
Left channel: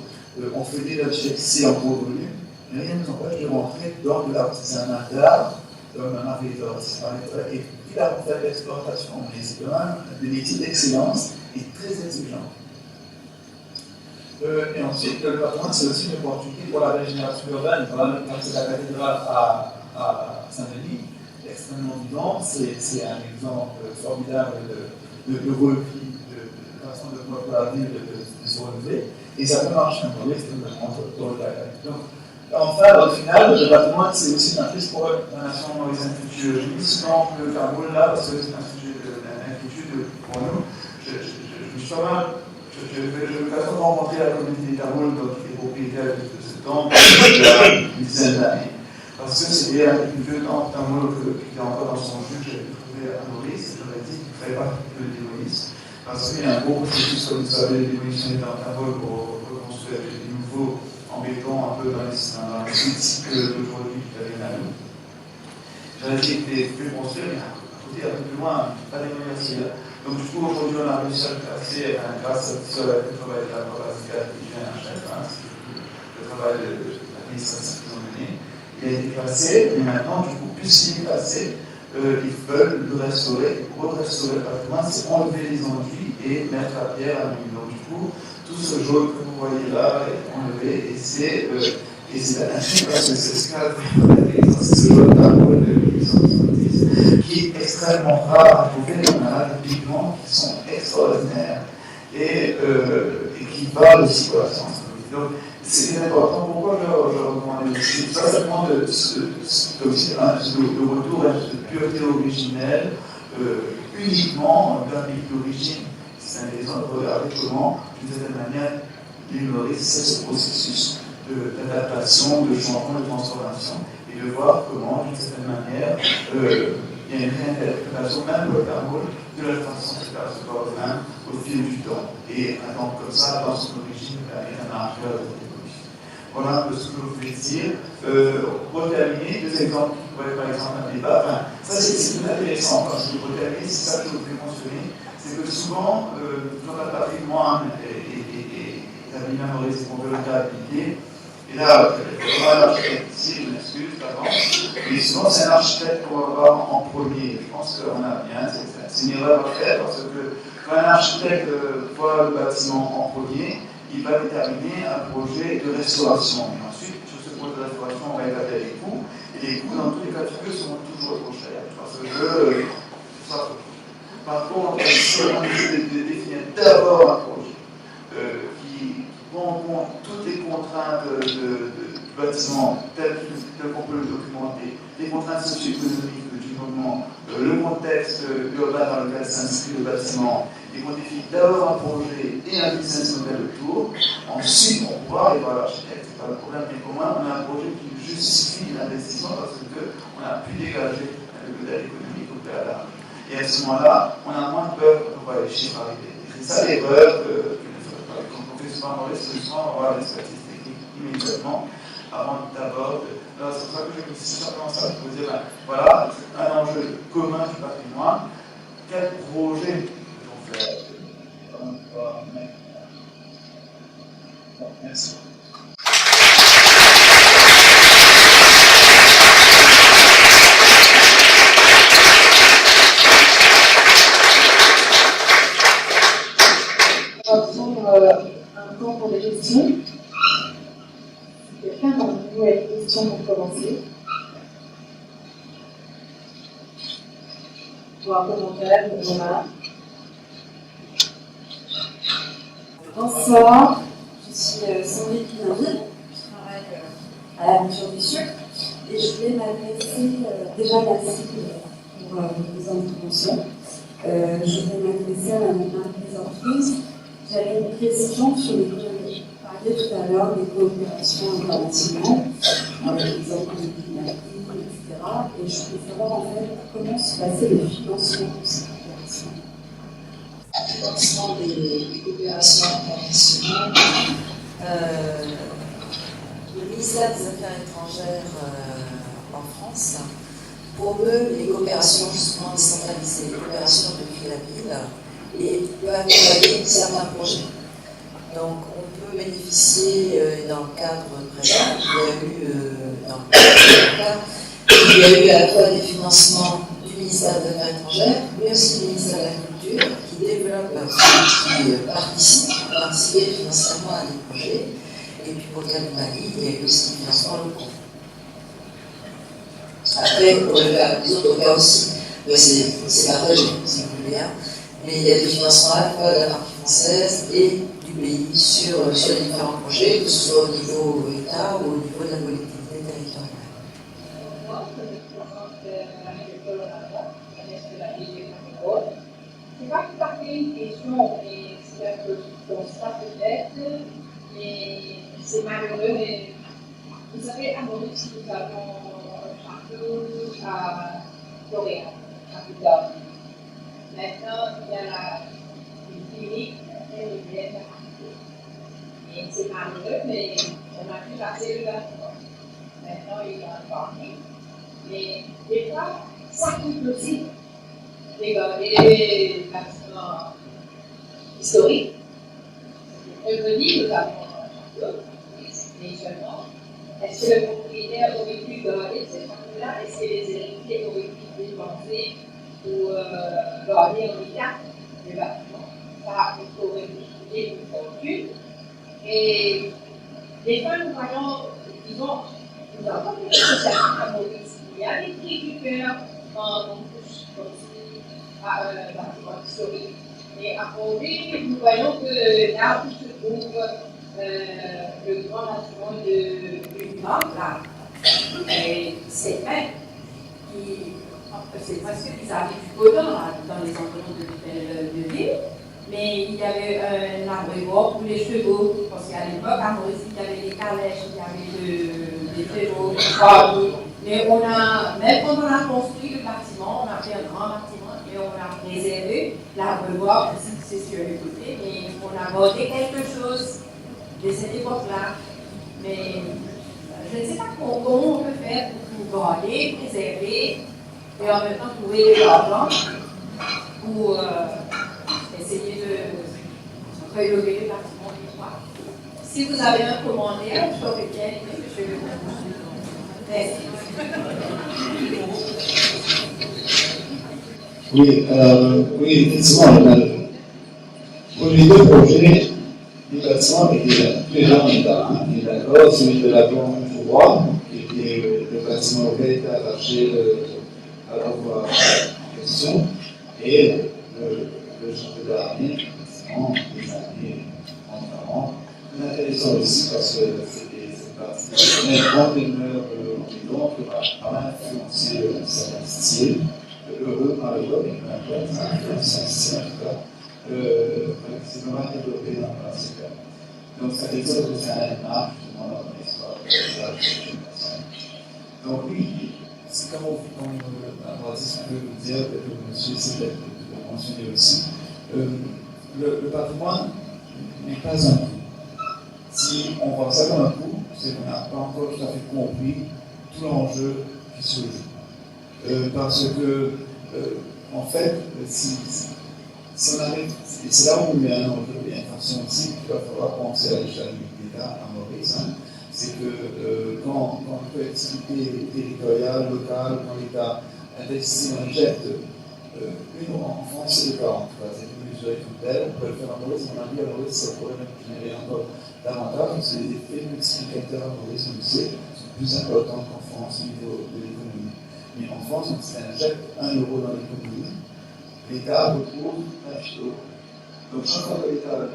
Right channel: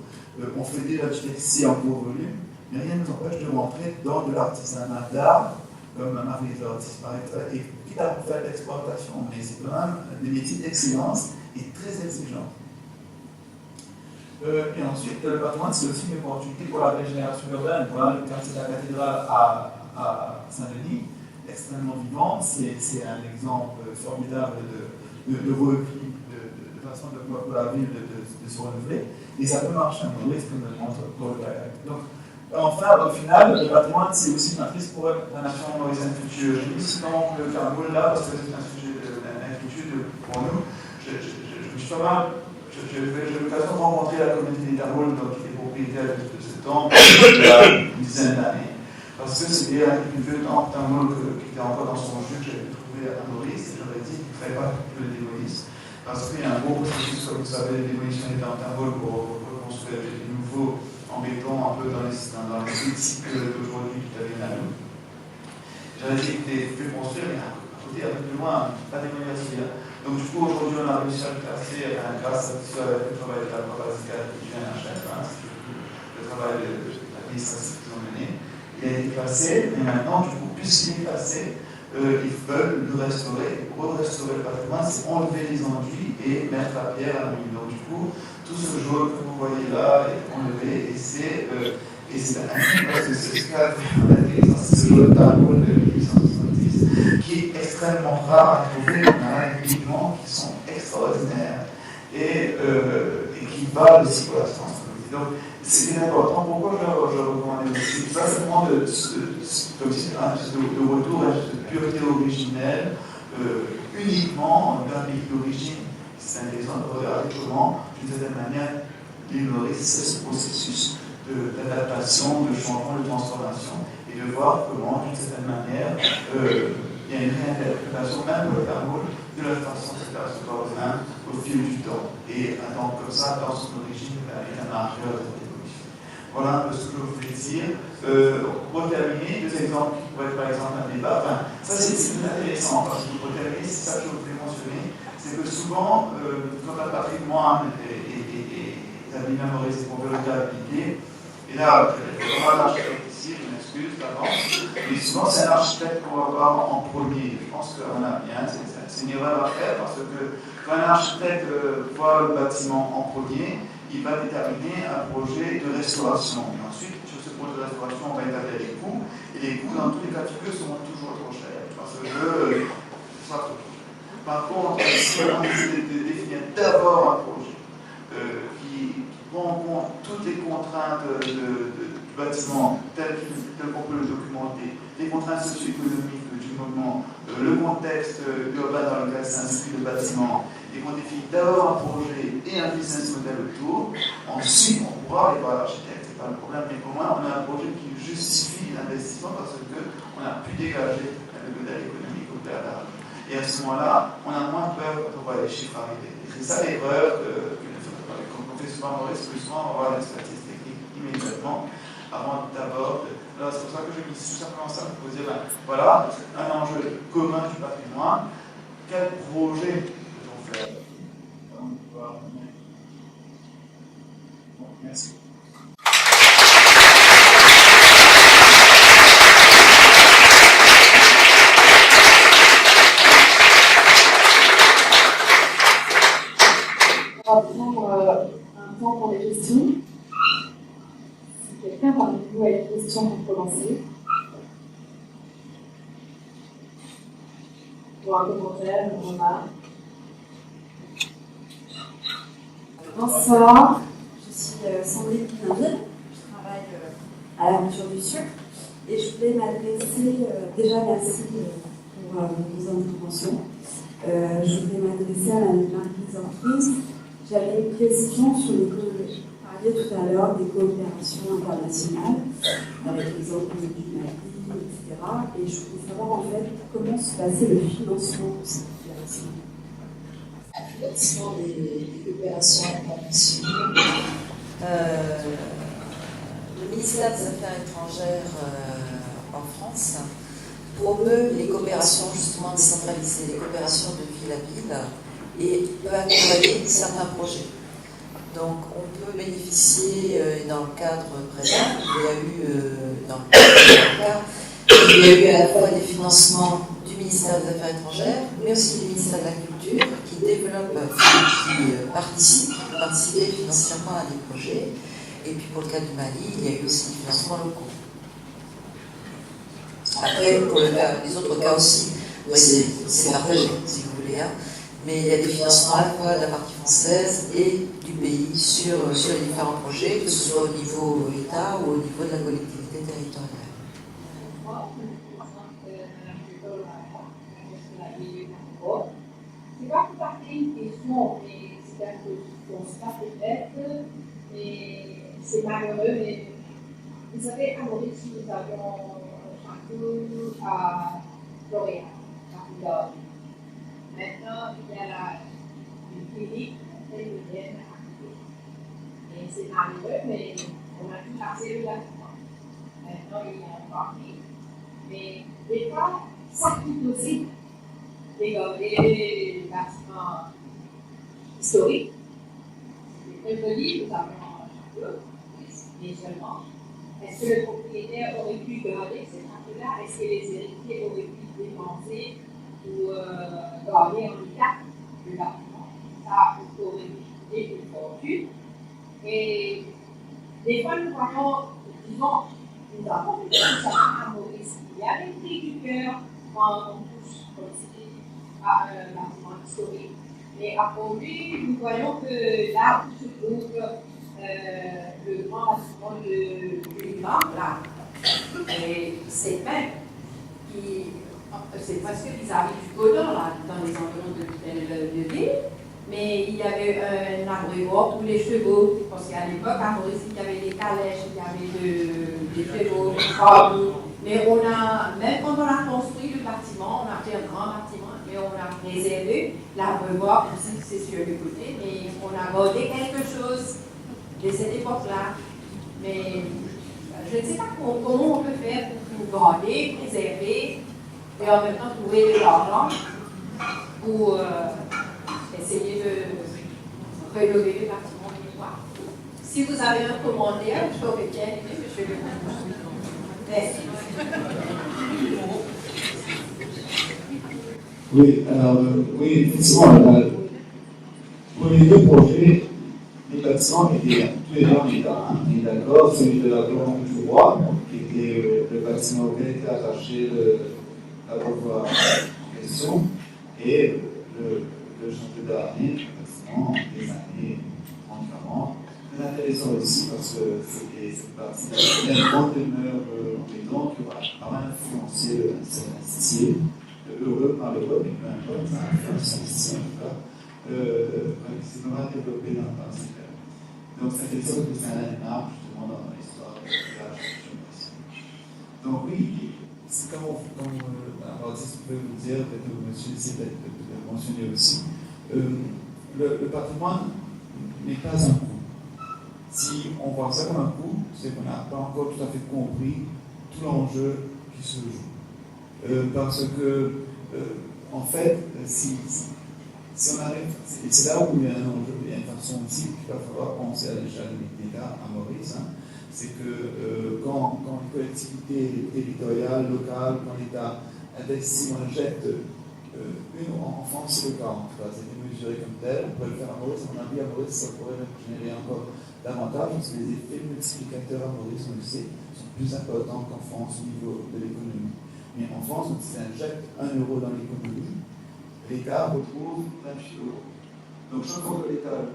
On fait déjà du textile en gros volume, mais rien ne nous empêche de rentrer dans de l'artisanat d'art, comme un Marie-Laure disparaîtrait, et puis là, on fait de l'exportation. Mais c'est quand même des métiers d'excellence et très exigeants. Et ensuite, le patrimoine, c'est aussi une opportunité pour la régénération urbaine. Voilà, comme c'est la cathédrale à Saint-Denis, extrêmement vivante, c'est un exemple formidable de repli, de façon de pouvoir la ville de se renouveler. Et ça peut marcher un peu, extrêmement dans le cas. Donc, enfin, au final, le patrimoine, c'est aussi une matrice pour la nation mauricienne future. Je dis souvent le Cameroun là, parce que c'est un sujet d'inquiétude pour nous. Je me suis pas mal. Je vais souvent rencontrer la communauté d'Arul, qui est propriétaire de ce temple il y a une dizaine d'années. Parce que c'était un vieux temple d'Arul qui était encore dans son jus que j'avais trouvé à Maurice. J'aurais dit qu'il ne fallait pas que le démolisse. Parce qu'il y a un gros processus, comme vous savez, de démolition des temples d'Arul pour reconstruire des nouveaux en béton un peu dans les sites d'aujourd'hui qui avaient là. J'avais dit qu'il était plus construire, mais à côté, un peu plus loin, pas démolir aussi. Donc du coup, aujourd'hui, on a réussi à le classer grâce au travail de la province qui vient à chaque fois, le travail de l'administration qu'ils ont mené. Il a été classé, mais maintenant, du coup, puisqu'il est classé, ils veulent le restaurer. Pour restaurer le patrimoine, c'est enlever les enduits et mettre la pierre à la mine. Donc du coup, tout ce jaune que vous voyez là est enlevé et c'est magnifique parce que c'est ce qu'a fait ce jaune d'arbre de 1870 qui est extrêmement rare à trouver. On a des pigments qui sont extraordinaires et qui valent aussi pour la science. Donc c'est important. Pourquoi je recommande aussi pas seulement de retour à cette pureté originelle uniquement d'un pays d'origine. C'est intéressant de regarder comment, d'une certaine manière, l'île Maurice, c'est ce processus d'adaptation, de changement, de transformation, et de voir comment, d'une certaine manière, il y a une réinterprétation, même pour le Cameroun, de la façon de faire ce corps au fil du temps. Et donc, comme ça, dans son origine, il y a un marqueur de l'évolution. Voilà un peu ce que je voulais dire. Pour terminer, deux exemples qui pourraient être par exemple un débat. Enfin, ça, c'est intéressant, parce que pour terminer, c'est ça que je voulais mentionner. C'est que souvent, quand un patrimoine est bien Maurice, qu'on veut le réhabiliter, et là, vraiment l'architecte ici, je m'excuse d'avant, mais souvent c'est un architecte qu'on va voir en premier. Je pense qu'on a bien, c'est une erreur à faire, parce que quand un architecte voit le bâtiment en premier, il va déterminer un projet de restauration. Et ensuite, sur ce projet de restauration, on va établir les coûts, et les coûts, dans tous les cas de figure, seront toujours trop chers. Parce que par contre, si on essaie de définir d'abord un projet qui prend en compte toutes les contraintes du bâtiment tel qu'on peut le documenter, les contraintes socio-économiques du moment, le contexte urbain dans lequel s'inscrit le bâtiment, et qu'on définit d'abord un projet et un business model autour, ensuite on pourra aller voir l'architecte, c'est pas le problème, mais au moins on a un projet qui justifie l'investissement parce qu'on a pu dégager le modèle économique au préalable. Et à ce moment-là, on a moins de peur quand on voit les chiffres arriver. Et c'est ça l'erreur qu'on fait souvent Maurice, que souvent on va voir l'expertise technique immédiatement avant d'abord. Alors c'est pour ça que je me dis simplement ça pour vous dire, voilà, un enjeu commun du patrimoine. Quel projet peut-on faire? Merci. On va prendre un temps pour des questions. Si quelqu'un a des questions pour commencer. Ou un commentaire, une remarque. Bonsoir, je suis Sandrine Pinanville, je travaille à l'Aventure du Sucre et je voulais m'adresser, déjà merci pour vos interventions, je voulais m'adresser à Mme Marie Ortiz. J'avais une question sur les vous parliez tout à l'heure des coopérations internationales avec les organismes climatiques, etc. Et je voulais savoir en fait comment se passait le financement de ces coopérations. Le financement des coopérations internationales. Le ministère des Affaires étrangères en France promeut les coopérations justement décentralisées, les coopérations de ville à ville, et peut accompagner certains projets. Donc on peut bénéficier, dans le cadre présent, il y a eu à la fois des financements du ministère des Affaires étrangères, mais aussi du ministère de la Culture, qui développe, qui participer financièrement à des projets. Et puis pour le cas du Mali, il y a eu aussi des financements locaux. Après, pour les autres cas aussi, oui, c'est partagé, si vous voulez. Hein. Mais il y a des financements à la fois de la partie française et du pays sur les différents projets, que ce soit au niveau État ou au niveau de la collectivité territoriale. C'est pas tout à fait une question, mais c'est un peu du constat peut-être, et c'est malheureux, mais vous savez, à Maurice, nous avons un château à Florian, à Putain. Maintenant, il y a une clinique péruvienne à côté. Et c'est malheureux, mais on a pu passer le bâtiment. Maintenant, il y a un parking. Mais des fois, ça coûte aussi. Les bâtiments historiques. Revenu, nous avons un château, mais seulement, est-ce que le propriétaire aurait pu garder ce château-là? Est-ce que les héritiers auraient pu dépenser ou garder en état le bâtiment? Ça, il aurait coûté une fortune. Et des fois, nous voyons, disons, nous avons des associations à Maurice. Il y a des cris du cœur quand on touche comme à un bâtiment historique. Mais à Paris, nous voyons que là où se trouve le grand bâtiment du Nord, là, c'est même c'est parce qu'ils avaient du godon là, dans les environs de ville, mais il y avait un abreuvoir pour les chevaux, parce qu'à l'époque, à Maurice, il y avait des calèches, il y avait des chevaux, mais on a, même quand on a construit le bâtiment, on a fait un grand bâtiment, et on a préservé l'abreuvoir, aussi c'est sur le côté, mais on a gardé quelque chose de cette époque-là. Mais je ne sais pas comment on peut faire pour garder, préserver, et en même temps trouver de l'argent pour essayer de rénover le bâtiment des fois. Si vous avez un commentaire, je t'aurais bien aimé, monsieur le président. Merci. Oui, effectivement, pour les deux projets, les bâtiments étaient déjà en état. On est d'accord, celui de la Blanche du Roi, qui était le bâtiment auquel était attaché à l'envoi en question, et le château d'Armée, le bâtiment des années 30-40. C'est intéressant aussi parce que c'est partie d'une grande demeure en béton qui va quand même influencer un certain style. Heureux, malheureux, mais peu importe, ça influence un style en tout cas. C'est vraiment développé dans ces cas. Donc ça veut dire que c'est un landmark justement dans l'histoire de l'habitation. Donc oui, c'est comme Baptiste peut vous dire, peut-être que monsieur essaie de le mentionner aussi, le patrimoine n'est pas un coût. Si on voit ça comme un coût, c'est qu'on n'a pas encore tout à fait compris tout l'enjeu qui se joue. Parce que, en fait, si on arrive, c'est là où il y a un enjeu, il y a une façon aussi qu'il va falloir penser à l'échelle de l'État à Maurice, hein, c'est que quand une collectivité territoriale, locale, quand l'État investit, on injecte en France, c'est le cas, en tout cas, c'est mesuré comme tel, on peut le faire à Maurice, à mon avis, à Maurice, ça pourrait même générer encore davantage, parce que les effets multiplicateurs à Maurice, on le sait, sont plus importants qu'en France au niveau de l'économie. Mais en France, on injecte 1 euro dans l'économie, l'État retrouve 28 euros. Donc chaque fois que l'État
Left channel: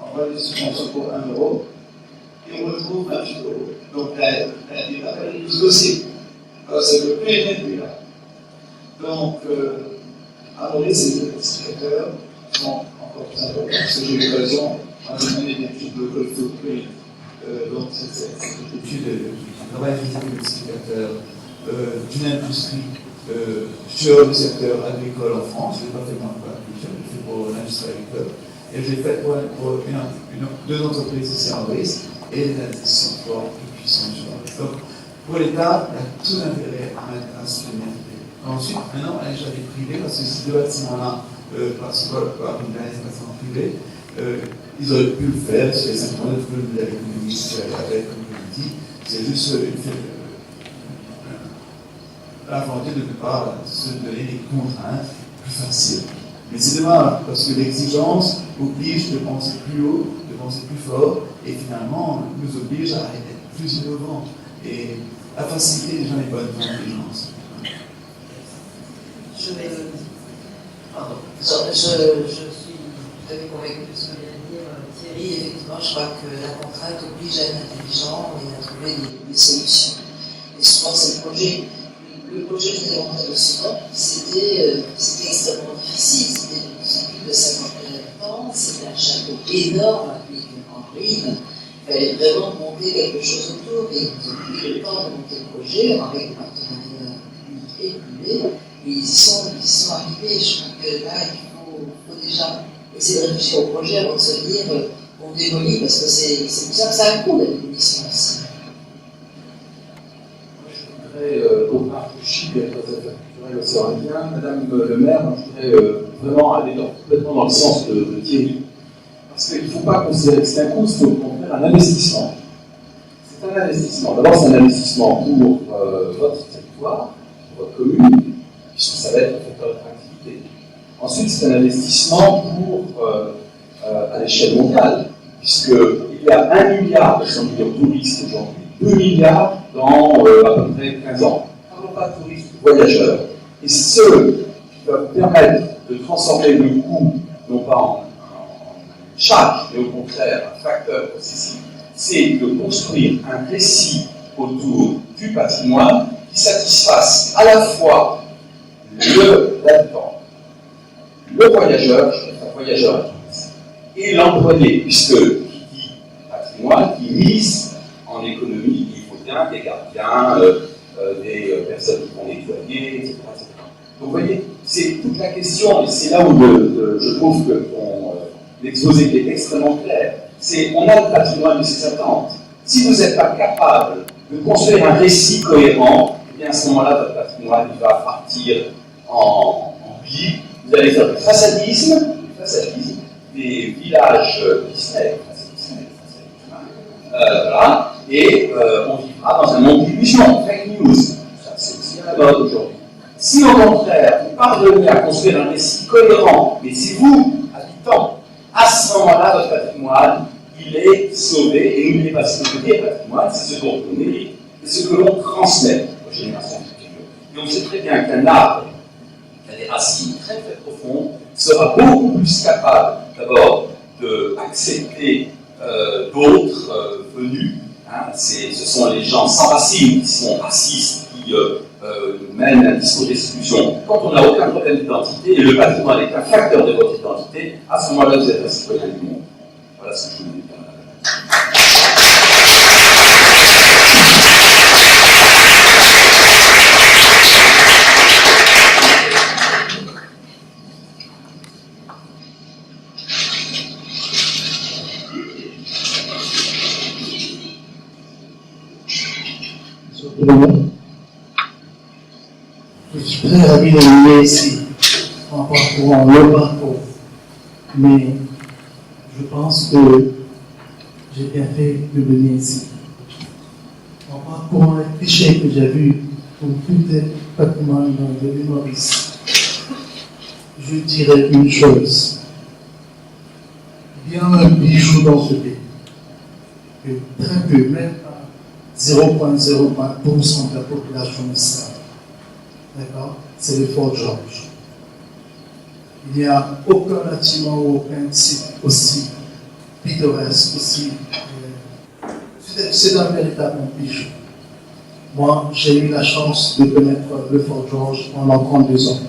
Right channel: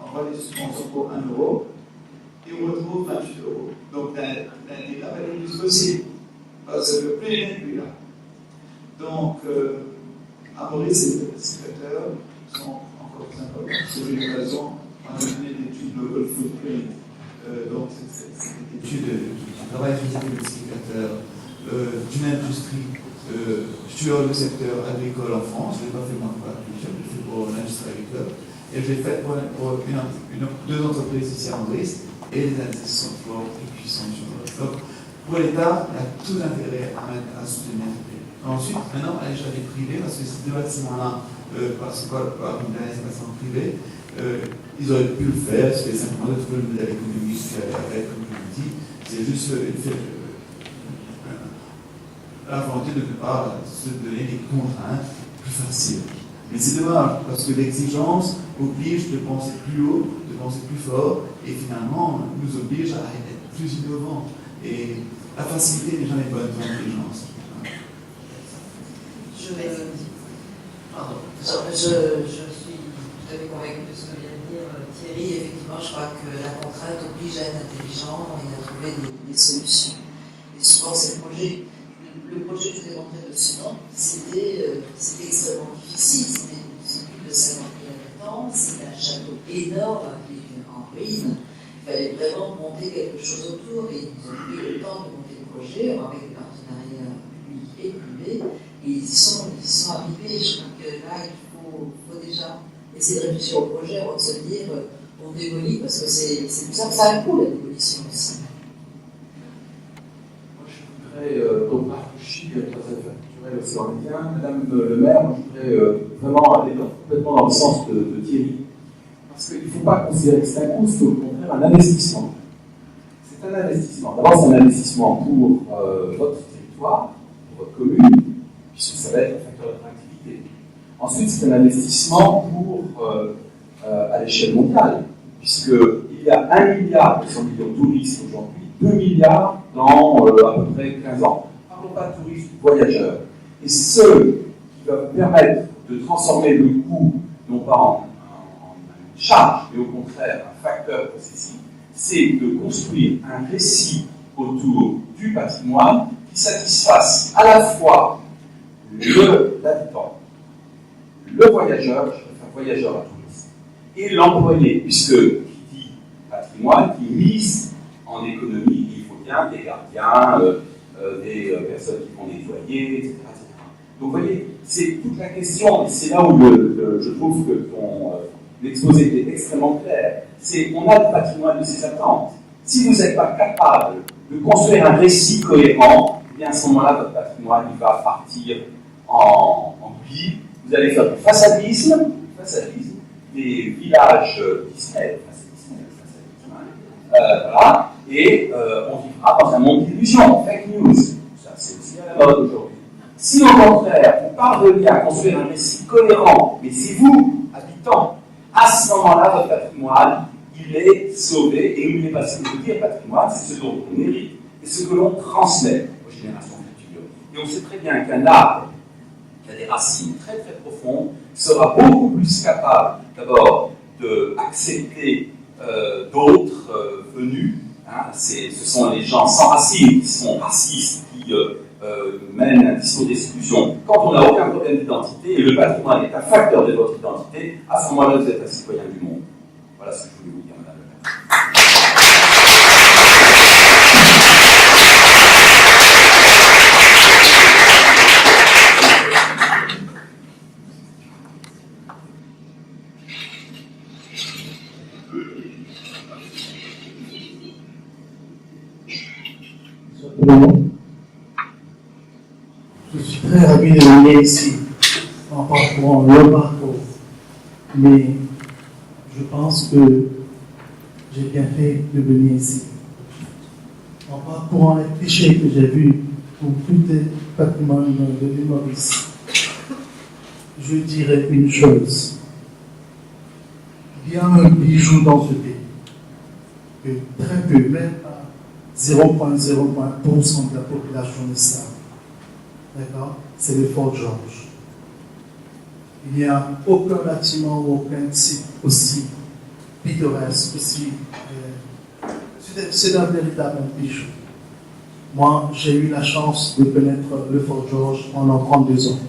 envoie des subventions pour 1 euro, il retrouve 28 euros. Donc l'État va le plus possible. C'est le plus réduit là. Donc, à Maurice, ces secteurs sont encore plus importants. Parce que j'ai eu l'occasion, on a mené une étude de Local Footprint, donc cette étude qui travaille avec les multiplicateurs d'une industrie sur le secteur agricole en France. Je ne l'ai pas fait moi pour l'agriculture, je l'ai fait pour l'industrie agricole. Et je l'ai fait pour deux entreprises ici à Maurice, et les indices sont forts et puissants sur le stock. Pour l'État, il y a tout l'intérêt à soutenir. Ensuite, maintenant, à l'échelle privée, parce que ces deux bâtiments-là, parce que par une bâtiment privé, ils auraient pu le faire, c'est simplement de trouver le modèle économique avec, comme je l'ai dit, c'est juste la volonté de ne pas se donner des contraintes plus faciles. Mais c'est dommage, parce que l'exigence oblige de penser plus haut, de penser plus fort, et finalement nous oblige à être plus innovants. Et la facilité n'est jamais bonne pour l'intelligence. Je suis tout à fait convaincue de ce que vient de dire Thierry. Effectivement, je crois que la contrainte oblige à être intelligent et à trouver des solutions. Et souvent, c'est le projet que je l'ai montré sinon, c'était extrêmement difficile. C'était plus de 50 000 habitants, c'était un château énorme avec en ruine. Il fallait vraiment monter quelque chose autour. Et ils ont pris le temps de monter le projet avec des partenariats publics et privés. Et ils y sont arrivés. Je crois que là, il faut déjà essayer de réfléchir au projet avant de se dire on démolit, parce que c'est pour ça que ça a un coût, la démolition aussi. Moi, je voudrais, donc Marc Chy, très culturel océan Indien, Madame le maire, moi, je voudrais vraiment aller complètement dans le sens de Thierry. Parce qu'il ne faut pas considérer que c'est un coût, il faut au contraire un investissement. C'est un investissement. D'abord, c'est un investissement pour votre territoire, pour votre commune, puisque ça va être un facteur d'attractivité. Ensuite, c'est un investissement pour, à l'échelle mondiale, puisqu'il y a 1 milliard de touristes aujourd'hui, 2 milliards dans à peu près 15 ans. Parlons pas de touristes, voyageurs. Et ce qui va vous permettre de transformer le coût, non pas en charge, mais au contraire un facteur possessif, c'est de construire un récit autour du patrimoine qui satisfasse à la fois l'habitant, le voyageur, je préfère voyageur à touriste, et l'employé, puisque qui dit patrimoine, qui mise en économie, il faut bien des gardiens, des personnes qui vont nettoyer, etc. Donc vous voyez, c'est toute la question, et c'est là où je trouve que l'exposé est extrêmement clair. C'est on a le patrimoine de ses attentes. Si vous n'êtes pas capable de construire un récit cohérent, eh bien à ce moment-là, votre patrimoine il va partir en pli. Vous allez faire du façadisme, des villages Disney, voilà, et on vivra dans un monde d'illusions, fake news. Ça, c'est aussi à la mode aujourd'hui. Si au contraire, vous parvenez à construire un récit cohérent, mais c'est vous, habitants, à ce moment-là, votre patrimoine, il est sauvé, et n'oubliez pas ce que veut dire patrimoine, c'est ce dont on hérite, et ce que l'on transmet aux générations futures. Et on sait très bien qu'un arbre qui a des racines très très profondes sera beaucoup plus capable, d'abord, d'accepter d'autres venus. Hein, ce sont les gens sans racines qui sont racistes, qui mènent un discours d'exclusion. Quand on n'a aucun problème d'identité, et le patrimoine est un facteur de votre identité, à ce moment-là, vous êtes un citoyen du monde. Voilà ce que je voulais vous dire, madame la Je suis très ravi de venir ici en parcourant le parcours, mais je pense que j'ai bien fait de venir ici. En parcourant les clichés que j'ai vus pour tout le patrimoine de l'île Maurice, je dirais une chose. Il y a un bijou dans ce pays que très peu, même pas 0,01% de la population ne savent. D'accord? C'est le Fort George. il n'y a aucun bâtiment ou aucun site aussi pittoresque, aussi. C'est un véritable bijou. Moi, j'ai eu la chance de connaître le Fort George pendant 32 ans,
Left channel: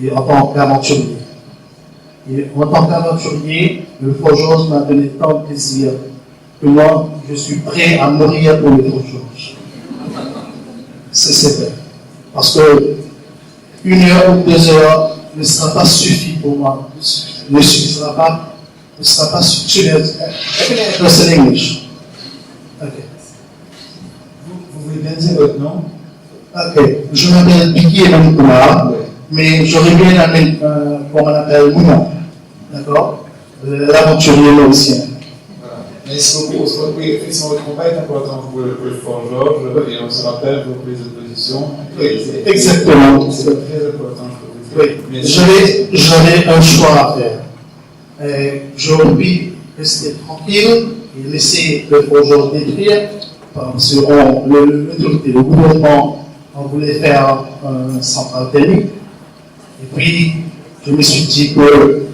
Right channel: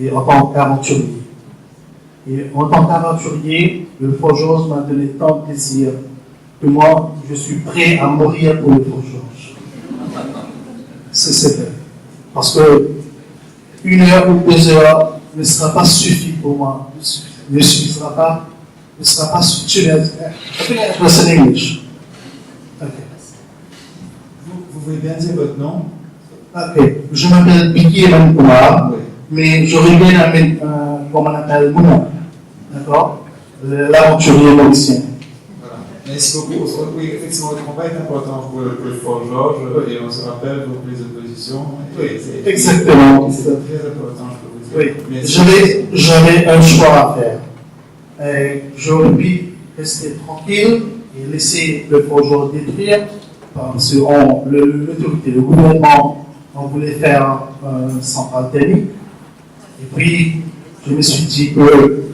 et en tant qu'aventurier. Et en tant qu'aventurier, le Fort George m'a donné tant de plaisir que moi, je suis prêt à mourir pour le Fort George. C'est vrai. Parce que 1 heure ou 2 heures ne sera pas suffi pour moi. Ne sera pas suffisant. C'est English. Ok. Vous voulez bien dire votre nom? Ok. Je m'appelle Biki Emmanuel, mais j'aurais bien aimé qu'on m'appelle Mouna. D'accord? L'aventurier mauricien. Voilà. Merci beaucoup. Oui, effectivement, votre combat est important pour le Fort George et on se rappelle vos prises de position. Exactement. C'est très important, je peux vous dire. Oui. J'avais un choix à faire. J'aurais pu rester tranquille et laisser le Fort George détruire parce que le gouvernement on voulait faire une centrale thermique. Et puis, je me suis dit que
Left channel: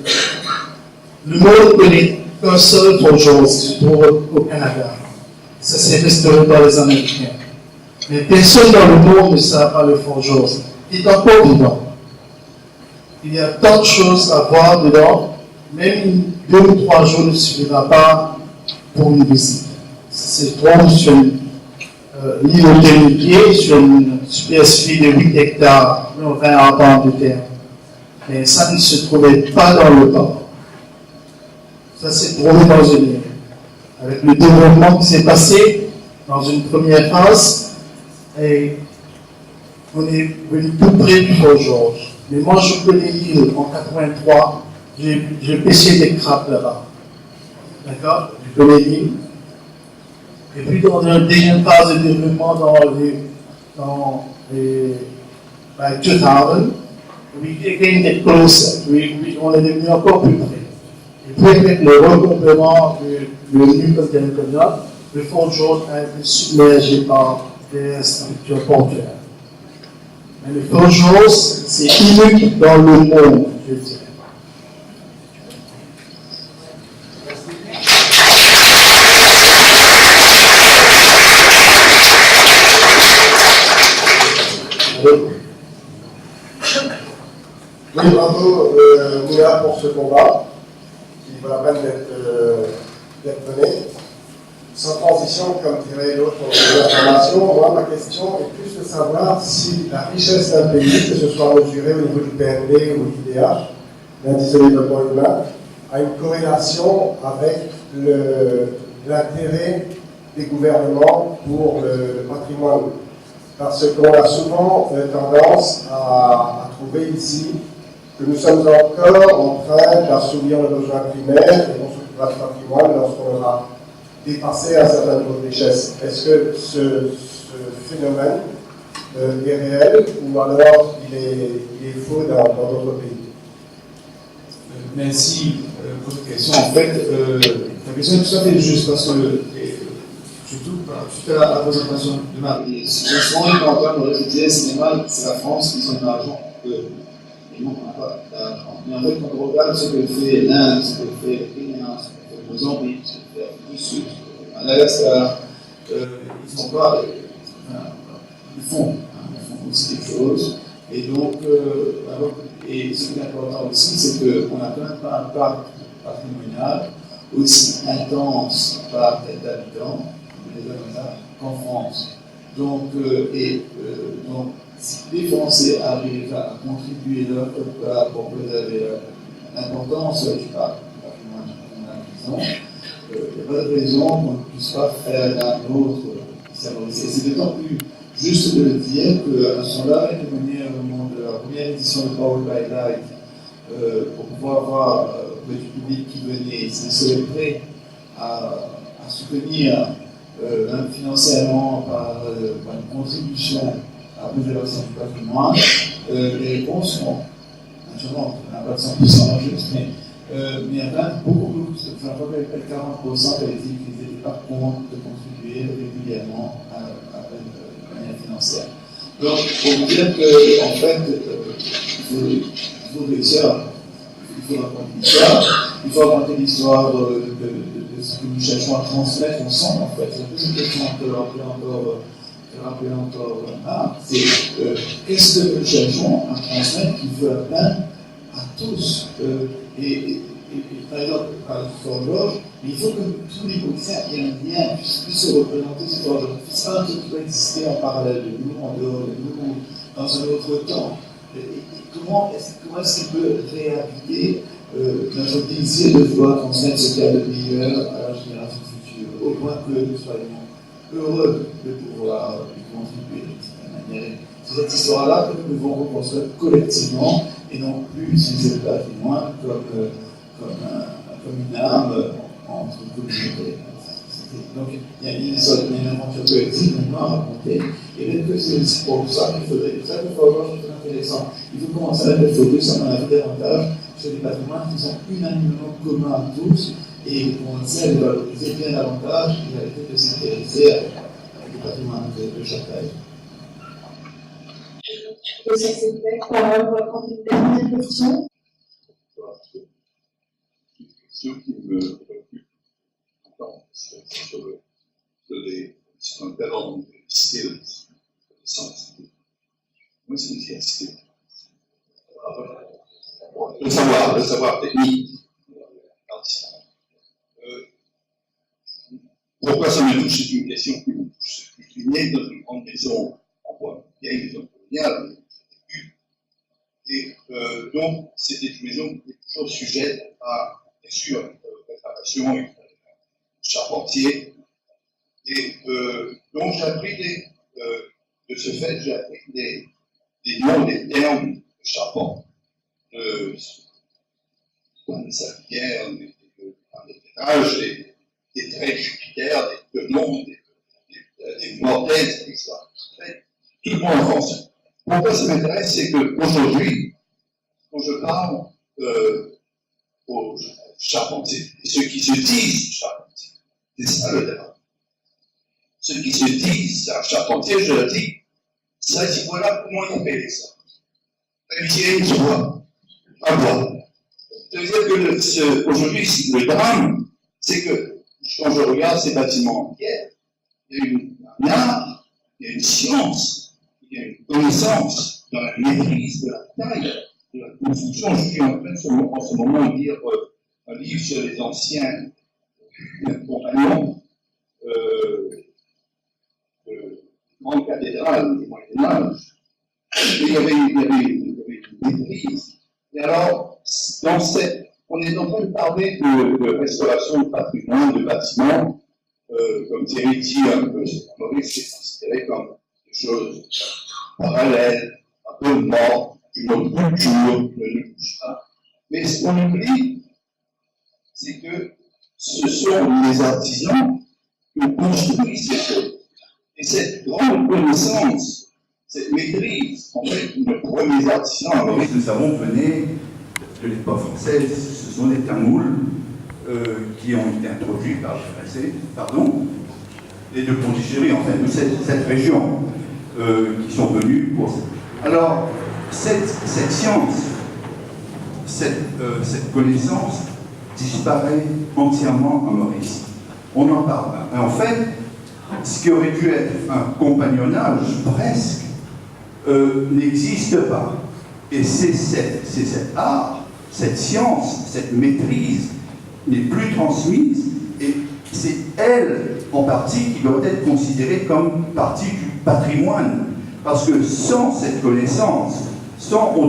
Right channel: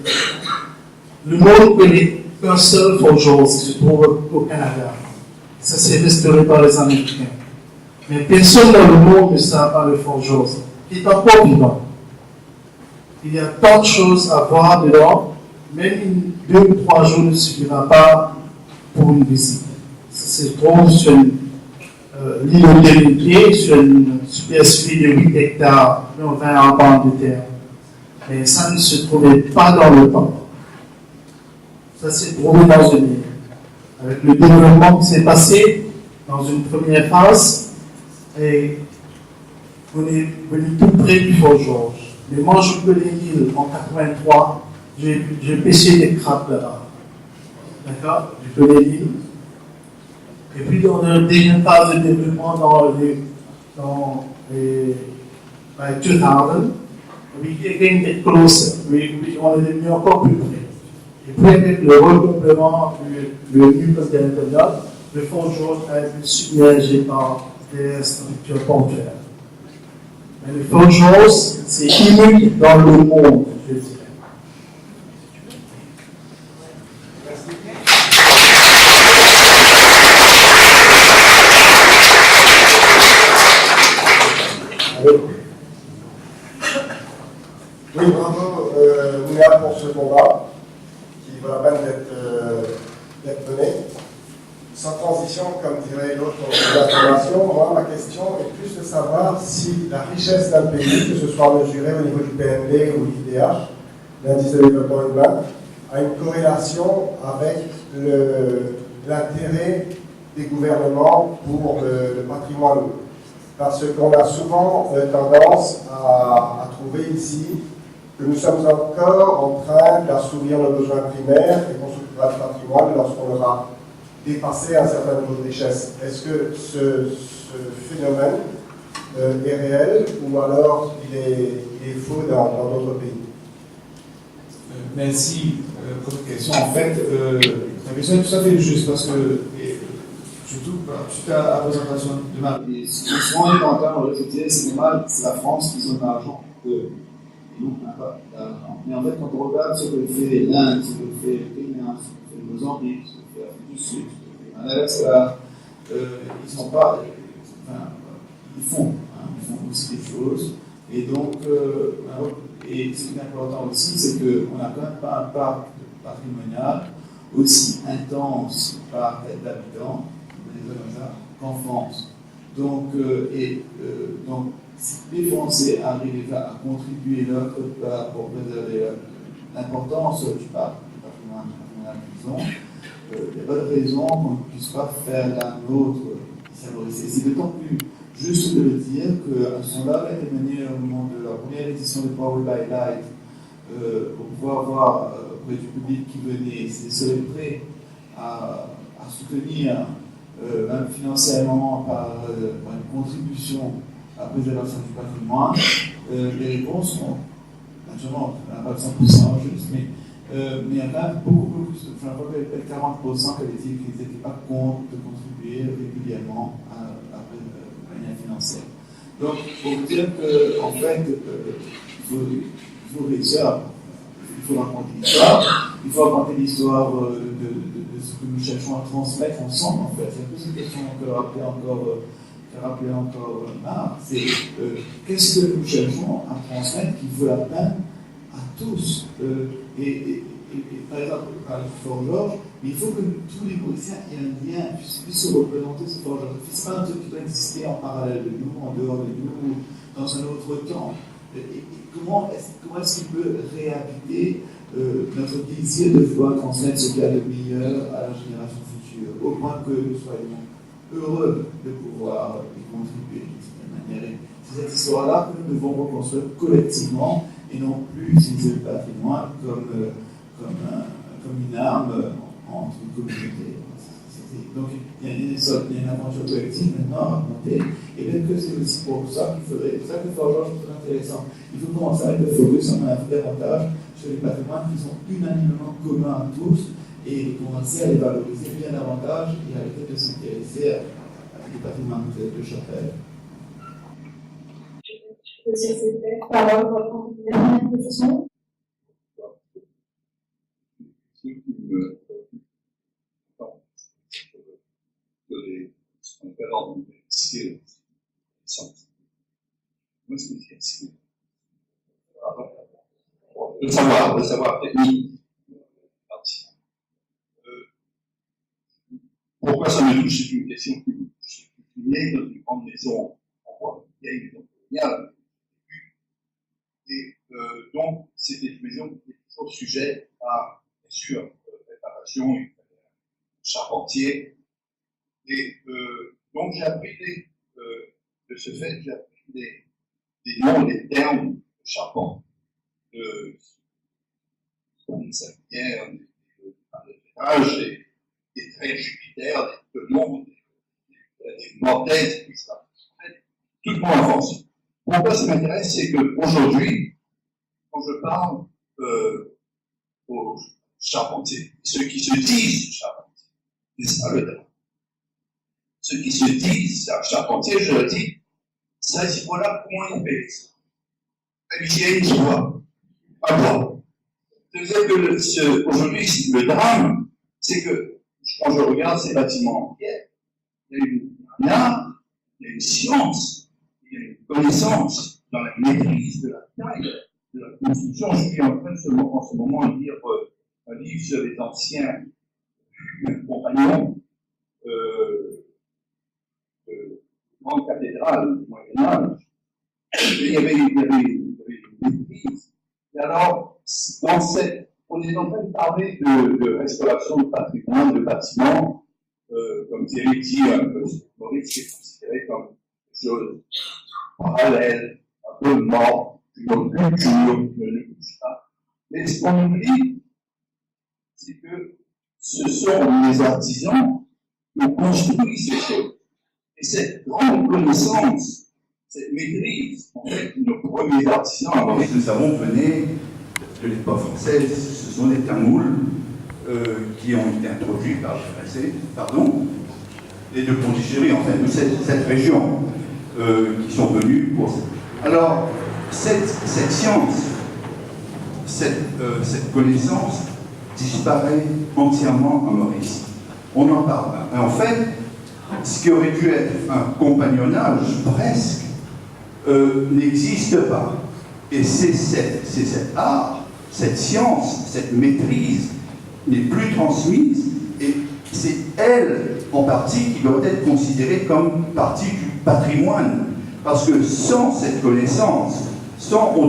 le monde connaît qu'un seul Fort George qui se trouve au Canada. Ça s'est restauré par les Américains. Mais personne dans le monde ne sait pas le Fort George. Il est encore vivant. Il y a tant de choses à voir dedans. Même 2 ou 3 jours ne suffira pas pour une visite. C'est trop sur l'île de Télépied, sur une superficie de 8 hectares, 20 ans de terre. Mais ça ne se trouvait pas dans le port. Ça s'est trouvé dans une île. Avec le développement qui s'est passé dans une première phase, et on est venu tout près du Fort George. Mais moi, je connais l'île en 83, j'ai pêché des crabes là-bas. D'accord? Je connais l'île. Et puis, dans la deuxième phase de développement, dans les 2000, we again get closer. On est devenu encore plus près. Et puis, avec le recomblement du nucléaire territorial, le Fort George a été submergé par des structures portuaires. Mais le Fort George, c'est unique dans le monde, je dirais. Oui, bravo Mouna pour ce combat qui vaut la peine d'être mené. Sans transition, comme dirait l'autre de l'information, moi ma question est plus de savoir si la richesse d'un pays, que ce soit mesurée au niveau du PNB ou l'IDH, l'indice de développement humain, a une corrélation avec l'intérêt des gouvernements pour le patrimoine. Parce qu'on a souvent tendance à trouver ici que nous sommes encore en train d'assouvir nos besoins primaires et qu'on s'occupera du patrimoine lorsqu'on aura dépassé un certain niveau de richesse. Est-ce que ce phénomène est réel ou alors il est faux dans d'autres pays? Merci pour cette question. En fait, la question est tout à fait juste parce que, surtout suite à la présentation de Marie, souvent les pointeurs on disait c'est la France qui ont de l'argent. Et nous, on n'a pas d'argent. Mais en fait, quand on regarde ce que fait l'Inde, ce que fait le Kenya, ce que fait le Mozambique, ce que fait l'Afrique du Sud, Madagascar, ils sont pas. Ils font aussi des choses. Et donc, et ce qui est important aussi, c'est qu'on n'a quand même pas un parc patrimonial aussi intense par tête d'habitants qu'en France. Donc, donc, si les Français arrivent à contribuer leur part pour préserver l'importance du patrimoine qu'ils ont, il n'y a pas de raison qu'on ne puisse pas faire la nôtre ici à Maurice. C'est d'autant plus juste de le dire qu'un sondage a été mené au moment de la première édition de Power by Light pour pouvoir voir auprès du public qui venait s'ils seraient prêts à soutenir même financièrement par une contribution à la préservation du patrimoine. Les réponses sont, naturellement, on n'a pas de 100% juste, mais il y a quand même beaucoup plus, je crois que 40% qui avaient dit qu'ils n'étaient pas contre de contribuer régulièrement à la manière financière. Donc, pour vous dire qu'en fait, il faut réussir faut raconter l'histoire, il faut raconter l'histoire de ce que nous cherchons à transmettre ensemble, en fait. C'est un peu cette question que rappelait encore Marc, c'est qu'est-ce que nous cherchons à transmettre qui fait la peine à tous. Et par exemple, à Fort Georges, il faut que tous les policiers aient un lien, puissent se représenter sur Fort Georges. C'est pas un truc qui doit exister en parallèle de nous, en dehors de nous, ou dans un autre temps. Et comment est-ce qu'il peut réhabiliter notre désir de vouloir transmettre ce qu'il y a de meilleur à la génération future, au point que nous soyons heureux de pouvoir y contribuer d'une certaine manière. C'est cette histoire-là que nous devons reconstruire collectivement et non plus utiliser le patrimoine comme une arme entre communautés. Donc il y a une aventure collective maintenant à raconter, et peut-être que c'est aussi pour ça qu'il faudrait, c'est ça que Fort Georges est très intéressant. Il faut commencer à mettre le focus en avant davantage sur les patrimoines qui sont unanimement communs à tous, et commencer à les valoriser bien davantage et arrêter de s'intéresser à des patrimoines de chaque pays. Et ça, c'est peut-être par votre dernière question. Ce qui me préoccupe, sur un talent de skills, moi, c'est une skill. Le savoir technique. Pourquoi ça me touche? C'est une question qui me touche. Je suis né dans une grande maison, en vieille maison coloniale, et donc c'était une maison qui était toujours sujette à, bien sûr, réparation, charpentier. Et donc j'ai appris de ce fait, j'ai appris des noms, des termes de charpente, de sablière, des ménages, des traits Jupiter, des noms, des mortaises, etc. Tout mon enfance. Pourquoi ça m'intéresse, c'est qu'aujourd'hui, quand je parle aux charpentiers, et ceux qui se disent charpentiers, c'est ça le débat. Ceux qui se disent charpentiers, je leur dis, ça, voilà comment ils paient ça. La vieille, tu vois, pas bois. Ça veut dire que aujourd'hui, le drame, c'est que quand je regarde ces bâtiments hier, il y a un art, il y a une science, il y a une connaissance dans la maîtrise de la taille de la construction. Je suis en train en ce moment de lire un livre sur les anciens compagnons de grandes cathédrales du Moyen-Âge. Il y avait une maîtrise. Et alors, on est en train de parler de restauration de patrimoine, de bâtiments, comme Thierry dit, Maurice, c'est considéré comme des choses parallèles, un peu mortes, une autre culture, ne bouge pas. Mais ce qu'on oublie, c'est que ce sont les artisans qui ont construit ces choses. Et cette grande connaissance, cette maîtrise, en fait, nos premiers artisans, nous savons, venaient de l'époque française. Ce sont des tamouls qui ont été introduits par les Français, et de Pondichéry, en fait, de cette région, qui sont venus pour ça. Alors, cette science, cette connaissance disparaît entièrement en Mauricie. On en parle. Et en fait, ce qui aurait dû être un compagnonnage presque n'existe pas. Et c'est cet art, cette science, cette maîtrise n'est plus transmise, et c'est elle, en partie, qui doit être considérée comme partie du patrimoine. Parce que sans cette connaissance, on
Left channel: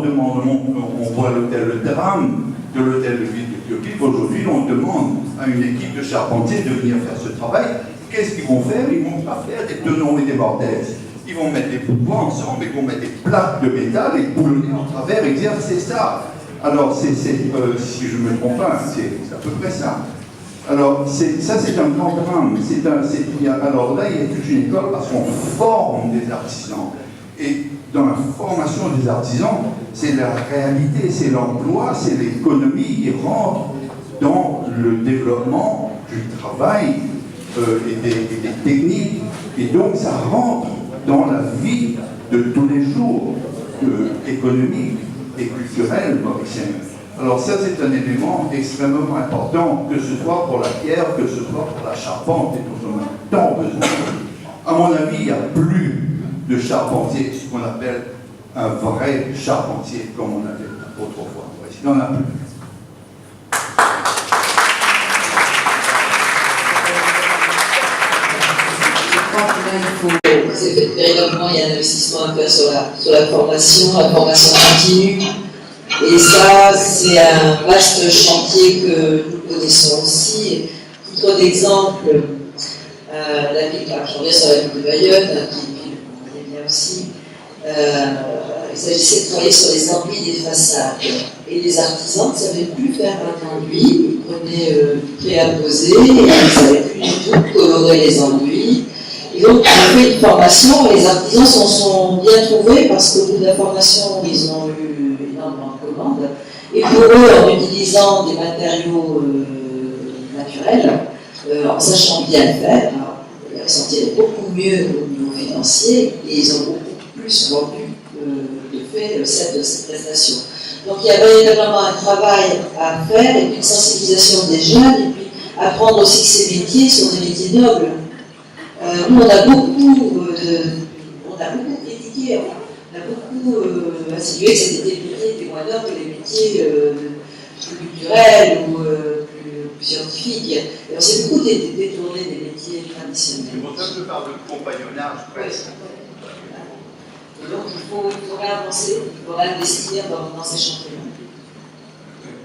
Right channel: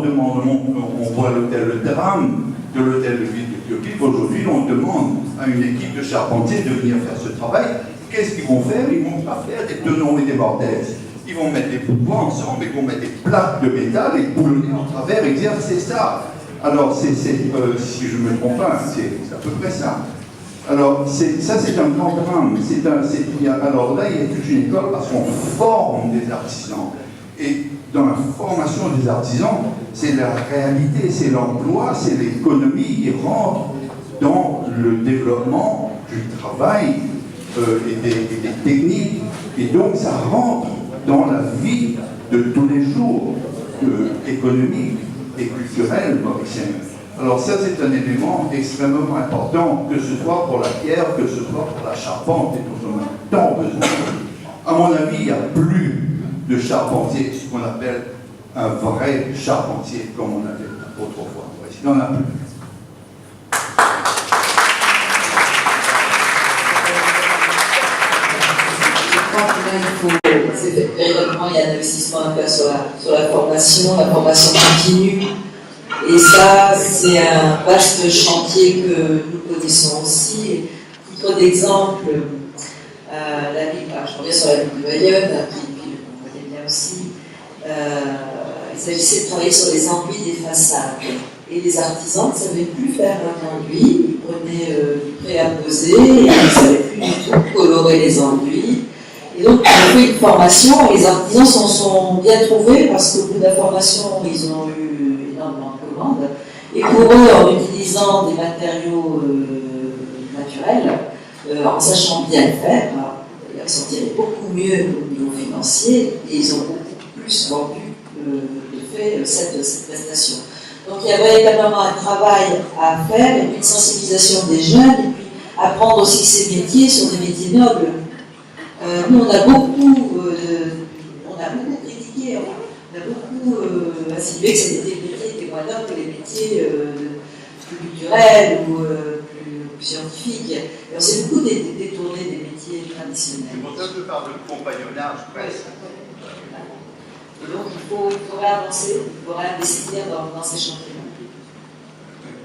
voit le drame de l'hôtel de ville de Pioquille. Aujourd'hui, on demande à une équipe de charpentiers de venir faire ce travail. Qu'est-ce qu'ils vont faire? Ils ne vont pas faire des tenons et des mortaises. Ils vont mettre des bouts ensemble, ils vont mettre des plaques de métal et boulonner en travers et dire c'est ça. Alors, si je ne me trompe pas, c'est à peu près ça. Alors, ça c'est un grand drame. Alors là, il y a toute une école parce qu'on forme des artisans. Et dans la formation des artisans, c'est la réalité, c'est l'emploi, c'est l'économie qui rentre dans le développement du travail et des techniques. Et donc, ça rentre dans la vie de tous les jours, économique et culturelle mauricienne. Alors ça, c'est un élément extrêmement important, que ce soit pour la pierre, que ce soit pour la charpente, et dont on a tant besoin. À mon avis, il n'y a plus de charpentier, ce qu'on appelle un vrai charpentier, comme on avait autrefois. Il n'y en a plus. Véritablement, il y a un investissement à faire sur la formation continue. Et ça, c'est un vaste chantier que nous connaissons aussi. Titre d'exemple, la ville, j'en reviens sur la ville de Bayonne, qui est une ville que vous connaissez bien aussi. Il s'agissait de travailler sur les enduits des façades. Et les artisans ne savaient plus faire un enduit, ils prenaient du préapposé et ils ne savaient plus du tout colorer les enduits. Et donc, on a fait une formation, les artisans s'en sont bien trouvés parce qu'au bout de la formation, ils ont eu énormément de commandes. Et pour eux, en utilisant des matériaux naturels, en sachant bien le faire, ils s'en tiraient beaucoup mieux au niveau financier et ils ont beaucoup plus vendu de fait cette prestation. Donc il y a véritablement un travail à faire et puis une sensibilisation des jeunes et puis apprendre aussi que ces métiers sont des métiers nobles. Nous, on a beaucoup critiqué, on a beaucoup insinué que c'était des métiers qui étaient moins nobles que les métiers plus culturels ou plus scientifiques. Et on s'est beaucoup détourné des métiers traditionnels. C'est pour ça que je parle de compagnonnage presque. Et donc il faut réavancer, il faut réinvestir dans ces chantiers.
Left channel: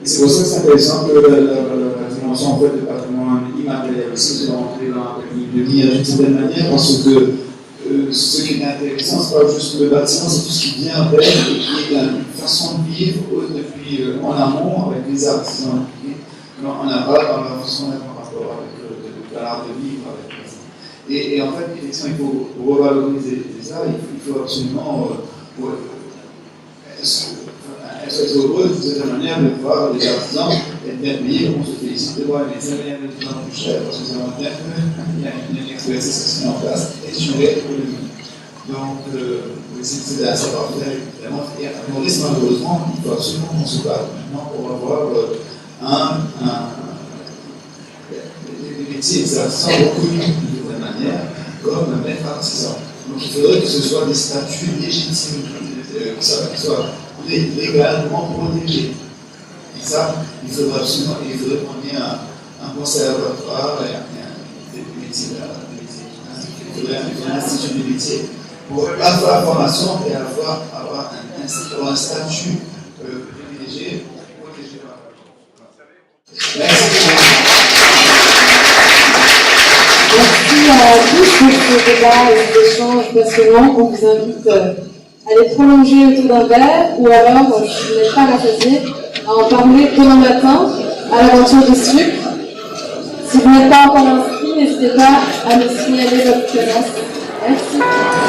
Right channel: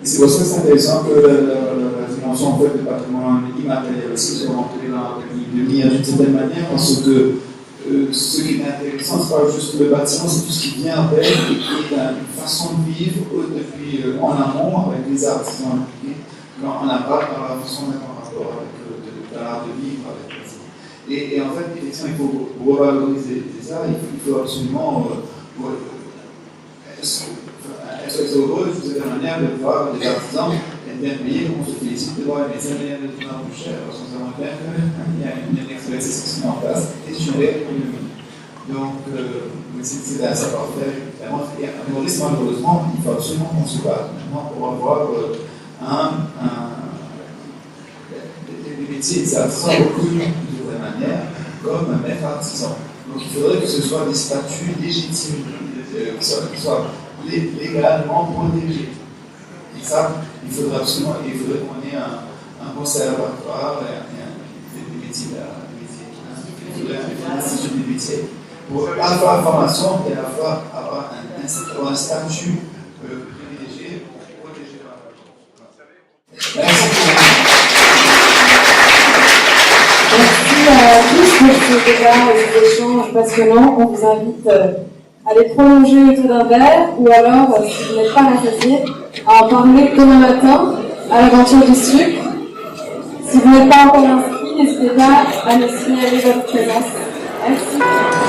Et c'est pour ça que c'est intéressant que la dimension en fait, de patrimoine immatériel aussi soit rentrée dans la ligne d'une certaine manière, parce que ce qui est intéressant, ce n'est pas juste le bâtiment, c'est tout ce qui vient avec et qui est une façon de vivre depuis en amont avec les artisans impliqués, en aval dans la façon d'être en rapport avec l'art de vivre avec les. Et en fait, effectivement, il faut revaloriser ça, il faut absolument. Est-ce que c'est heureux de cette manière de voir les artisans être bien payés, on se félicite de voir les salaires de plus en plus chers, parce que c'est vraiment bien qu'il y a une expertise qui se met en place et sur l'économie. Donc, c'est un savoir-faire, évidemment. Et à Maurice, malheureusement, il faut absolument qu'on se batte maintenant pour avoir des métiers, des artisans reconnus de certaine manière, comme un maître artisan. Donc, il faudrait que ce soit des statuts légitimes, que ça soit légalement protégé. Et ça, il faudrait absolument qu'on ait un conservatoire, des métiers, il faudrait un institut des métiers, pour à la fois la formation et à la fois avoir un statut privilégié pour protéger la Merci. Merci à tous pour ce débat et cet échange passionnant. On vous invite à les prolonger autour d'un verre ou alors, si vous n'êtes pas à choisir, à en parler demain matin à l'aventure du sucre. Si vous n'êtes pas encore inscrit, n'hésitez pas à nous signaler votre présence. Merci.